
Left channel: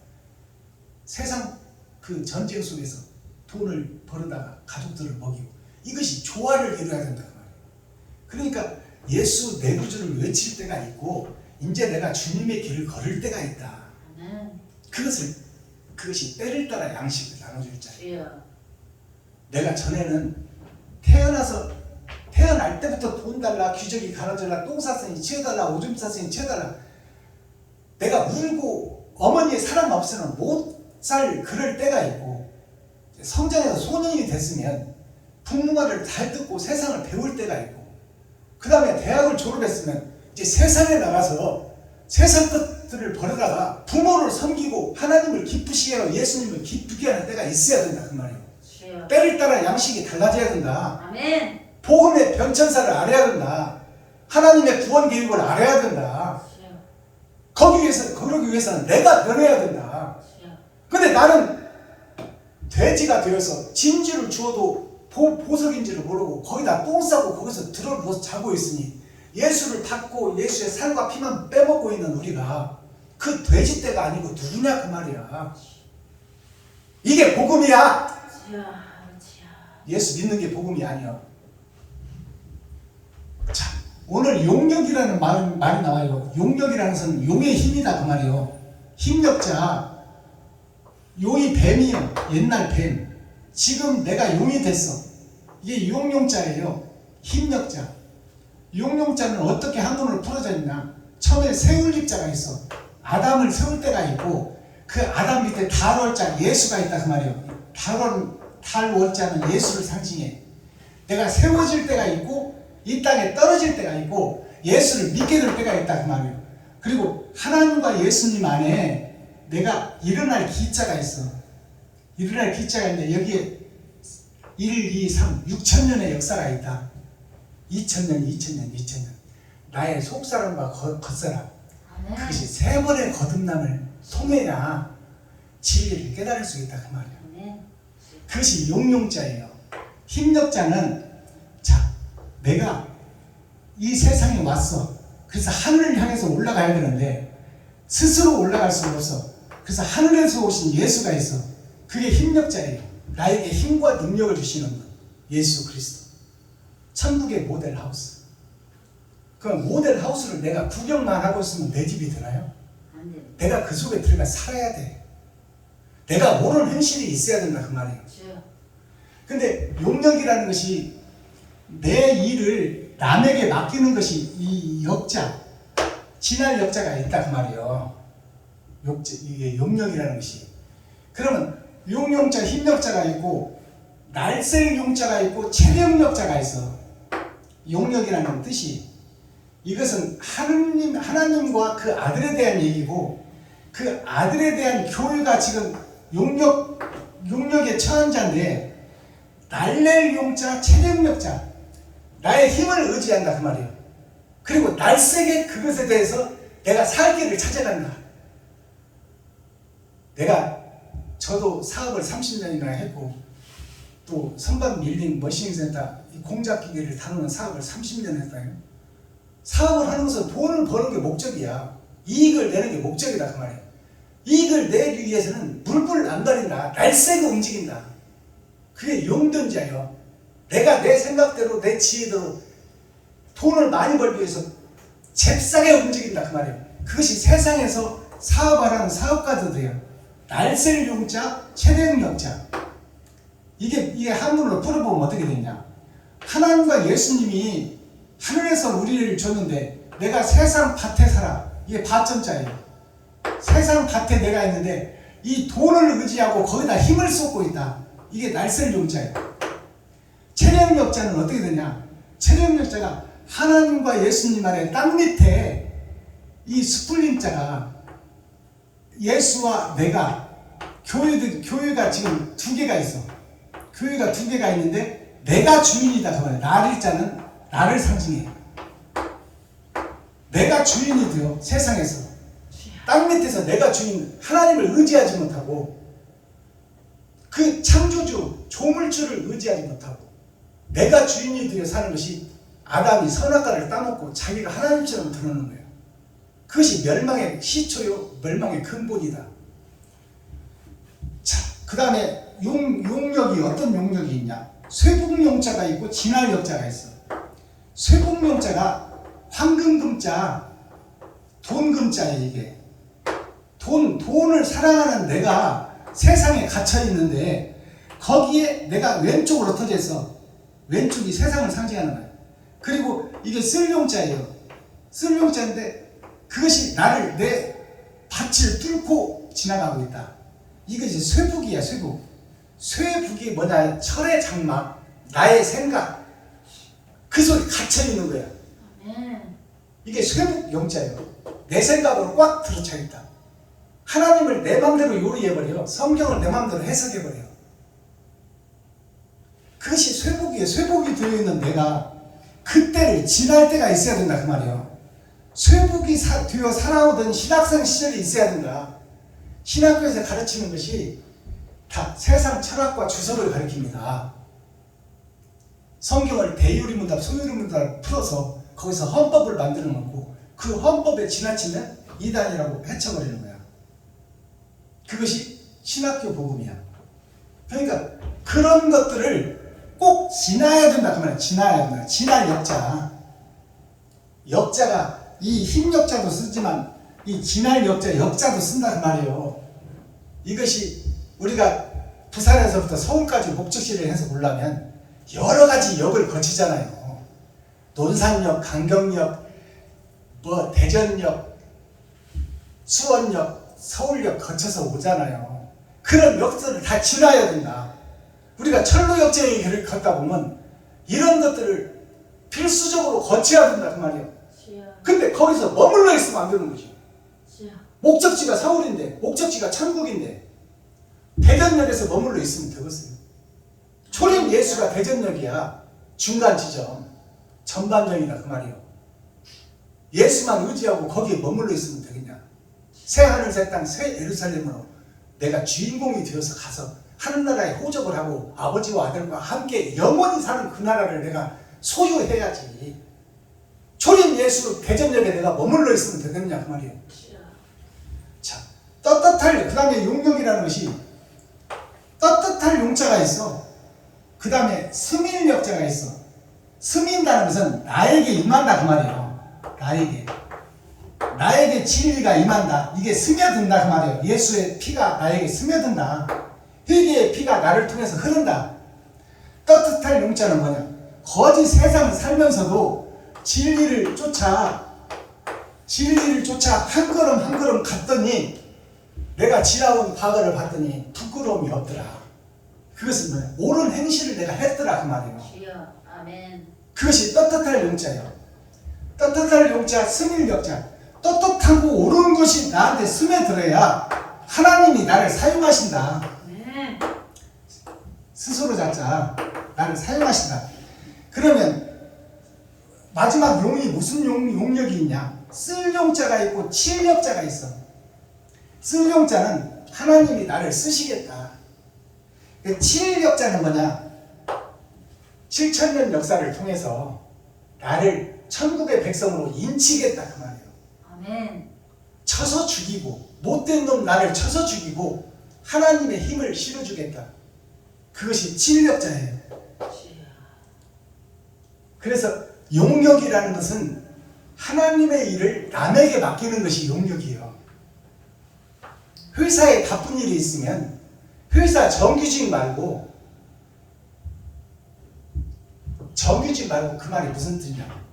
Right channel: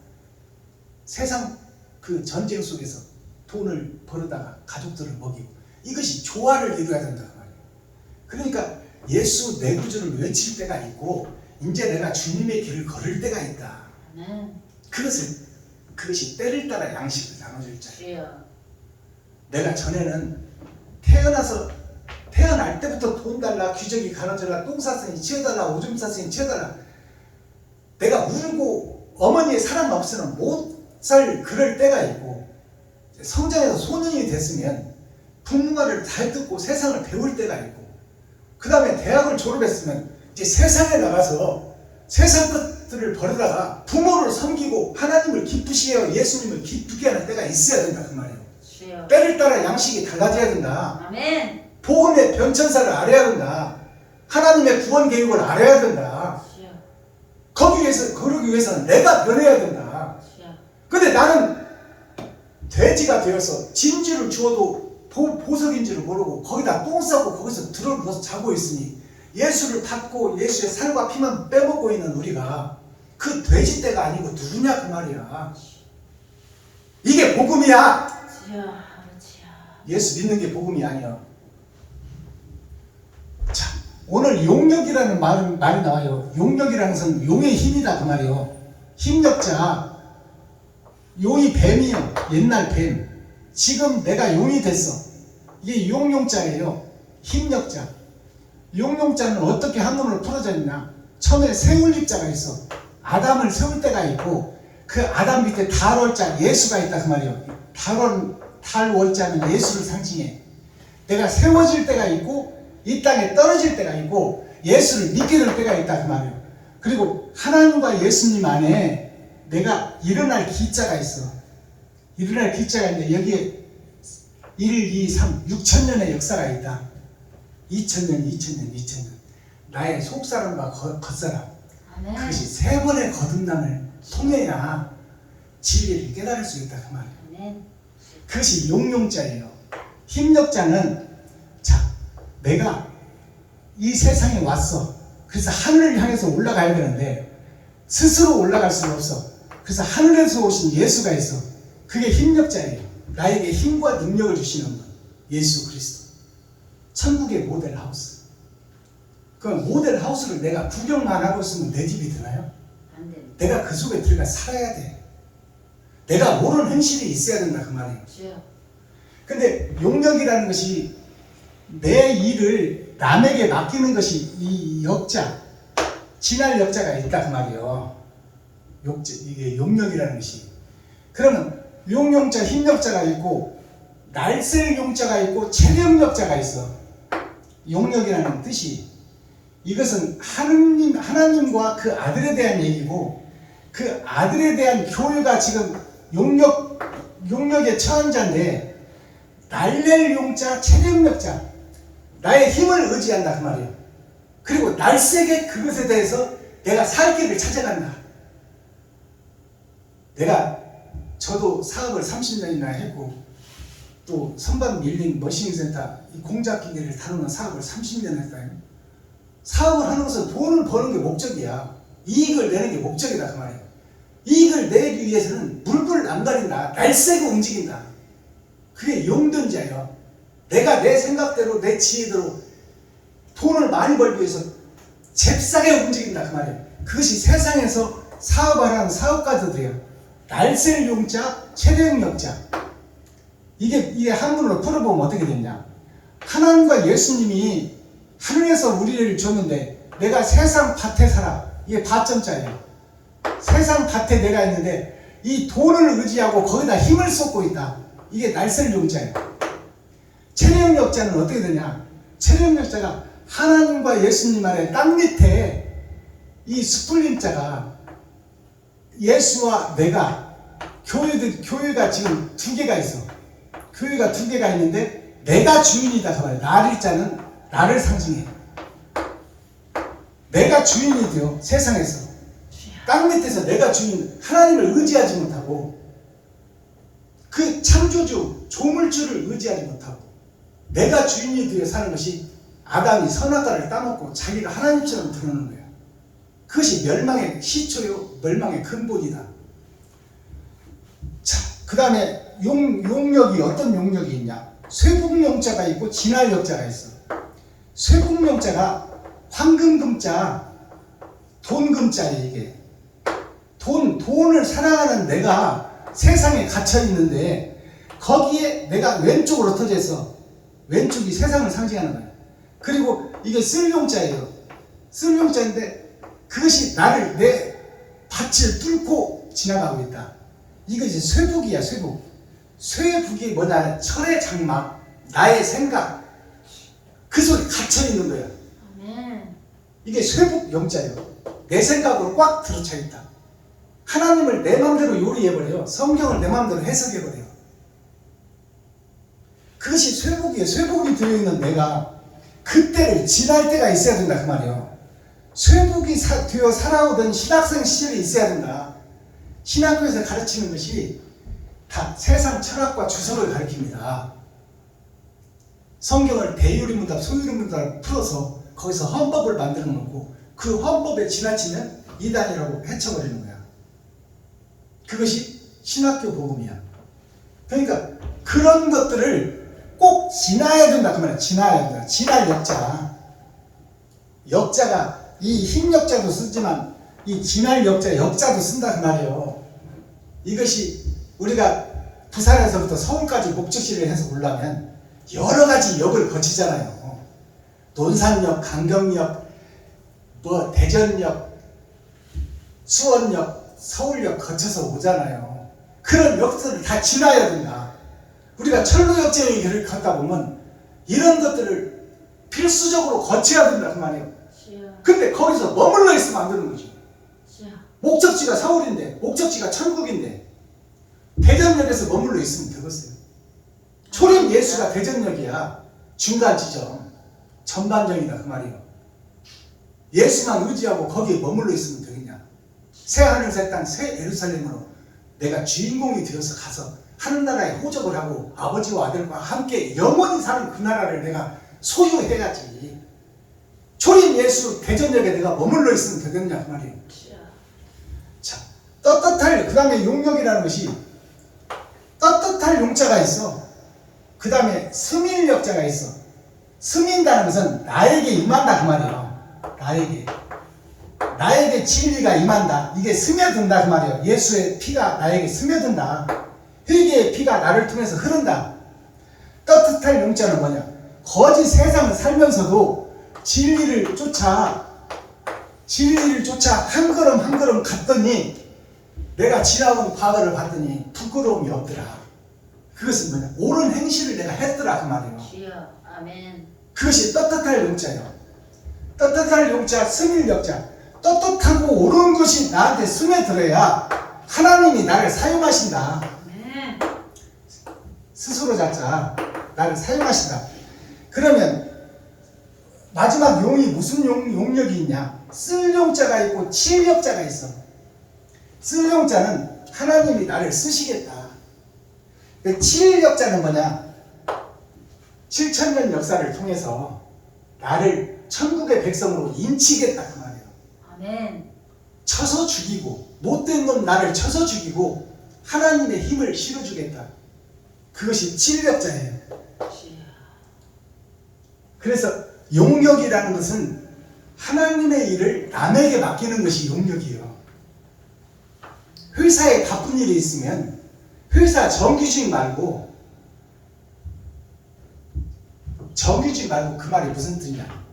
세상 그 전쟁 속에서 돈을 벌어다가 가족들을 먹이고 이것이 조화를 이루어야 된다 그 말이에요. 그러니까 예수 내 구주를 외칠 때가 있고 이제 내가 주님의 길을 걸을 때가 있다. 아멘. 그것이 때를 따라 양식을 나눠줄 자예요. 주여. 내가 전에는 태어날 때부터 돈 달라, 귀저귀 갈아달라, 똥 쌌으니 치워달라, 오줌 쌌으니 치워달라. 내가 울고 어머니의 사랑 없이는 못 살 그럴 때가 있고, 성장해서 소년이 됐으면 부모말을 잘 듣고 세상을 배울 때가 있고, 그 다음에 대학을 졸업했으면 이제 세상에 나가서 세상 것들을 버리다가 부모를 섬기고 하나님을 기쁘시게 하고 예수님을 기쁘게 하는 때가 있어야 된다 그 말이에요. 주여. 때를 따라 양식이 달라져야 된다. 아멘. 복음의 변천사를 알아야 된다. 하나님의 구원 계획을 알아야 된다. 주여. 그러기 위해서는 내가 변해야 된다. 주여. 근데 나는 돼지가 되어서 진주를 주어도 보석인 줄을 모르고 거기다 똥 싸고 거기서 들어 누워서 자고 있으니 예수를 닫고 예수의 살과 피만 빼먹고 있는 우리가 그 돼지 떼가 아니고 누구냐 그 말이야. 이게 복음이야. 주여. 아버지여. 예수 믿는 게 복음이 아니야. 자, 오늘 용력이라는 말이 나와요. 용력이라는 것은 용의 힘이다 그 말이에요. 힘력자. 용이 뱀이요. 옛날 뱀. 지금 내가 용이 됐어. 이게 용용자예요. 힘력자. 용용자는 어떻게 한문으로 풀어졌냐? 처음에 세울립자가 있어. 아담을 세울 때가 있고 그 아담 밑에 달월자 예수가 있다 그 말이에요. 달월자는 예수를 상징해. 내가 세워질 때가 있고 이 땅에 떨어질 때가 있고 예수를 믿게 될 때가 있다 그 말이에요. 그리고 하나님과 예수님 안에 내가 일어날 기자가 있어. 일어날 기자가 있는데 여기에 1, 2, 3, 6천년의 역사가 있다. 2000년. 나의 속사람과 겉사람. 아멘. 그것이 세 번의 거듭남을 통해야 진리를 깨달을 수 있다 그 말이에요. 아멘. 그것이 용용자예요. 힘력자는 자, 내가 이 세상에 왔어. 그래서 하늘을 향해서 올라가야 되는데 스스로 올라갈 수가 없어. 그래서 하늘에서 오신 예수가 있어. 그게 힘력자예요. 나에게 힘과 능력을 주시는 분, 예수 그리스도. 천국의 모델하우스. 그 모델하우스를 내가 구경만 하고 있으면 내 집이 되나요? 안 돼. 내가 그 속에 들어가 살아야 돼. 내가 옳은 행실이 있어야 된다 그 말이에요. 주여. 근데 용력이라는 것이 내 일을 남에게 맡기는 것이 이 역자, 진할 역자가 있다 그 말이에요. 이게 용력이라는 것이. 그러면 용용자, 힘력자가 있고 날쌘 용자가 있고 체력력자가 있어. 용력이라는 뜻이 이것은 하나님과 그 아들에 대한 얘기고 그 아들에 대한 교회가 지금 용력에 처한 자인데 날낼 용자, 체력력자 나의 힘을 의지한다 그 말이에요. 그리고 날쌔게 그것에 대해서 내가 살 길을 찾아간다. 저도 사업을 30년이나 했고 또 선박 밀링 머신센터 공작기계를 다루는 사업을 30년 했어요. 사업을 하는 것은 돈을 버는 게 목적이야. 이익을 내는 게 목적이다 그 말이에요. 이익을 내기 위해서는 물불을 안 가린다. 날쌔고 움직인다. 그게 용전자예요. 내가 내 생각대로 내 지혜대로 돈을 많이 벌기 위해서 잽싸게 움직인다 그 말이에요. 그것이 세상에서 사업하는 사업가들이에요. 날쌘 용자, 체력력자. 이게 한문으로 풀어보면 어떻게 되냐? 하나님과 예수님이 하늘에서 우리를 줬는데 내가 세상 밭에 살아. 이게 밭점자예요. 세상 밭에 내가 있는데 이 돈을 의지하고 거기다 힘을 쏟고 있다. 이게 날쌘 용자예요. 체력력자는 어떻게 되냐? 체력력자가 하나님과 예수님 안에 땅 밑에 이 스플린자가 예수와 내가 교회가 지금 두 개가 있어. 교회가 두 개가 있는데 내가 주인이다. 정말 날일자는 나를 상징해. 내가 주인이 되어 세상에서 땅 밑에서 내가 주인 하나님을 의지하지 못하고 그 창조주 조물주를 의지하지 못하고 내가 주인이 되어 사는 것이 아담이 선악과를 따먹고 자기가 하나님처럼 드러나는 거예요. 그것이 멸망의 시초요 멸망의 근본이다. 자, 그 다음에 용력이 어떤 용력이 있냐? 쇠북용자가 있고 진할역자가 있어. 쇠복명자가 황금금자, 돈금자예요. 이게 돈을 사랑하는 내가 세상에 갇혀 있는데 거기에 내가 왼쪽으로 터져 있어. 왼쪽이 세상을 상징하는 거예요. 그리고 이게 쓸용자예요. 쓸용자인데 그것이 나를 내 밭을 뚫고 지나가고 있다. 이것이 쇠북이야. 쇠북. 쇠북이 뭐냐? 철의 장막, 나의 생각, 그 속에 갇혀 있는 거야. 아멘. 이게 쇠북 용자예요. 내 생각으로 꽉 들어차 있다. 하나님을 내 마음대로 요리해버려. 성경을 내 마음대로 해석해버려. 그것이 쇠복이에요. 쇠복이 되어있는 내가 그때를 지날 때가 있어야 된다 그 말이에요. 쇠복이 되어 살아오던 신학생 시절이 있어야 된다. 신학교에서 가르치는 것이 다 세상 철학과 주소를 가르칩니다. 성경을 대유리문답 소유리문답 풀어서 거기서 헌법을 만들어 놓고 그 헌법에 지나치면 이단이라고 해쳐버리는 거야. 그것이 신학교 복음이야. 그러니까 그런 것들을 꼭 지나야 된다 그 말이야. 지나야 된다. 지날 역자. 역자가 이 힘역자도 쓰지만 이 지날 역자도 쓴다 그 말이에요. 이것이 우리가 부산에서부터 서울까지 목적지를 해서 오려면 여러 가지 역을 거치잖아요. 논산역, 강경역, 대전역, 수원역, 서울역 거쳐서 오잖아요. 그런 역들을 다 지나야 된다. 우리가 철로역쟁이 길을 걷다 보면 이런 것들을 필수적으로 거쳐야 된다 그 말이에요. 주여. 근데 거기서 머물러 있으면 안 되는 거지. 주여. 목적지가 서울인데, 목적지가 천국인데 대전역에서 머물러 있으면 되겠어요. 초림 예수가 대전역이야. 중간 지점, 전반전이다 그 말이에요. 예수만 의지하고 거기에 머물러 있으면 되겠냐. 새 하늘 새 땅 새 예루살렘으로 내가 주인공이 되어서 가서 하늘나라에 호적을 하고 아버지와 아들과 함께 영원히 사는 그 나라를 내가 소유해야지. 초림 예수 대전역에 내가 머물러 있으면 되겠냐 그 말이에요. 주여. 자, 떳떳할, 그 다음에 용역이라는 것이 떳떳할 용자가 있어. 그 다음에 스밀역자가 있어. 스민다는 것은 나에게 임한다 그 말이에요. 나에게 진리가 임한다. 이게 스며든다 그 말이에요. 예수의 피가 나에게 스며든다. 회개의 피가 나를 통해서 흐른다. 떳떳할 용자는 뭐냐? 거짓 세상을 살면서도 진리를 쫓아 한 걸음 한 걸음 갔더니 내가 지나온 과거를 봤더니 부끄러움이 없더라. 그것은 뭐냐? 옳은 행실을 내가 했더라 그 말이에요. 주여. 아멘. 그것이 떳떳할 용자예요. 떳떳할 용자, 스밀역자. 떳떳하고 옳은 것이 나한테 스며들어야 하나님이 나를 사용하신다. 아멘. 스스로 자자 나를 사용하신다. 그러면 마지막 용이 무슨 용력이 있냐? 쓸 용자가 있고 칠 역자가 있어. 쓸 용자는 하나님이 나를 쓰시겠다. 칠 역자는 뭐냐? 7,000년 역사를 통해서 나를 천국의 백성으로 인치겠다 그 말이에요. 아멘. 쳐서 죽이고 못된 놈 나를 쳐서 죽이고 하나님의 힘을 실어주겠다. 그것이 칠역자예요. 주여. 그래서 용역이라는 것은 하나님의 일을 남에게 맡기는 것이 용역이에요. 회사에 바쁜 일이 있으면 회사 정규직 말고 그 말이 무슨 뜻이냐?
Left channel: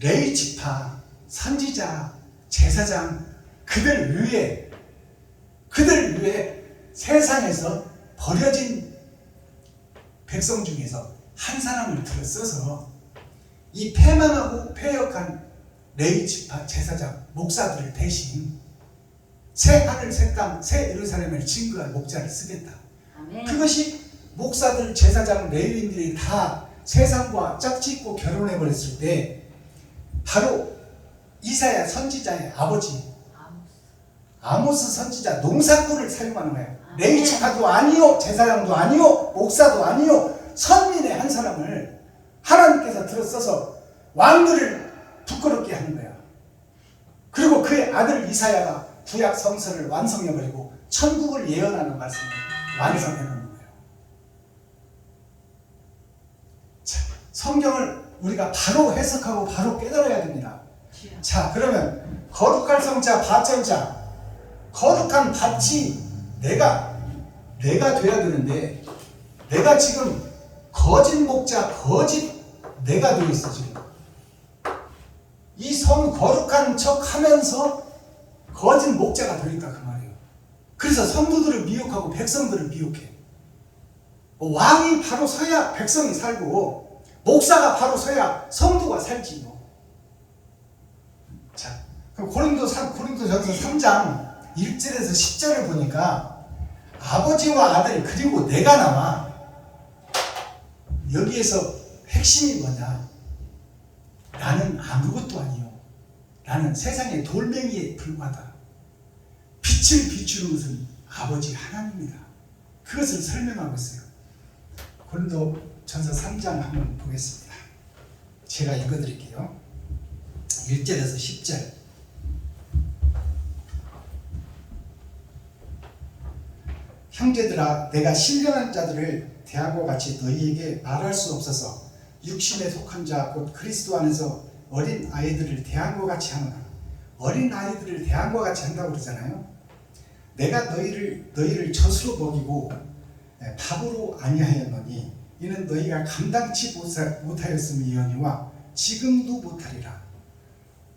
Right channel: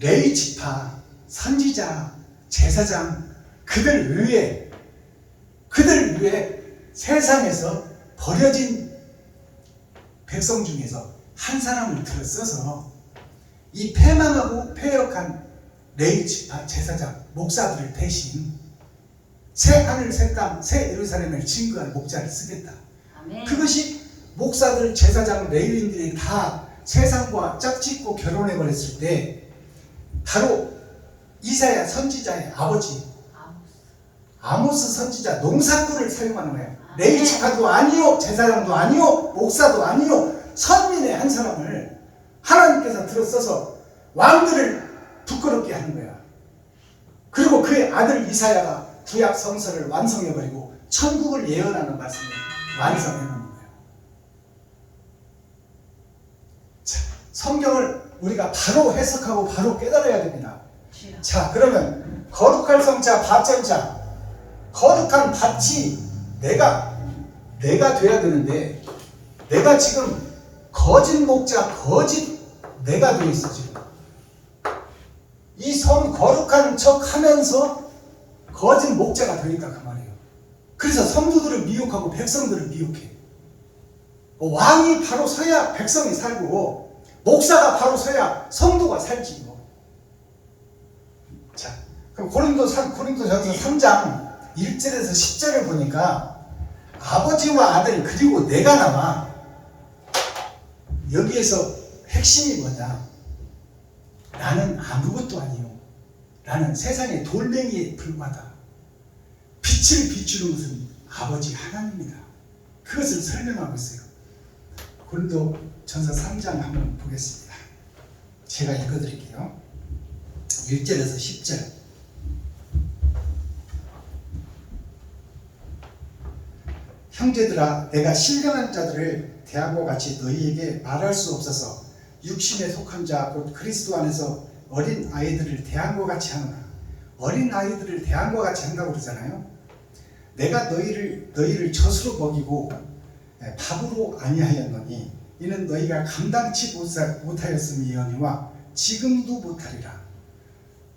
레위 지파, 선지자, 제사장 그들 위해 세상에서 버려진 백성 중에서 한 사람을 들어 써서 이 패망하고 패역한 레위 지파, 제사장, 목사들을 대신 새 하늘, 새 땅, 새 예루살렘을 증거할 목자를 쓰겠다. 아멘. 그것이 목사들, 제사장, 레위인들이 다 세상과 짝짓고 결혼해버렸을 때 바로 이사야 선지자의 아버지 아모스 선지자 농사꾼을 사용하는 거예요. 레위 지파도 아니요, 제사장도 아니요, 목사도 아니요, 선민의 한 사람을 하나님께서 들어써서 왕들을 부끄럽게 하는 거야. 그리고 그의 아들 이사야가 구약 성서를 완성해버리고 천국을 예언하는 말씀을 완성해놓는 거예요. 자, 성경을 우리가 바로 해석하고 바로 깨달아야 됩니다. 주여. 자, 그러면 거룩할 성자 밭전자, 거룩한 밭이 내가 돼야 되는데, 내가 지금 거짓 목자, 거짓 내가 되어 있어. 지금 이 거룩한 척 하면서 거짓 목자가 되어 있다 그 말이에요. 그래서 성도들을 미혹하고 백성들을 미혹해. 왕이 바로 서야 백성이 살고, 목사가 바로 서야 성도가 살지 뭐. 자, 그럼 고린도전서 3장 1절에서 10절을 보니까 아버지와 아들 그리고 내가 나와. 여기에서 핵심이 뭐냐? 나는 아무것도 아니요. 나는 세상의 돌멩이에 불과하다. 빛을 비추는 것은 아버지 하나님이다. 그것을 설명하고 있어요. 고린도전서 3장 한번 보겠습니다. 제가 읽어드릴게요. 1절에서 10절. 형제들아, 내가 신령한 자들을 대함과 같이 너희에게 말할 수 없어서 육신에 속한 자 곧 그리스도 안에서 어린 아이들을 대함과 같이 하노라. 어린 아이들을 대함과 같이 한다고 그러잖아요. 내가 너희를 젖으로 먹이고 밥으로 아니하였노니 이는 너희가 감당치 못하였음이거니와 지금도 못하리라.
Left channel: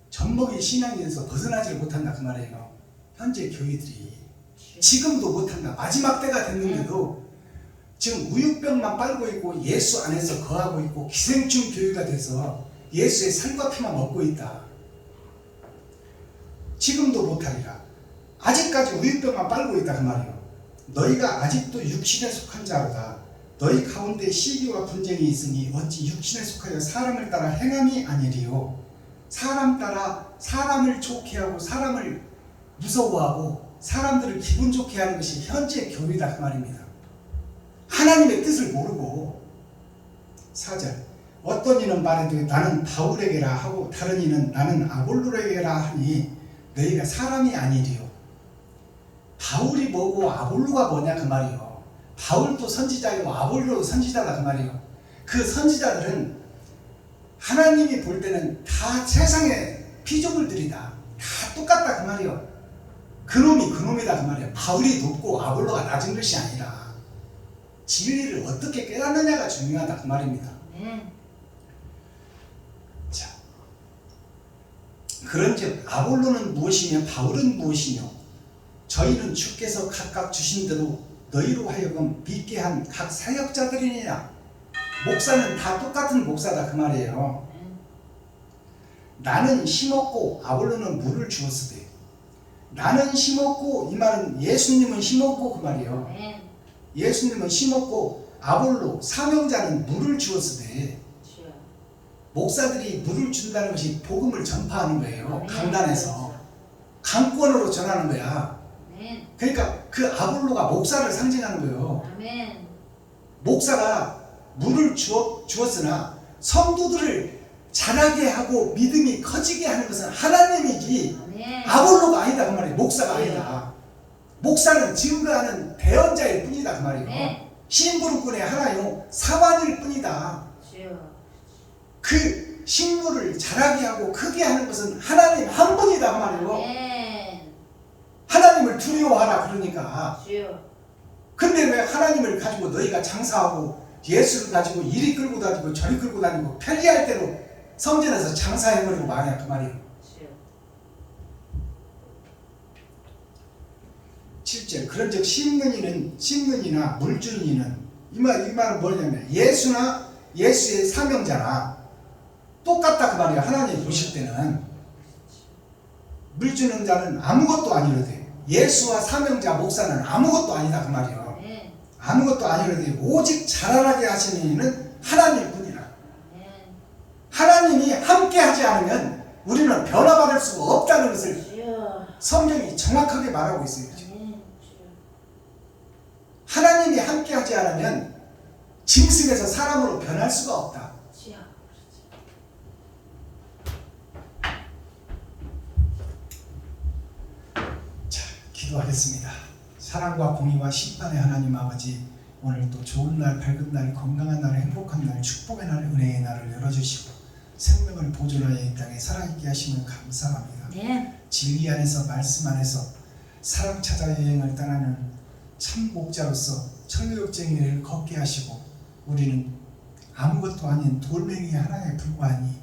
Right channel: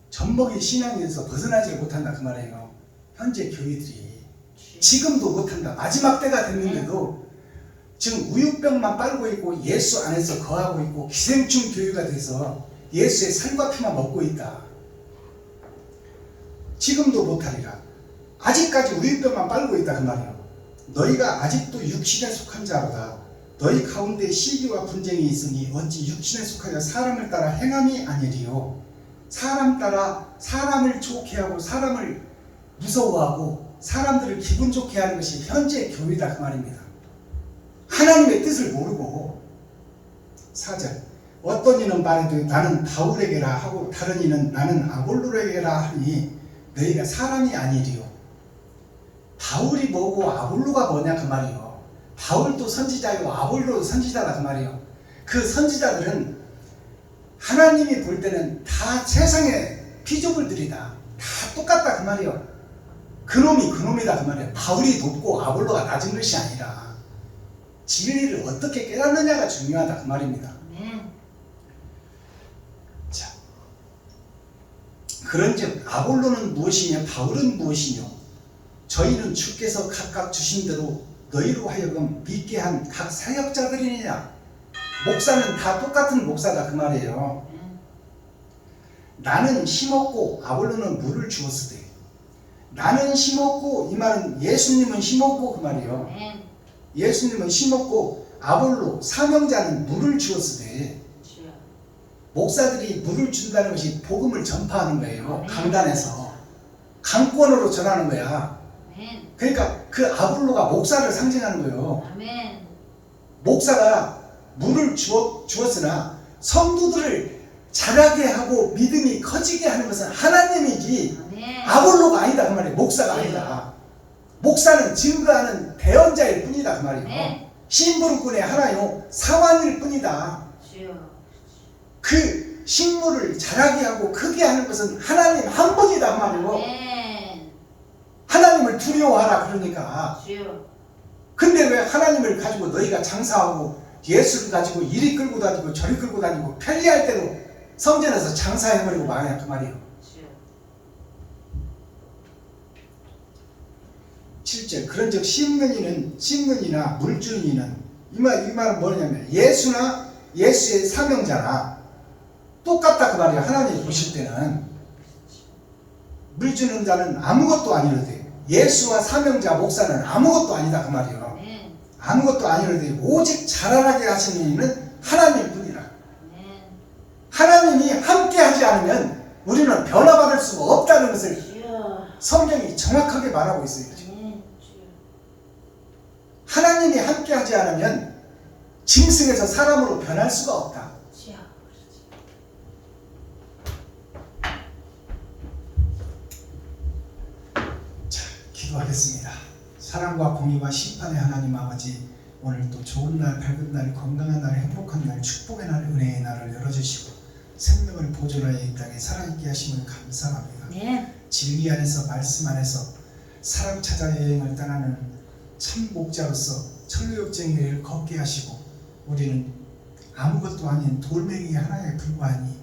젖먹이 신앙에서 벗어나지를 못한다 그 말이에요. 현재 교회들이 지금도 못한다. 마지막 때가 됐는데도 지금 우유병만 빨고 있고 예수 안에서 거하고 있고 기생충 교회가 돼서 예수의 살과 피만 먹고 있다. 지금도 못하리라. 아직까지 우유병만 빨고 있다 그 말이에요. 너희가 아직도 육신에 속한 자로다. 너희 가운데 시기와 분쟁이 있으니 어찌 육신에 속하여 사람을 따라 행함이 아니리요. 사람 따라 사람을 좋게 하고 사람을 무서워하고 사람들을 기분 좋게 하는 것이 현재 교회다 그 말입니다. 하나님의 뜻을 모르고. 4절. 어떤 이는 말해도 나는 바울에게라 하고 다른 이는 나는 아볼로에게라 하니 너희가 사람이 아니리요. 바울이 뭐고 아볼로가 뭐냐 그 말이요. 바울도 선지자이고 아볼로도 선지자다 그 말이요. 그 선지자들은 하나님이 볼 때는 다 세상의 피조물들이다. 다 똑같다 그 말이요. 그놈이 그놈이다 그 말이에요. 바울이 높고 아볼로가 낮은 것이 아니라 진리를 어떻게 깨닫느냐가 중요하다 그 말입니다. 자, 그런즉 아볼로는 무엇이며 바울은 무엇이뇨? 저희는 주께서 각각 주신 대로 너희로 하여금 믿게 한 각 사역자들이니라. 목사는 다 똑같은 목사다 그 말이에요. 나는 심었고 아볼로는 물을 주었으되. 나는 심었고, 이 말은 예수님은 심었고 그 말이에요. 예수님은 심었고 아볼로 사명자는 물을 주었으되. 목사들이 물을 준다는 것이 복음을 전파하는 거예요. 강단에서 강권으로 전하는 거야. 그러니까 그 아볼로가 목사를 상징하는 거예요. 목사가 물을 주었으나 성도들을 자라게 하고 믿음이 커지게 하는 것은 하나님이지 아볼로가 아니다 그 말이에요. 목사가 아니다. 목사는 증거하는 대언자일 뿐이다 그 말이에요. 심부름꾼의 하나요 사관일 뿐이다. 그 식물을 자라게 하고 크게 하는 것은 하나님 한 분이다 그 말이에요. 하나님을 두려워하라 그러니까. 근데 왜 하나님을 가지고 너희가 장사하고 예수를 가지고 이리 끌고 다니고 저리 끌고 다니고 편리할 대로 성전에서 장사해버리고 말이야 그 말이에요. 7절. 그런즉 심는 이나 물 주는 이는 이 말은 뭐냐면 예수나 예수의 사명자나 똑같다 그 말이야. 하나님 보실 때는 물 주는 자는 아무것도 아니로되 예수와 사명자 목사는 아무것도 아니다 그 말이에요. 아무것도 아니로되 오직 자라나게 하시는 이는 하나님 뿐이라. 하나님이 함께 하지 않으면 우리는 변화받을 수가 없다는 것을 성경이 정확하게 말하고 있어요. 하나님이 함께 하지 않으면 짐승에서 사람으로 변할 수가 없다. 자, 기도하겠습니다. 사랑과 공의와 심판의 하나님 아버지, 오늘 또 좋은 날, 밝은 날, 건강한 날, 행복한 날, 축복의 날, 은혜의 날을 열어주시고 생명을 보존하여 이 땅에 살아있게 하심을 감사합니다. 네. 진리 안에서 말씀 안에서 사랑 찾아 여행을 떠나는 참 목자로서 천루역쟁이를 걷게 하시고 우리는 아무것도 아닌 돌멩이 하나에 불과하니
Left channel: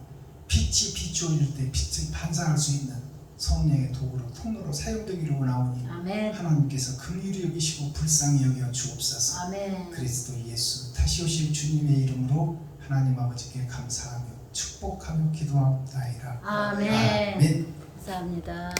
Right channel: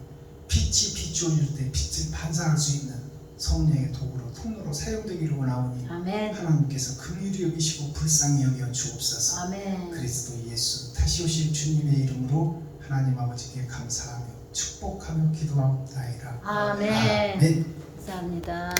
빛이 비추어질 때 빛을 반사할 수 있는 성령의 도구로 통로로 사용되기로 원하오니 아멘. 하나님께서 긍휼히 여기시고 불쌍히 여겨 주옵소서. 아멘. 그리스도 예수 다시 오실 주님의 이름으로 하나님 아버지께 감사하며 축복하며 기도하옵나이다. 아멘. 아멘. 감사합니다.